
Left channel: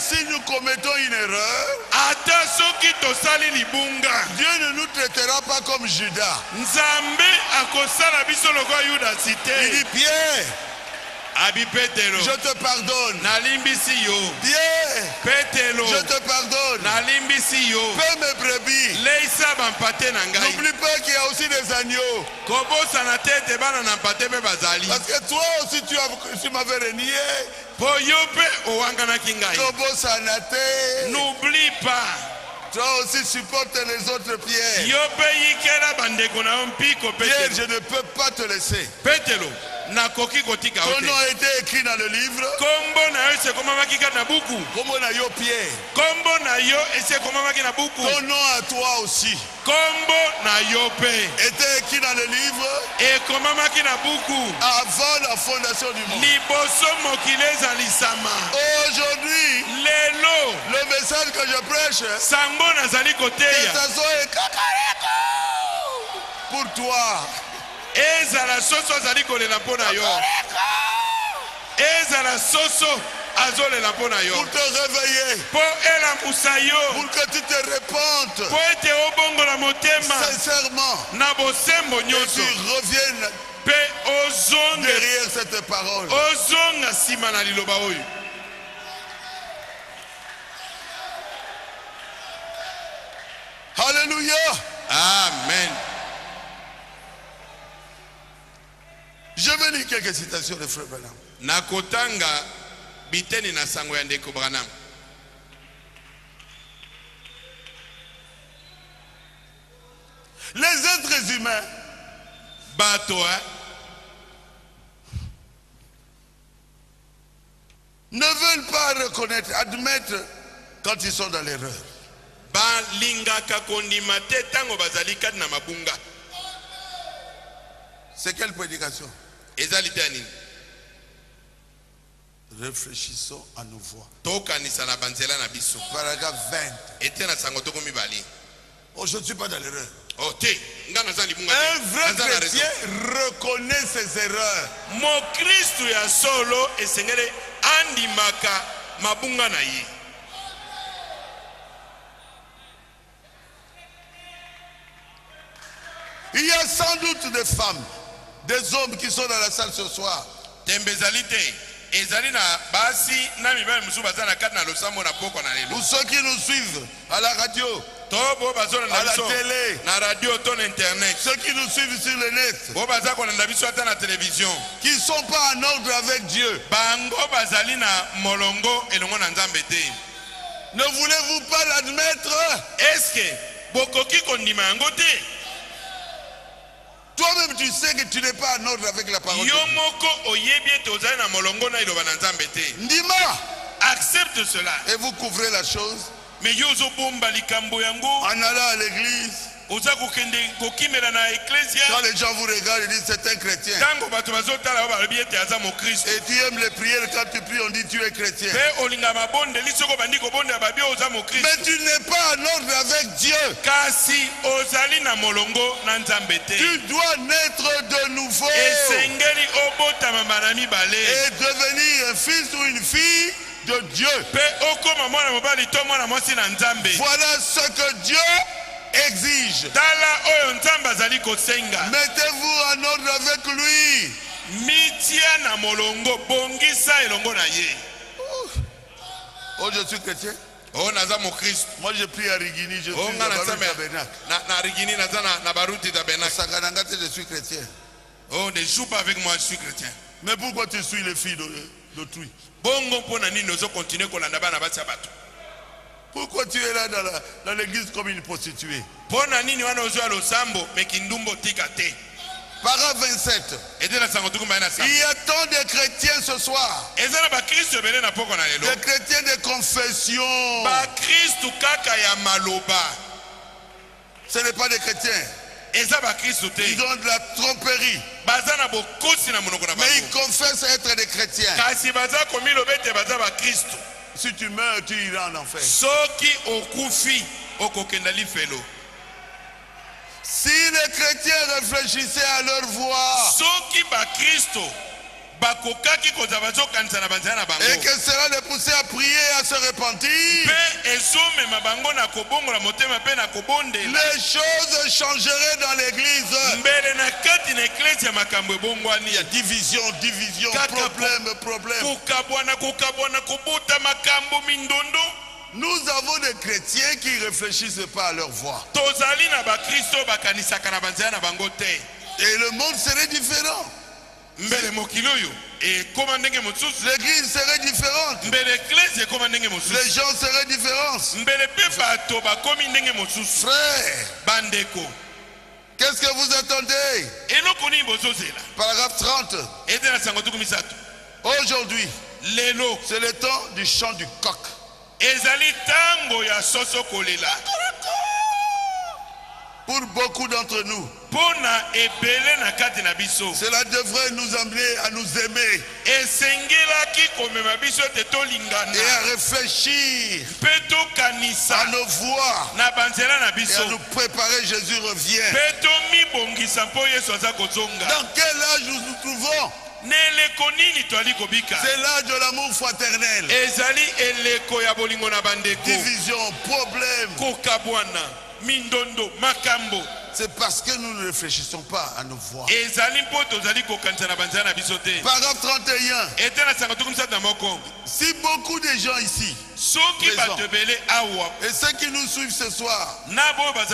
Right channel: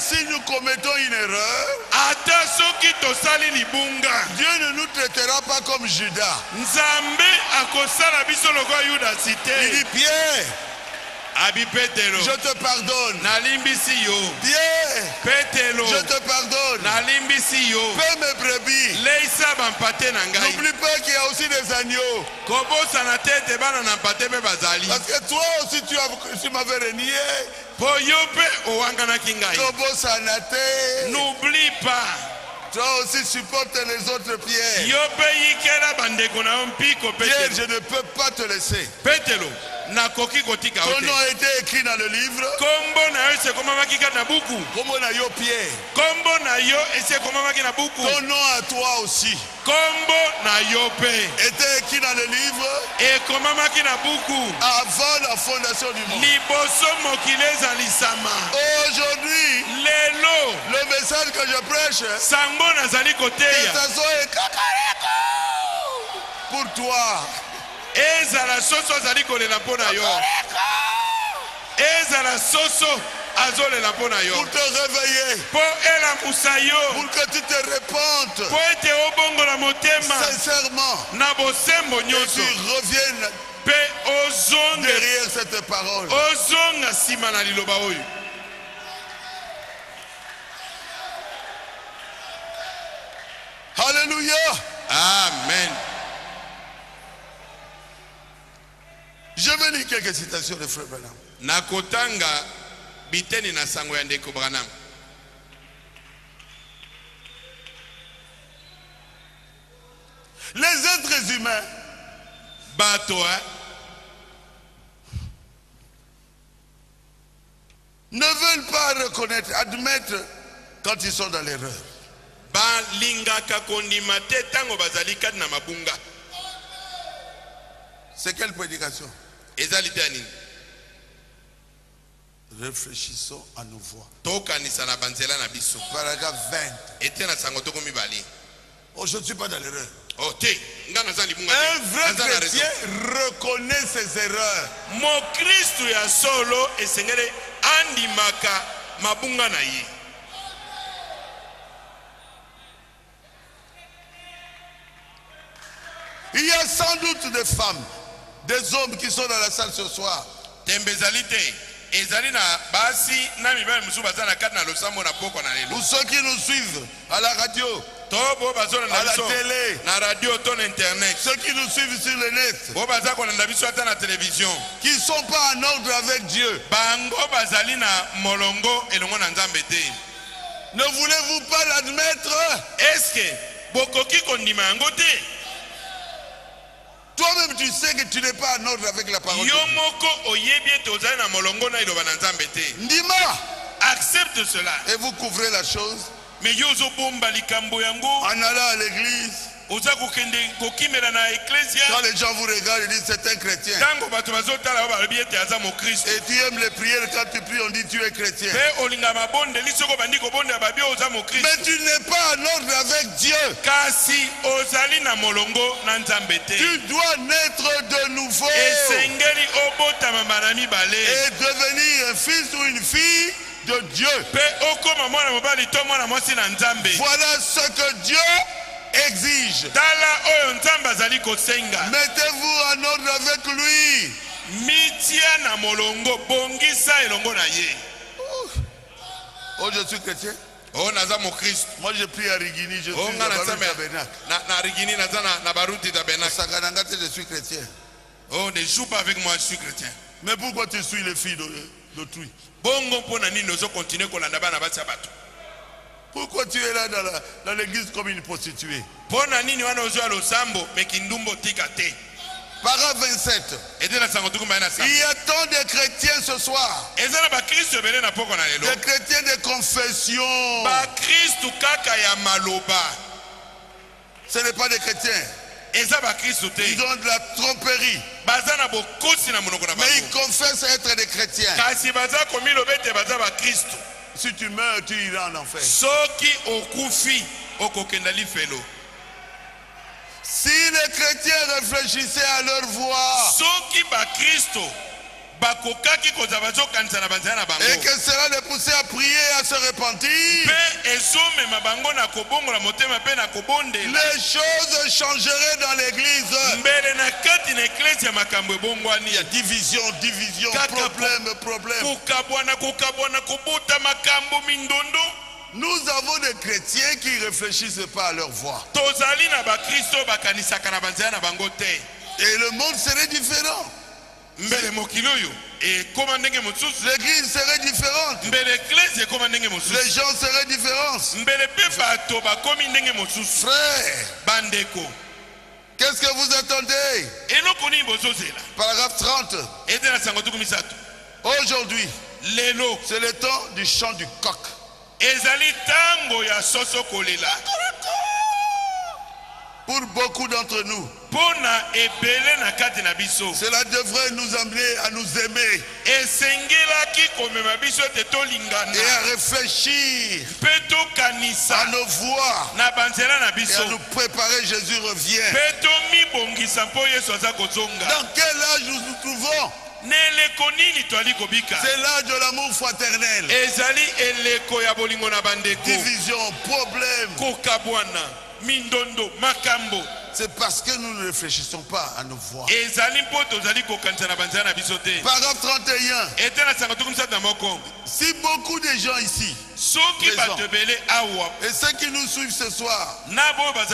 si nous commettons une erreur, Dieu ne nous traitera pas comme Judas. Il dit, Pierre, je te pardonne. Pierre, je te pardonne. Paix mes brebis. N'oublie pas qu'il y a aussi des agneaux. Parce que toi aussi tu m'avais renié. N'oublie pas. Toi aussi supporte les autres, Pierre. Pierre, je ne peux pas te laisser. Ton nom a été écrit dans le livre. Comment na yo Pierre. Ton nom à toi aussi était écrit dans le livre avant la fondation du monde. Aujourd'hui, le message que je prêche, que ça soit pour toi. Ezala soso azali kolela mpona yo. Ezala soso azolela mpona yo. Pour te réveiller. Po elamusa yo. Pour que tu te repentes. Po ete obongola motema. Sincèrement. Na bosembo nyonso. Tu reviennes pe ozonga derrière cette parole. Ozonga sima na liloba oyo. Alléluia. Amen. Je vais lire quelques citations de Frère Branham. Nakotanga biteni na sango ya ndeko Branham. Les êtres humains, ne veulent pas reconnaître, admettre quand ils sont dans l'erreur. C'est quelle prédication? Réfléchissons à nos voix. Paragraphe 20. Oh, je ne suis pas dans l'erreur. Un vrai chrétien reconnaît ses erreurs. Mon Christ ya solo esengele andimaka mabunga na ye. Il y a sans doute des femmes, des hommes qui sont dans la salle ce soir. Ou ceux qui nous suivent à la radio, à la télé, ceux qui nous suivent sur le net, qui ne sont pas en ordre avec Dieu. Ne voulez-vous pas l'admettre? Toi-même tu sais que tu n'es pas en ordre avec la parole de Dieu. Ndima, accepte cela. Et vous couvrez la chose en allant à l'église. Quand les gens vous regardent, ils disent c'est un chrétien. Et tu aimes les prières, quand tu pries, on dit tu es chrétien. Mais tu n'es pas en ordre avec Dieu. Tu dois naître de nouveau et devenir un fils ou une fille de Dieu. Voilà ce que Dieu exige. Mettez-vous en ordre avec lui. Oh, je suis chrétien. Oh naza mo Christ. Moi je prie à Rigini, je suis Oh dans nga le na tabernacle. na Rigini naza na baruti tabernacle. Sakanangate, je suis chrétien. Oh ne joue pas avec moi, je suis chrétien. Mais pourquoi tu suis les filles d'autrui? Bongo pona nini ozo continuer kolanda bana bati bato. Pourquoi tu es là dans l'église comme une prostituée? Pona nini wana ozo alo sambo mekindumbo tika te. Paragraphe 27. Il y a tant de chrétiens ce soir. Des chrétiens de confession. Ce n'est pas des chrétiens. Ils ont de la tromperie. Mais ils confessent être des chrétiens. Si tu meurs, tu iras en enfer. Si les chrétiens réfléchissaient à leur voix et que cela les poussait à prier et à se repentir, les choses changeraient dans l'église. Il y a division, problème. Nous avons des chrétiens qui ne réfléchissent pas à leur voix. Et le monde serait différent. L'église serait différente. Les gens seraient différents. Frère, qu'est-ce que vous attendez? Paragraphe 30. Aujourd'hui, c'est le temps du chant du coq. Pour beaucoup d'entre nous, cela devrait nous amener à nous aimer et à réfléchir à nos voix et à nous préparer. Jésus revient. Dans quel âge nous nous trouvons? C'est l'âge de l'amour fraternel. Division, problème. C'est parce que nous ne réfléchissons pas à nos voix. Paragraphe 31. Si beaucoup de gens ici et ceux qui nous suivent ce soir n'ont pas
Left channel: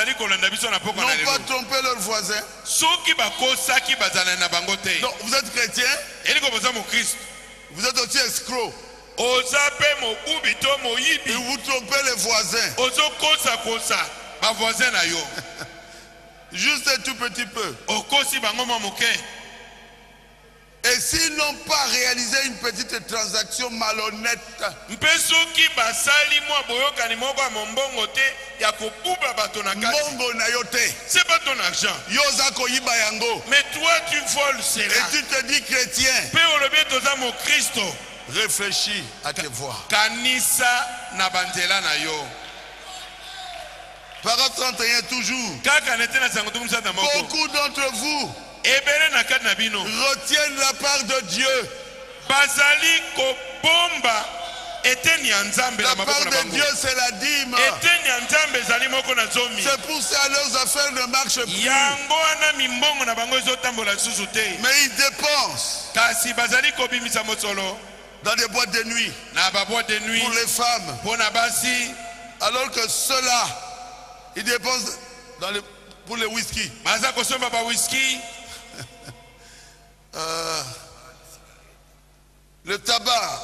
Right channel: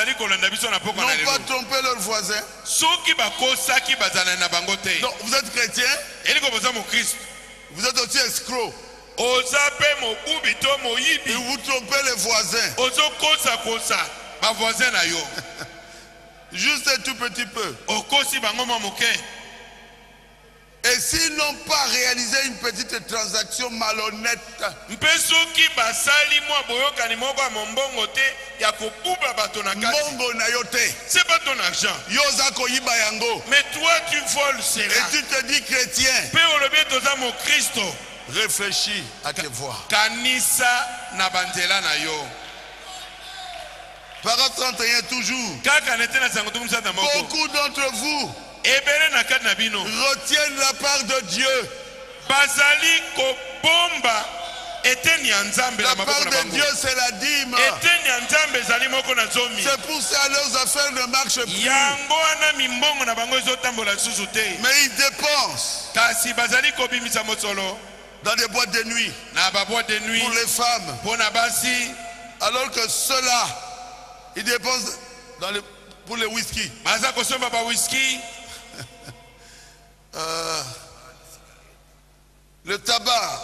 trompé leurs voisins, donc vous êtes chrétien, vous êtes aussi escroc, et vous trompez les voisins. Juste un tout petit peu. Et s'ils n'ont pas réalisé une petite transaction malhonnête, c'est pas ton argent. Mais toi tu voles cela. Et tu te dis chrétien. Réfléchis à tes voix. Paragraphe 31 toujours. Beaucoup d'entre vous retiennent la part de Dieu. La part de Dieu, c'est la dîme. C'est pour ça leurs affaires ne marchent plus. Mais ils dépensent dans des boîtes de nuit pour les femmes. Alors que ceux-là, ils dépensent pour les whisky. Le tabac,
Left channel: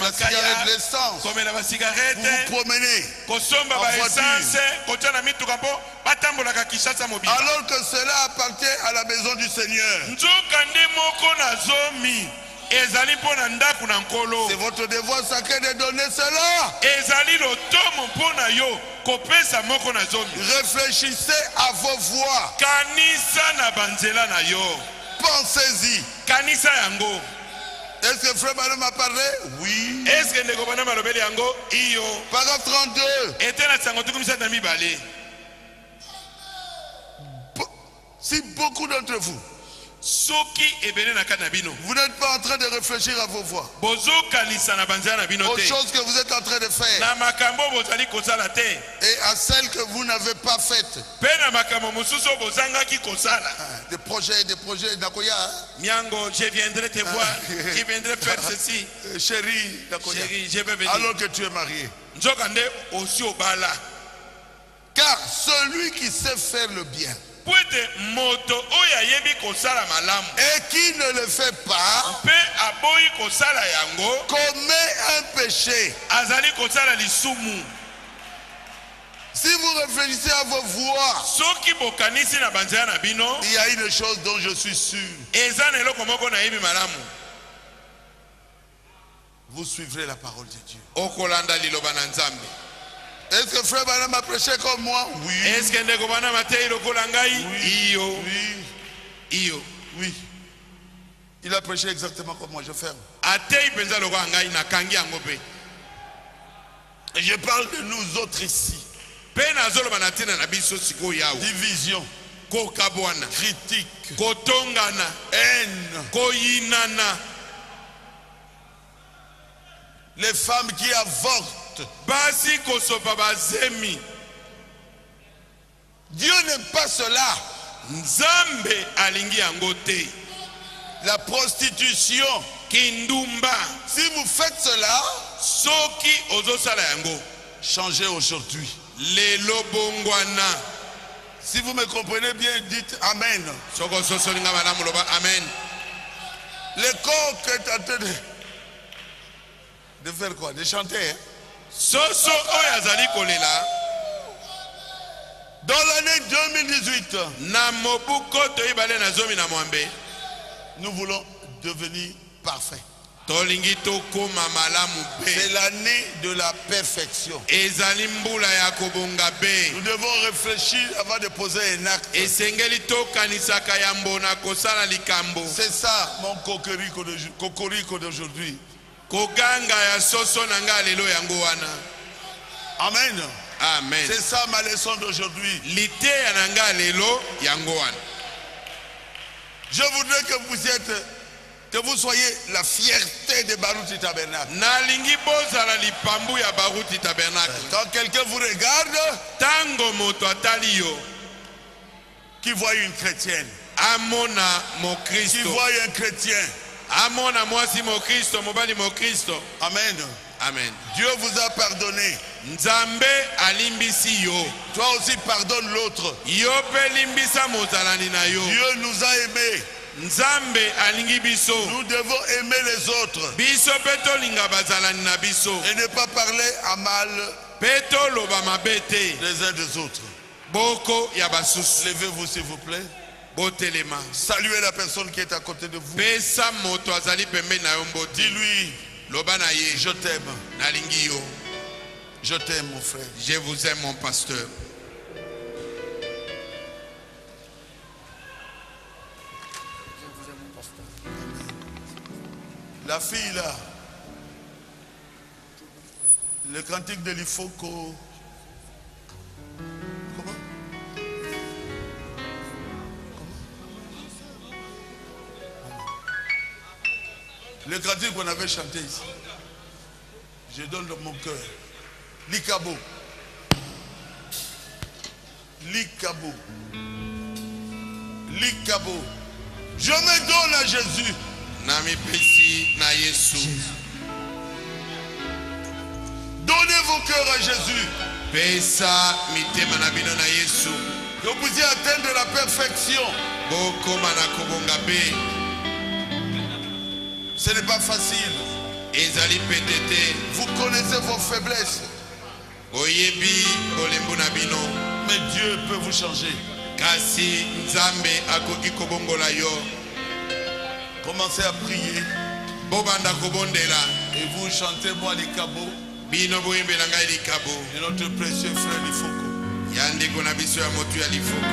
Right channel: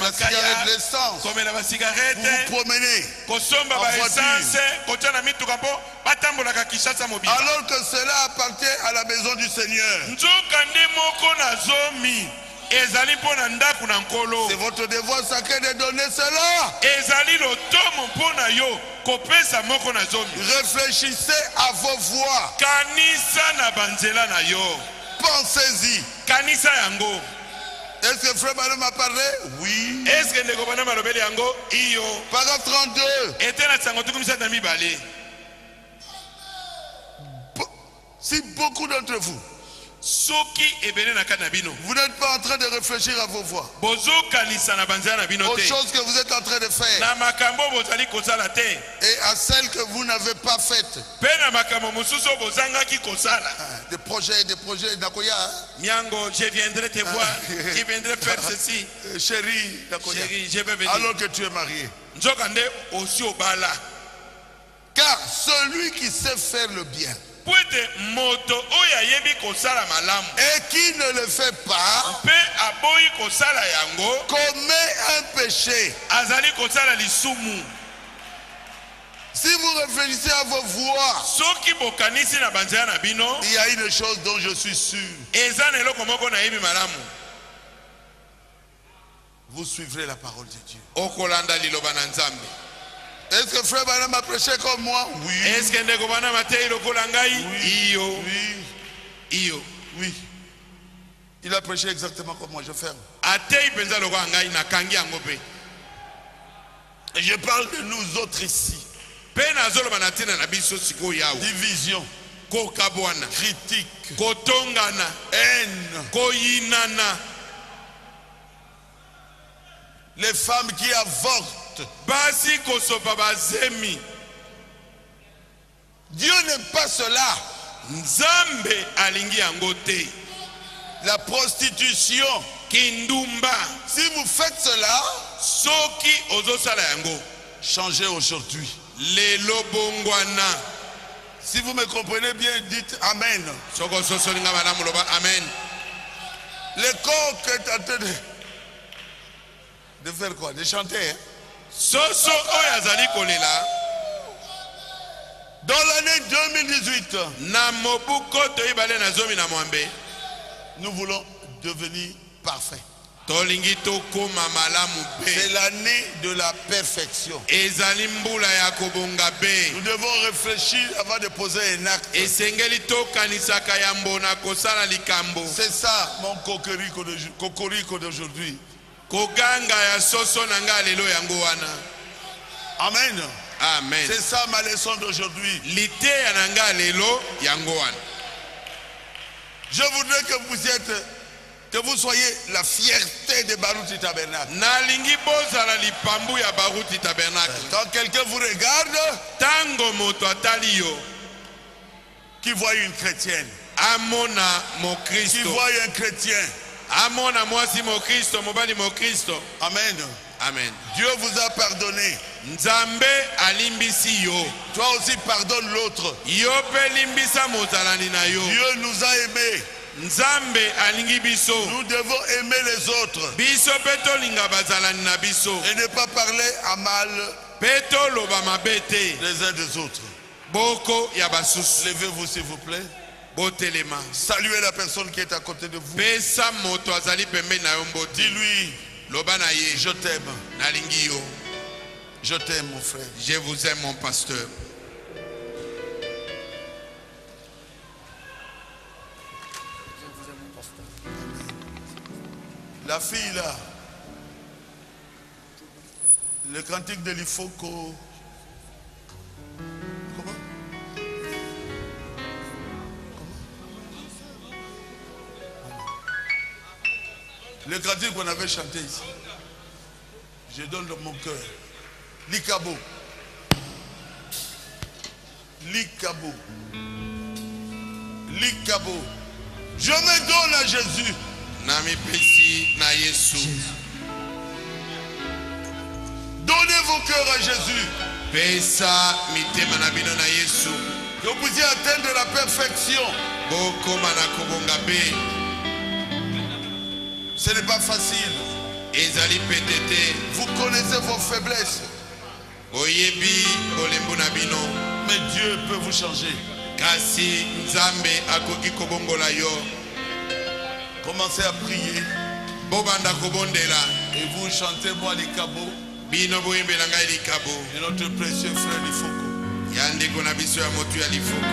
la cigarette, l'essence. Vous vous promenez en voiture. Alors que cela appartient à la maison du Seigneur. C'est votre devoir sacré de donner cela. Réfléchissez à vos voix. Pensez-y. Est-ce que Frère Manon m'a parlé? Oui. Paragraphe 32. Si beaucoup d'entre vous, vous n'êtes pas en train de réfléchir à vos voix, aux choses que vous êtes en train de faire et à celles que vous n'avez pas faites, des projets, Nakoya, je viendrai te voir, je viendrai faire ceci. Chérie, Chérie, je vais venir. Alors que tu es marié, nzoka nde osi obala. Car celui qui sait faire le bien Pwete moto oya yebi kosala malamu et qui ne le fait pas pe aboyi kosala yango commet un péché. azali kosala lisumu. Si vous réfléchissez à vos voix, Soki bokanisi na banzela na bino il y a une chose dont je suis sûr. eza na eloko moko na yebi malamu. Vous suivrez la parole de Dieu. Okolanda liloba na Nzambe. Est-ce que frère Branham a prêché comme moi? Oui. Est-ce que ndeko bana matei lokola ngai? Iyo. Oui. Iyo. Oui. Il a prêché exactement comme moi. Je ferme. Atei penza lokola ngai na kangi yango pe. Et je parle de nous autres ici. Pe nazoloba na tina na biso siko yawo. Division, Kokabwana. critique, Kotongana. haine. Koyinana. Les femmes qui avortent. Basi kosopa bazemi. Dieu n'aime pas cela. Nzambe alingi yango te. La prostitution. Kindumba. Si vous faites cela, Soki ozosala yango. changez aujourd'hui. Lelo bongwana. Si vous me comprenez bien, dites Amen. Soko soso linga malamu loba amen. Le corps qui est en train de faire quoi? De chanter. Hein? Soso oyazali kolela. Dans l'année 2018, Na mobuko toibale na zomi na mwambe. nous voulons devenir parfaits. Tolingi tokoma malamu C'est be. l'année de la perfection. Ezali mbula ya kobonga be. Nous devons réfléchir avant de poser un acte. Esengeli tokanisaka ya mbona kosala likambo. C'est ça mon cocorico d'aujourd'hui. Koganga ya soso nanga lelo yango wana. Amen. Amen. C'est ça ma leçon d'aujourd'hui. Lite ya nanga lelo yango wana. Je voudrais que vous soyez la fierté de Baruti Tabernacle. Nalingi bozala lipambu ya Baruti Tabernacle. Quand quelqu'un vous regarde, Tango moto atali yo. qui voit une chrétienne, Amona mo qui Kristo. voit un chrétien. Amona mwasi mo Kristo, mobali mo Kristo. Amen. Amen. Dieu vous a pardonné. Nzambe alimbisi yo. Toi aussi pardonne l'autre. Yo pe limbisa mozalani na yo. Dieu nous a aimés. Nzambe alingi biso. Nous devons aimer les autres Biso pe tolinga bazalani na biso. et ne pas parler à mal Pe toloba mabe te. les uns des autres. Boko ya basusu. Levez-vous s'il vous plaît. Botelema. Saluez la personne qui est à côté de vous. Pesa moto azali pembe na yo mboti. Dis-lui, Loba na ye. je t'aime. Nalingi yo. Je t'aime mon frère. Je vous aime mon pasteur. La fille là, le cantique de l'Ifoko. Comment? Le cantique qu'on avait chanté ici. Je donne de mon cœur. Likabo. Likabo. Likabo. Je me donne à Jésus. Nami pesi na Yesu. Donnez vos cœurs à Jésus. Pesa mitema na bino na Yesu. Que vous puissiez atteindre la perfection. Boko mana kobonga be. Ce n'est pas facile. Ezali petete. Vous connaissez vos faiblesses. Oyebi bolembo na bino. Mais Dieu peut vous changer. Kasi Nzambe akoki kobongola yo. Commencez à prier. Bobanda kobondela. Et vous chantez moi les cabots. Bino boyembela ngai likabo. Et notre précieux frère Lifoko. Ya ndeko na biso ya motu ya lifoko.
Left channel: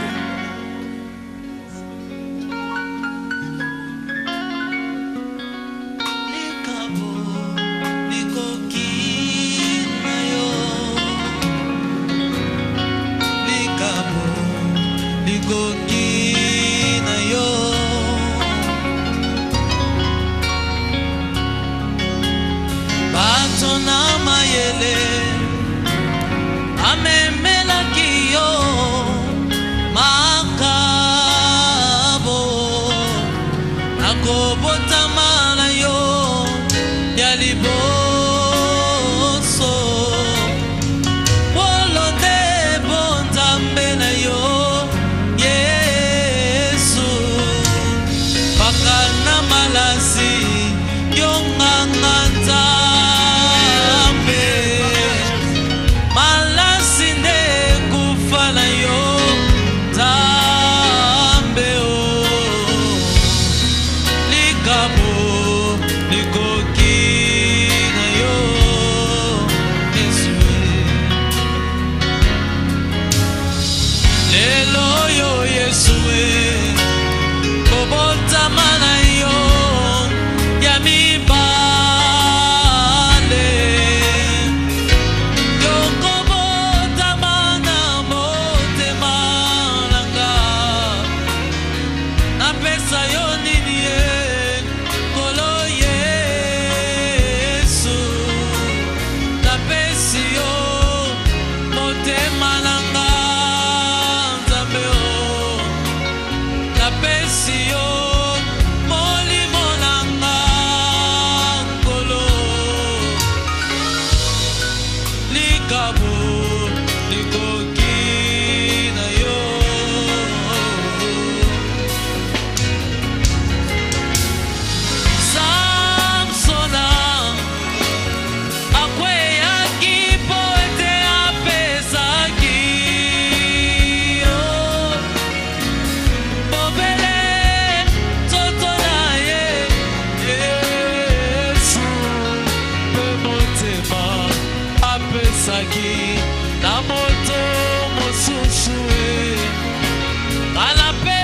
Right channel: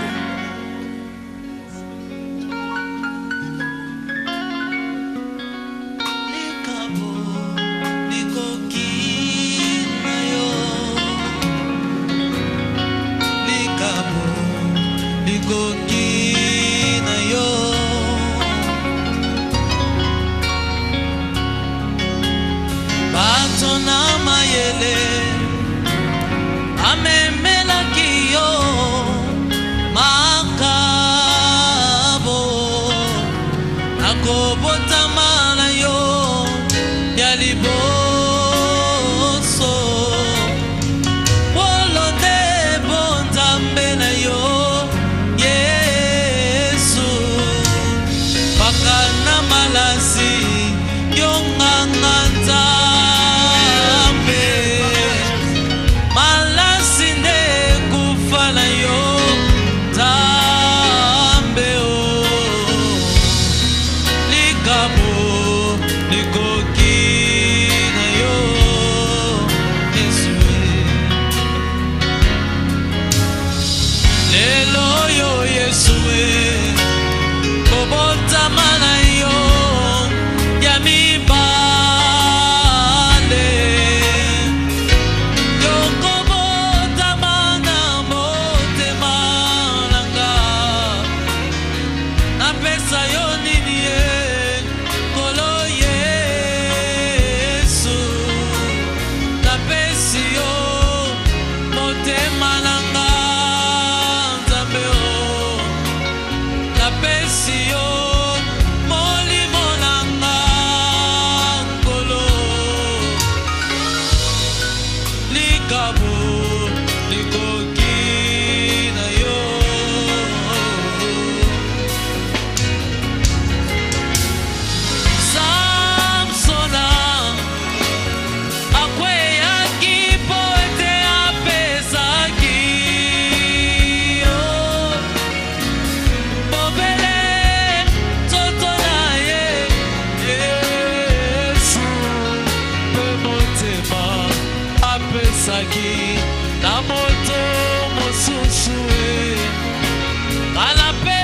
Amemela kiyo ma likambo likoki na yo. Samsona akweyaki po ete apesaki yo mobele nzoto na ye. Yesu mpe motema apesaki na moto mosusu e. Kala pe